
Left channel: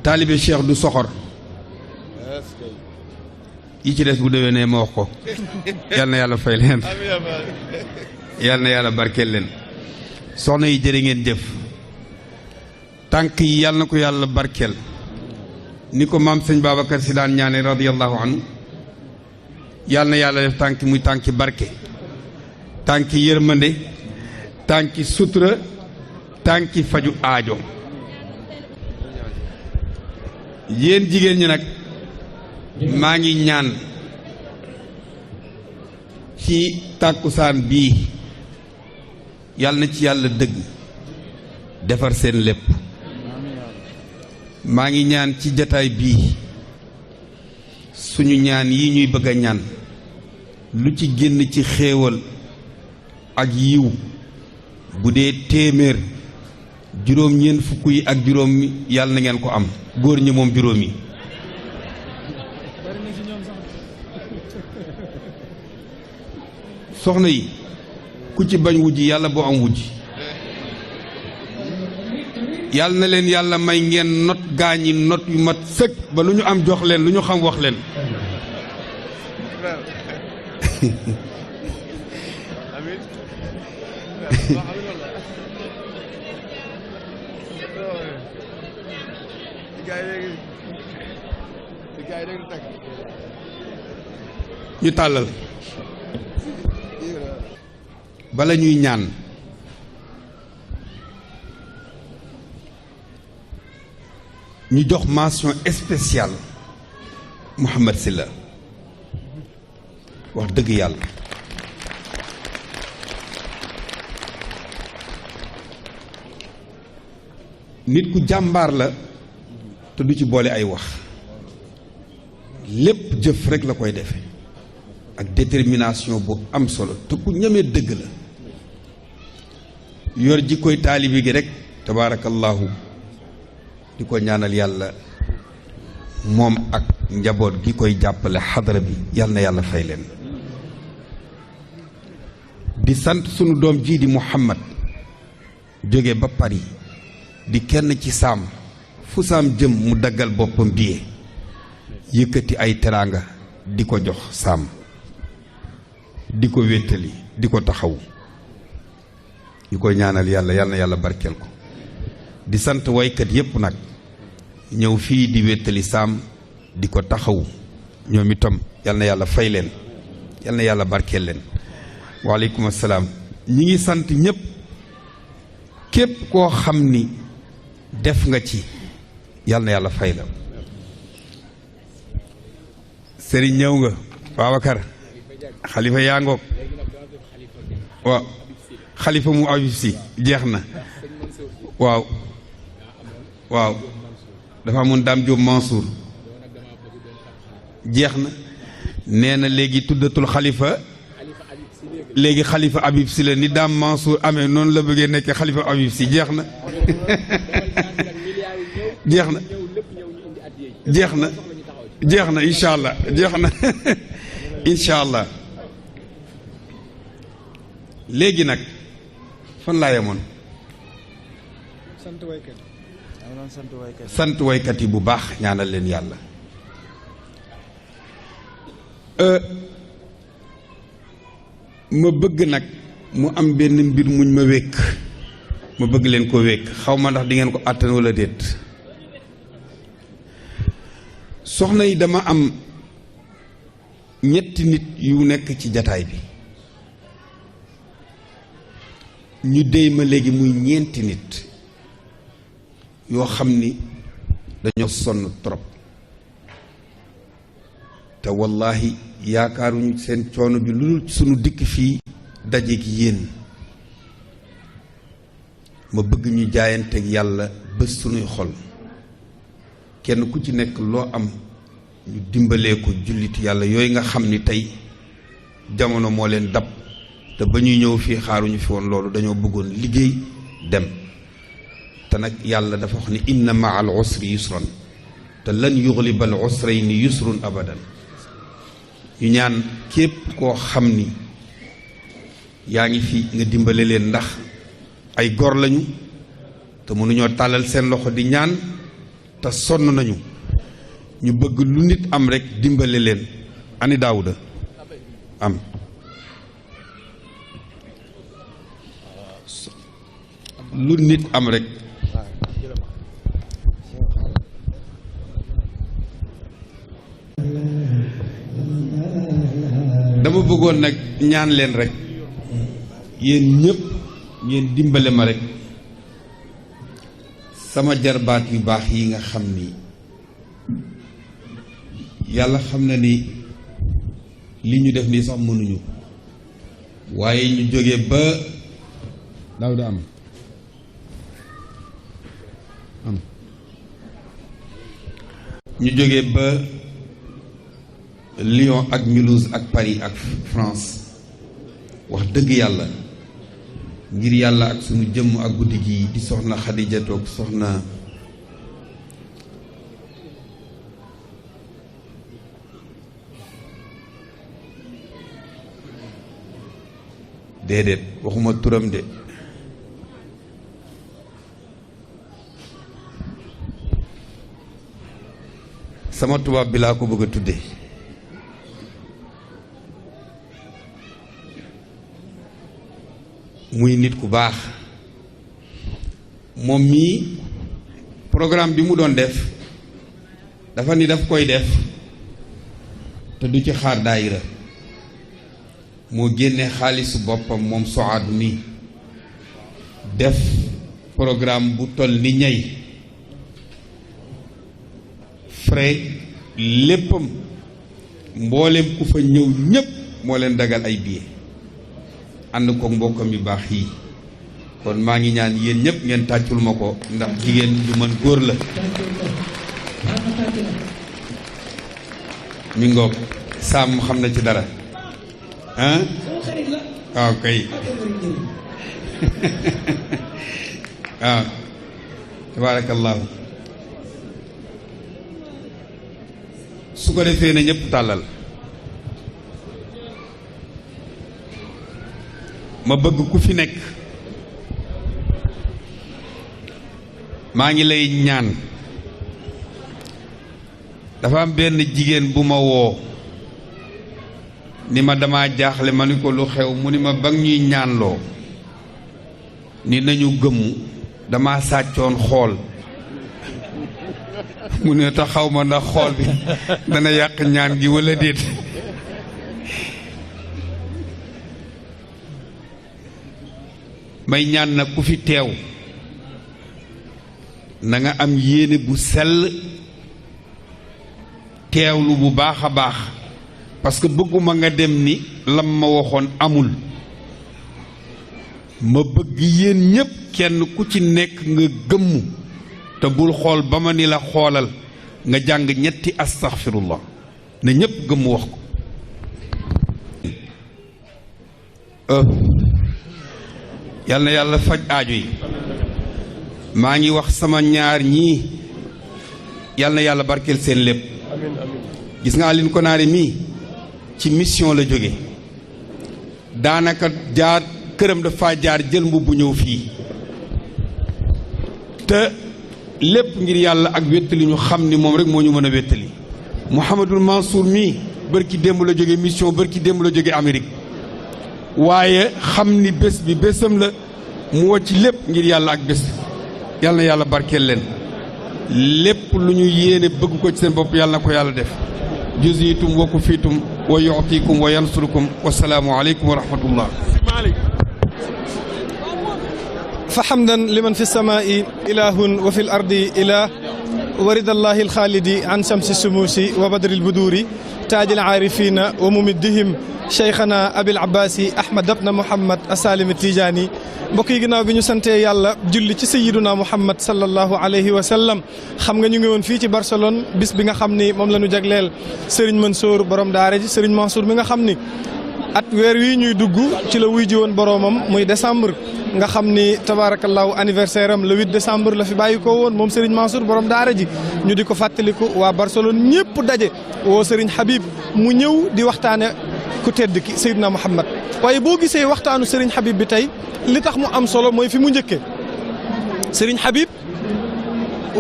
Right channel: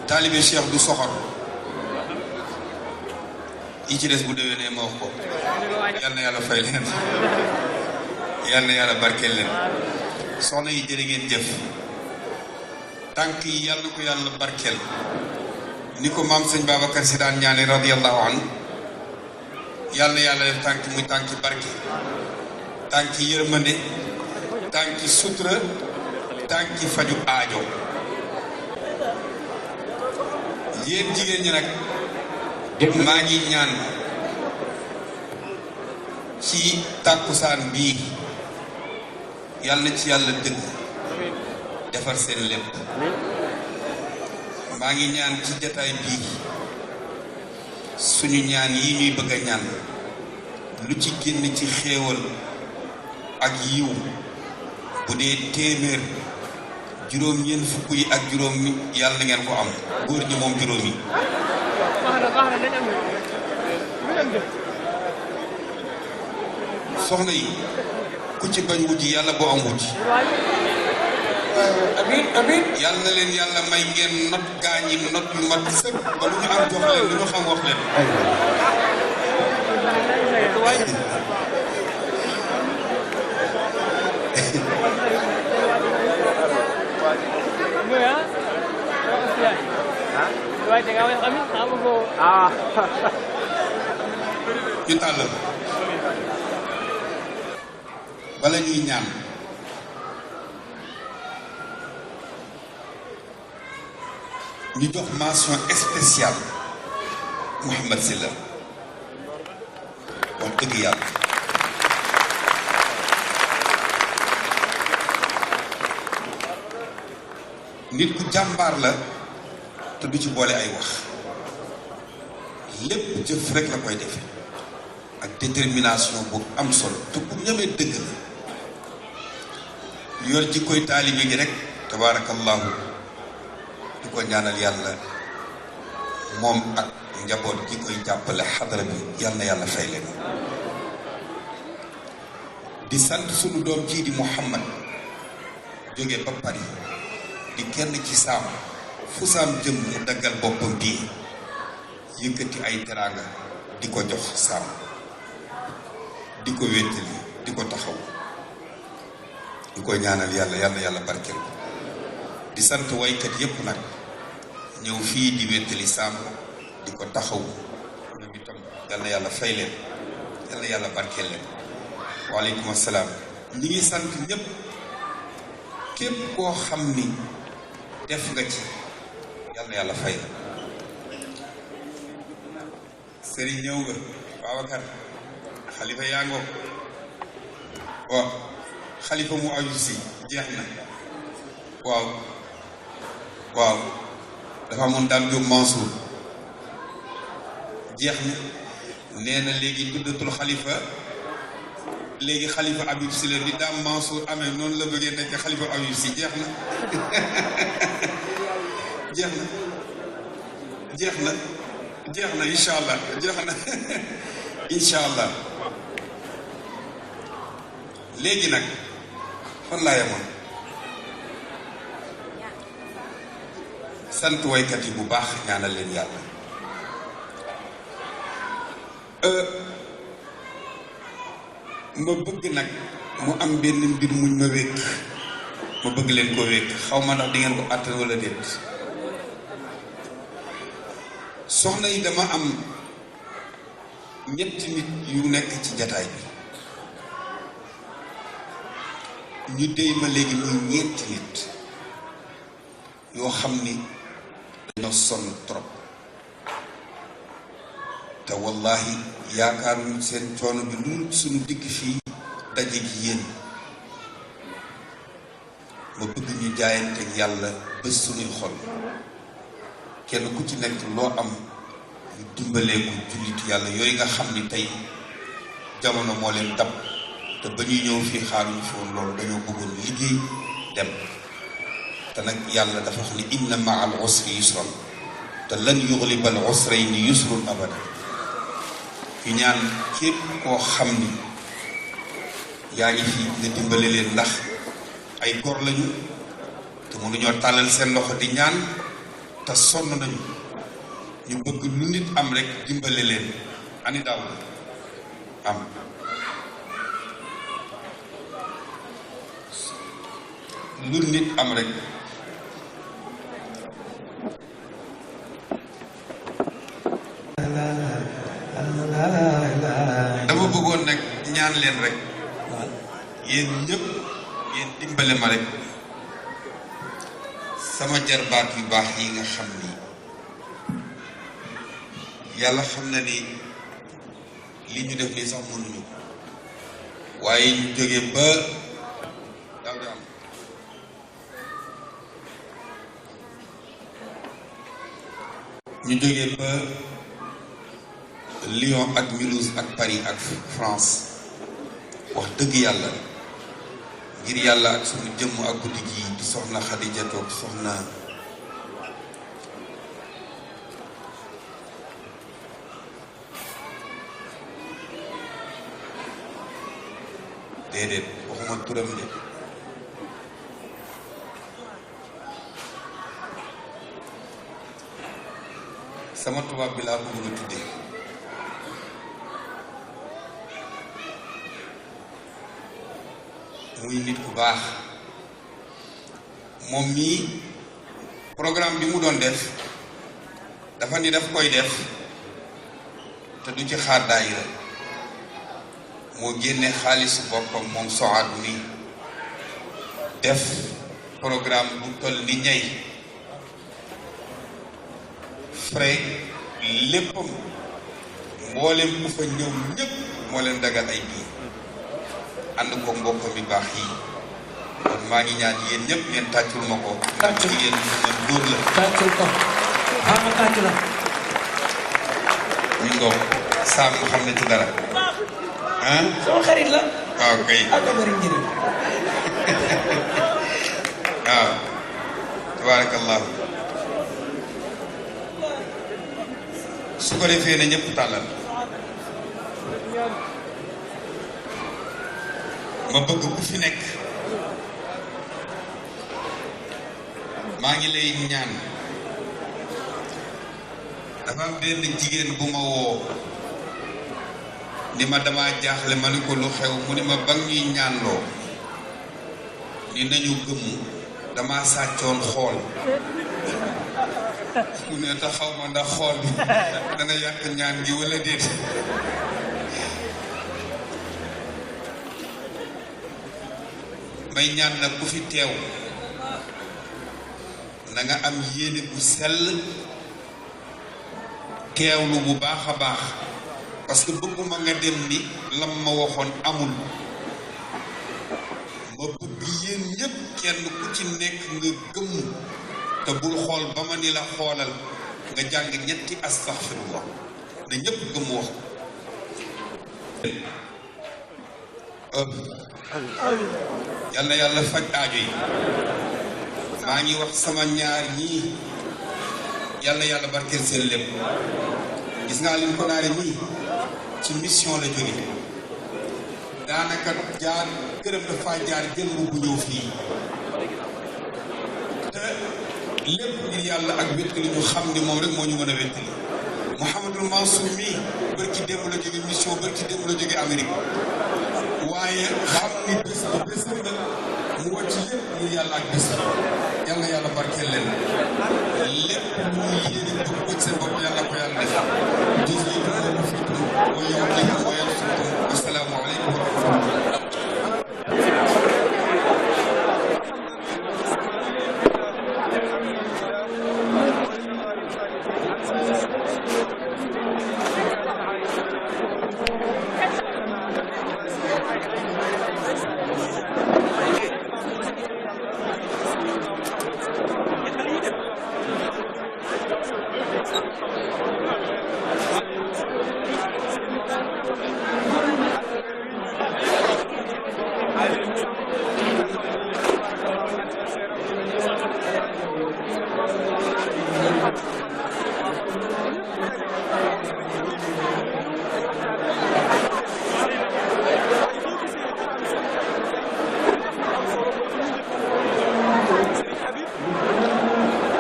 taalibe Cheikh du soxot yi ci des bu déwénee ma wax ko yal na yàlla fay leen yal na yàlla barkeel leen soxna yi jërë ngeen jëf tànk yi yal na ko yàlla barkeel ni ko maam sëñ Babacar Si daan ñaane radiyallahu anhu yal na yàlla def tànk muy tànki barke tànki yërmande tànki sutura tànki faju aajo yéen jigéen ñi nag maa ngi ñaan ci tàkkusaan bii yàlla na ci yàlla dëgg defar seen lépp maa ngi ñaan ci jataay bii suñu ñaan yi ñuy bëgg a ñaan lu ci génn ci xéewal ak yiw bu dee téeméer juróom-ñeent fukk yi ak juróom yàlla na ngeen ko am góor ñi moom juróom yi soxna yi ku ci bañ wujj yàlla boo am wujj yàlla na leen yàlla may ngeen not gaañi not yu mat sëkk ba lu ñu am jox leen lu ñu xam wax leen ñu tàllal bala ñuy ñaan ñu jox mention spéciale Mouhamed Sylla wax dëgg yàlla nit ku jàmbaar la te du ci boole ay wax lépp jëf rek la koy def ak détermination boobu am solo te ku ñemee dëgg la yor ji koy taalibi gi rek tabaarakallaahu di ko ñaanal yàlla moom ak njaboot gi koy jàppale xadara bi yal na yàlla fay leen di sant sunu doom jii di Mouhamad jóge ba Paris di kenn ci saam fu saam jëm mu daggal boppam die yëkkati ay teraanga di ko jox saam di ko wéttali di ko taxaw ñu koy ñaanal yàlla yal na yàlla barkeel di sant waykat yépp nag ñëw fii di wéttali saam di ko taxaw ñoom itam yal na yàlla fay leen yal na yàlla barkeel leen waaleykum asalaam ñi ngi sant ñépp képp koo xam ni def nga ci yal na yàlla fay la sëriñ ñëw nga Babacar xalifa yaa ngoog waaw xalifa mu ayub si jeex na waaw waaw dafa amoon daam Jóob Mansour jeex na nee na léegi tuddatul xalifa léegi xalifa Habib si la ni daam Mansour amee noonu la bëggee nekk xalifa Habib si jeex na jeex na jeex na jeex na incha allah jeex na incha allah léegi nag fan laa yemoon sant waykat yi bu baax ñaanal leen yàlla ma bëgg nag mu am benn mbir muñ ma wékk ma bëgg leen ko wékk xaw ma ndax di ngeen ko àttan wala déet soxna yi dama am ñetti nit yu nekk ci jataay bi ñu déy ma léegi muy ñeenti nit yoo xam ni dañoo sonn trop te wallahi yaakaaruñ seen coono bi lu suñu dikk fii daje gi yéen ma bëgg ñu jaayante yàlla bés suñuy xol kenn ku ci nekk loo am ñu dimbalee ko jullit yàlla yooyu nga xam ni tey jamono moo leen dab te ba ñuy ñëw fii xaaruñu fi woon loolu dañoo bëggoon liggéey dem te nag yàlla dafa wax ni inna maa al usri yusran te lan yuxliba al usrayni yusrun abada ñu ñaan képp koo xam ni yaa ngi fi nga dimbale leen ndax ay gor lañu te mënuñoo tàllal seen loxo di ñaan te sonn nañu ñu bëgg lu nit am rek dimbale leen ani Daawuda am lu nit am rek dama bëggoon nag ñaan leen rek yéen ñëpp ngeen dimbale ma rek sama jarbaat yu baax yi nga xam ni yàlla xam na ni li ñu def nii sax mënuñu waaye ñu jógee ba daaw di am ñu jógee ba Lyon ak Mulhouse ak Paris ak France wax dëgg yàlla ngir yàlla ak suñu jëmm ak guddi gi di soxna Xadija toog soxna déedéet waxuma turam de sama tubaab bi laa ko bëgg a tudde muy nit ku baax moom mii programme bi mu doon def dafa ni daf koy def te du ci xaar daayira moo génne xaalisu boppam moom Sohad mi def programme bu toll ni ñey frais léppam mboolem ku fa ñëw ñépp moo leen dagal ay billets ànd ko mbokkam yu baax yi kon maa ngi ñaan yéen ñëpp ngeen tàccul ma ko ndax jigéen bu mën góor la mi ngoog saam mu xam na ci dara ah sama xarit la waaw kay ak bari njëriñ waaw tabarakallah su ko defee ne ñëpp tàllal ma bëgg ku fi nekk maa ngi lay ñaan dafa am benn jigéen bu ma woo ni ma dama jaaxle ma ni ko lu xew mu ni ma ba ñuy ñaanloo ni nañu gëmmu dama sàccoon xool mu ne tax xaw ma ndax xool bi dana yàq ñaan gi walla déet may ñaan nag ku fi teew na nga am yéene bu sell teewlu bu baax a baax parce que bëgguma nga dem ni lam ma waxoon amul ma bëgg yéen ñépp kenn ku ci nekk nga gëmmu te bul xool ba ma ni la xoolal nga jàng ñetti astaghfirullah ne ñépp gëmmu wax ko yal na yàlla faj aajo yi maa ngi wax sama ñaar ñii yal na yàlla barkeel seen lépp gis nga Aline Konaté mii ci mission la jóge daanaka jaar këram dafa jaar jël mbubb ñëw fii te lépp ngir yàlla ak wéttali ñu xam ni moom rek moo ñu mën a wéttali Mouhamadul Mansour mii bërki démb la jóge mission bërki démb la jóge Amérique waaye xam ni bés bi bésam la mu woo ci lépp ngir yàlla ak bés yàlla na yàlla barkeel leen lépp lu ñu yéene bëgg ko ci seen bopp yàlla na ko yàlla def juziitum wa kufiitum wa yu'tiikum wa yansurukum wasalaamu aleykum wa rahmatullah. fa hamdan liman fi samaa'i ilahun wa fi l ardi ilah wa ridallahi alxaalidi an samsi sumuusi wa badri lbuduuri taaji alaarifina wa mumiddihim cheikhana abil abbasi ahmad abna mouhamad asalimi tijaani mbokk yi ginnaaw bi ñu santee yàlla julli ci sayiduna mouhamad sallallahu alayhi wa sallam xam nga ñu ngi woon fii ci Barcelone bis bi nga xam ni moom la ñu jagleel Serigne Mansour borom daara ji Serigne Mansour mi nga xam ni at weer wi ñuy dugg ci la wuy ji woon boromam muy décembre nga xam ni tabaarakallaahu anniversaire am le 8 décembre la fi bàyyi ko woon moom Serigne Mansour borom daara ji ñu di ko fàttaliku waa Barcelone ñëpp daje woo Serigne Habib mu ñëw di waxtaane ku tedd ki Seydina Muhammad waaye boo gisee waxtaanu Serigne Habib bi tey li tax mu am solo mooy fi mu njëkkee Serigne Habib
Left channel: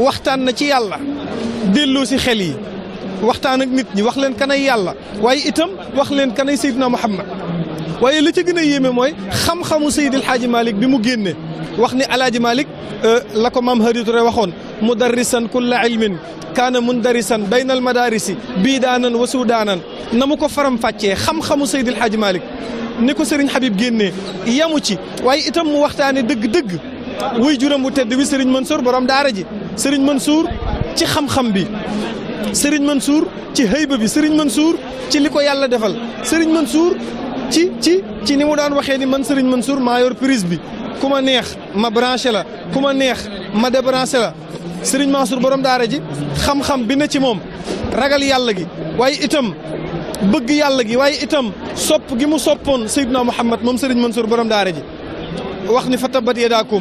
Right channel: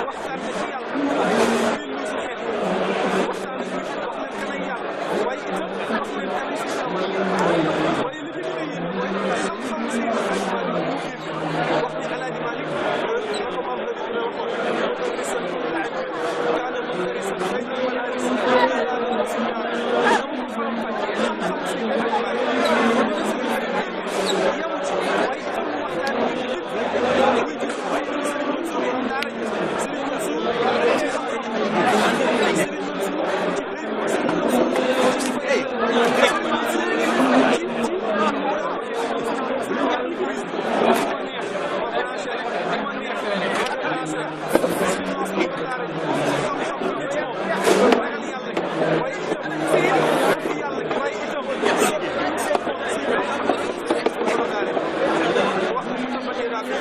waxtaan na ci yàlla delloo si xel yi waxtaan ak nit ñi wax leen kanay yàlla waaye itam wax leen kanay Seydina Muhammad waaye li ci gën a yéeme mooy xam-xamu Seydil Hadji Malick bi mu génne wax ni Alaaji Malick la ko maam Hadi Touré waxoon mudarrisan kulla ilmin kaana mundarisan bayna al madarisi biidaanan wa suudaanan na mu ko faram fàccee xam-xamu Seydil Hadji Malick ni ko Serigne Habib génnee yamu ci waaye itam mu waxtaane dëgg-dëgg wuy juram bu tedd bi Serigne Mansour borom daara ji Serigne Mansour ci xam-xam bi Serigne Mansour ci hëyba bi Serigne Mansour ci li ko yàlla defal Serigne Mansour ci ni mu daan waxee ni man Serigne Mansour maa yor prise bi ku ma neex ma branché la ku ma neex ma débranché la Serigne Mansour borom daara ji xam-xam bi na ci moom ragal yàlla gi waaye itam bëgg yàlla gi waaye itam sopp gi mu soppoon Seydina Muhammad moom Serigne Mansour borom daara ji wax ni fa tabbat yadaakum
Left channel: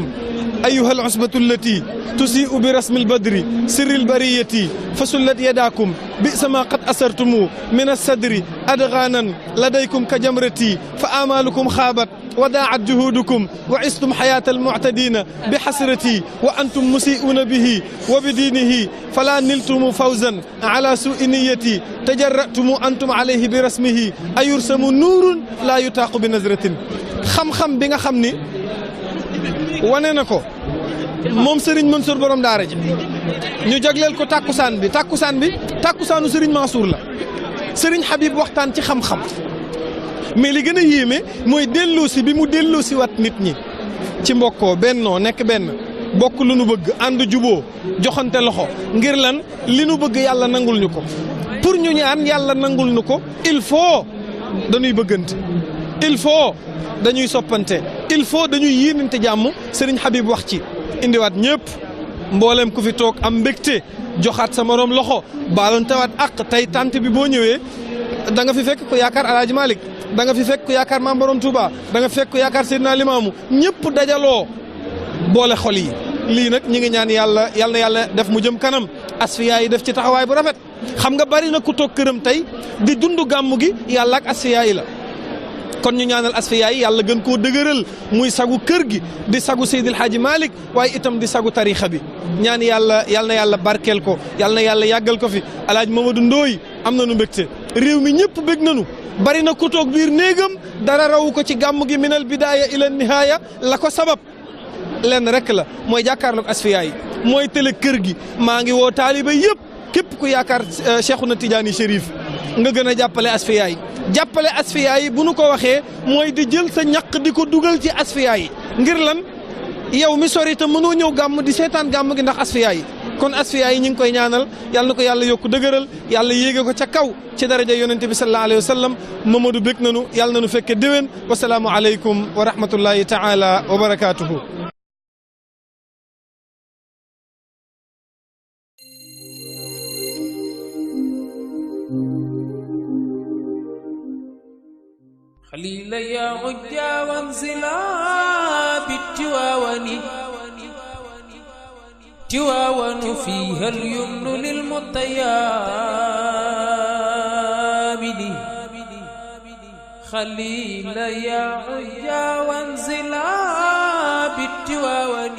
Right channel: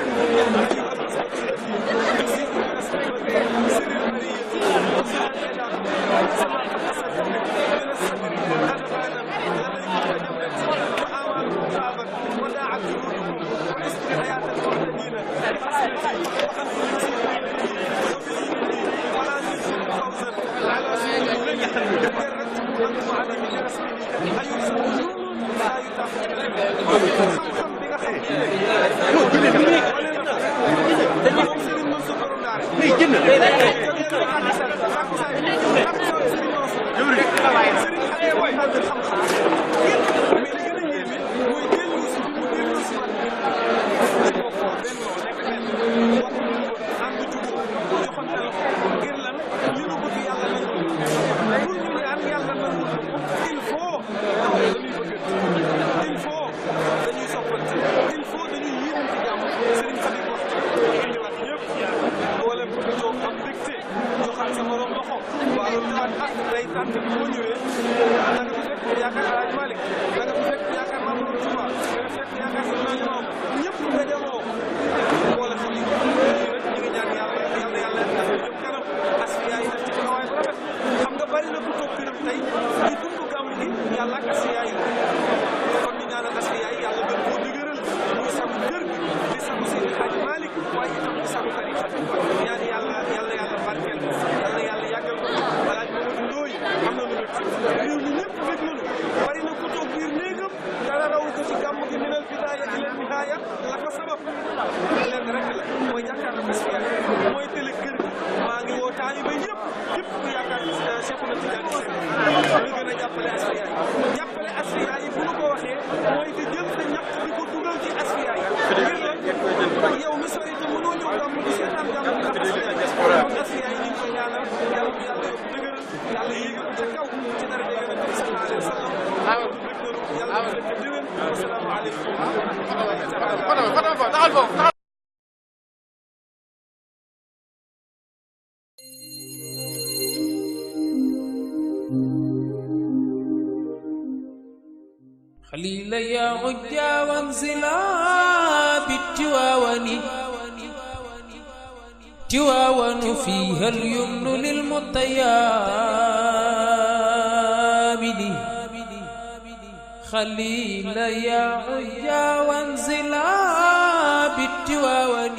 ayyuha al usbatu allati tusiu bi rasmi lbadri sirri lbariyati fa sullat yadaakum bisa ma qad asartumu min alsadri adgaanan ladaykum ka jamrati fa amalukum xaabat wa daat juhudukum wa istum xayaata almuctadina bi xasrati wa antum musiuuna bihi wa bi diinihi fala niltumu fawzan ala sui niyati tajaratumu antum alayhi bi rasmihi ayursamu nuurun laa yutaaqu bi nazratin xam-xam bi nga xam ni wane na ko moom Serigne Mansour borom daara ji ñu jagleel ko takkusaan bi takkusaanu Serigne Mansour la Serigne Habib waxtaan ci xam-xam mais li gën a yéeme mooy delloosi bi mu delloosi wat nit ñi ci mbokkoo bennoo nekk benn bokk lu nu bëgg ànd juboo joxante loxo ngir lan li nu bëgg yàlla nangul ñu ko pour ñu ñaan yàlla nangul ñu ko il faut dañuy bëggante il faut dañuy soppante il faut dañuy yéenante jàmm Serigne Habib wax ci indiwaat ñëpp mboolem ku fi toog am mbégte joxaat sa morom loxo baaloon tawaat ak tey tant bi boo ñëwee da nga fi fekk ko yaakaar Alaaji Malick da nga fi fekk ko yaakaar Maam Borom Touba da nga fekk ko yaakaar Seydina Limaamu ñëpp dajaloo boole xol yi lii nag ñi ngi ñaan yàlla def mu jëm kanam asfiya yi def ci taxawaay bu rafet xam nga bari na ku toog këram tey di dund gàmmu gi yàlla ak asfiya yi la kon ñu ñaanal asfiya yi yàlla gën koo dëgëral muy sagu kër gi di sagu Seydil Hadji Malick waaye itam di sagu tarixa bi ñaan yàlla na yàlla barkeel ko yàlla na yàlla yàggal ko fi Alaaji Mamadou Ndooy am nañu mbégte réew mi ñëpp bég nañu bari na ku toog biir néegam dara rawu ko ci gàmm gi minal bidaaya ila nihaaya la ko sabab lenn rek la mooy jàkkaarloog asfiya yi mooy télé kër gi maa ngi woo taaliba yëpp képp ku yaakaar Cheikhouna Tidiane Chérif nga gën a jàppale asfiya yi bu nu ko waxee mooy di jël sa ñaq di ko dugal ci asfiya yi ngir lan yow mi sori te mënoo ñëw gàmm di seetaan gàmm gi ndax asfiya yi kon asfiya yi ñu ngi koy ñaanal yàlla na ko yàlla yokku dëgëral yàlla yéege ko ca kaw ci daraja yonente bi sallallahu alayhi wa sallam Mamadou bég nanu yàlla na nu fekke déwén wasalaamu aleykum wa rahmatullahi taala wa barakatuhu خليل يا عجا وانزلا بالتواون تواون فيها اليمن للمطيابد خليل يا عجا وانزلا بالتواون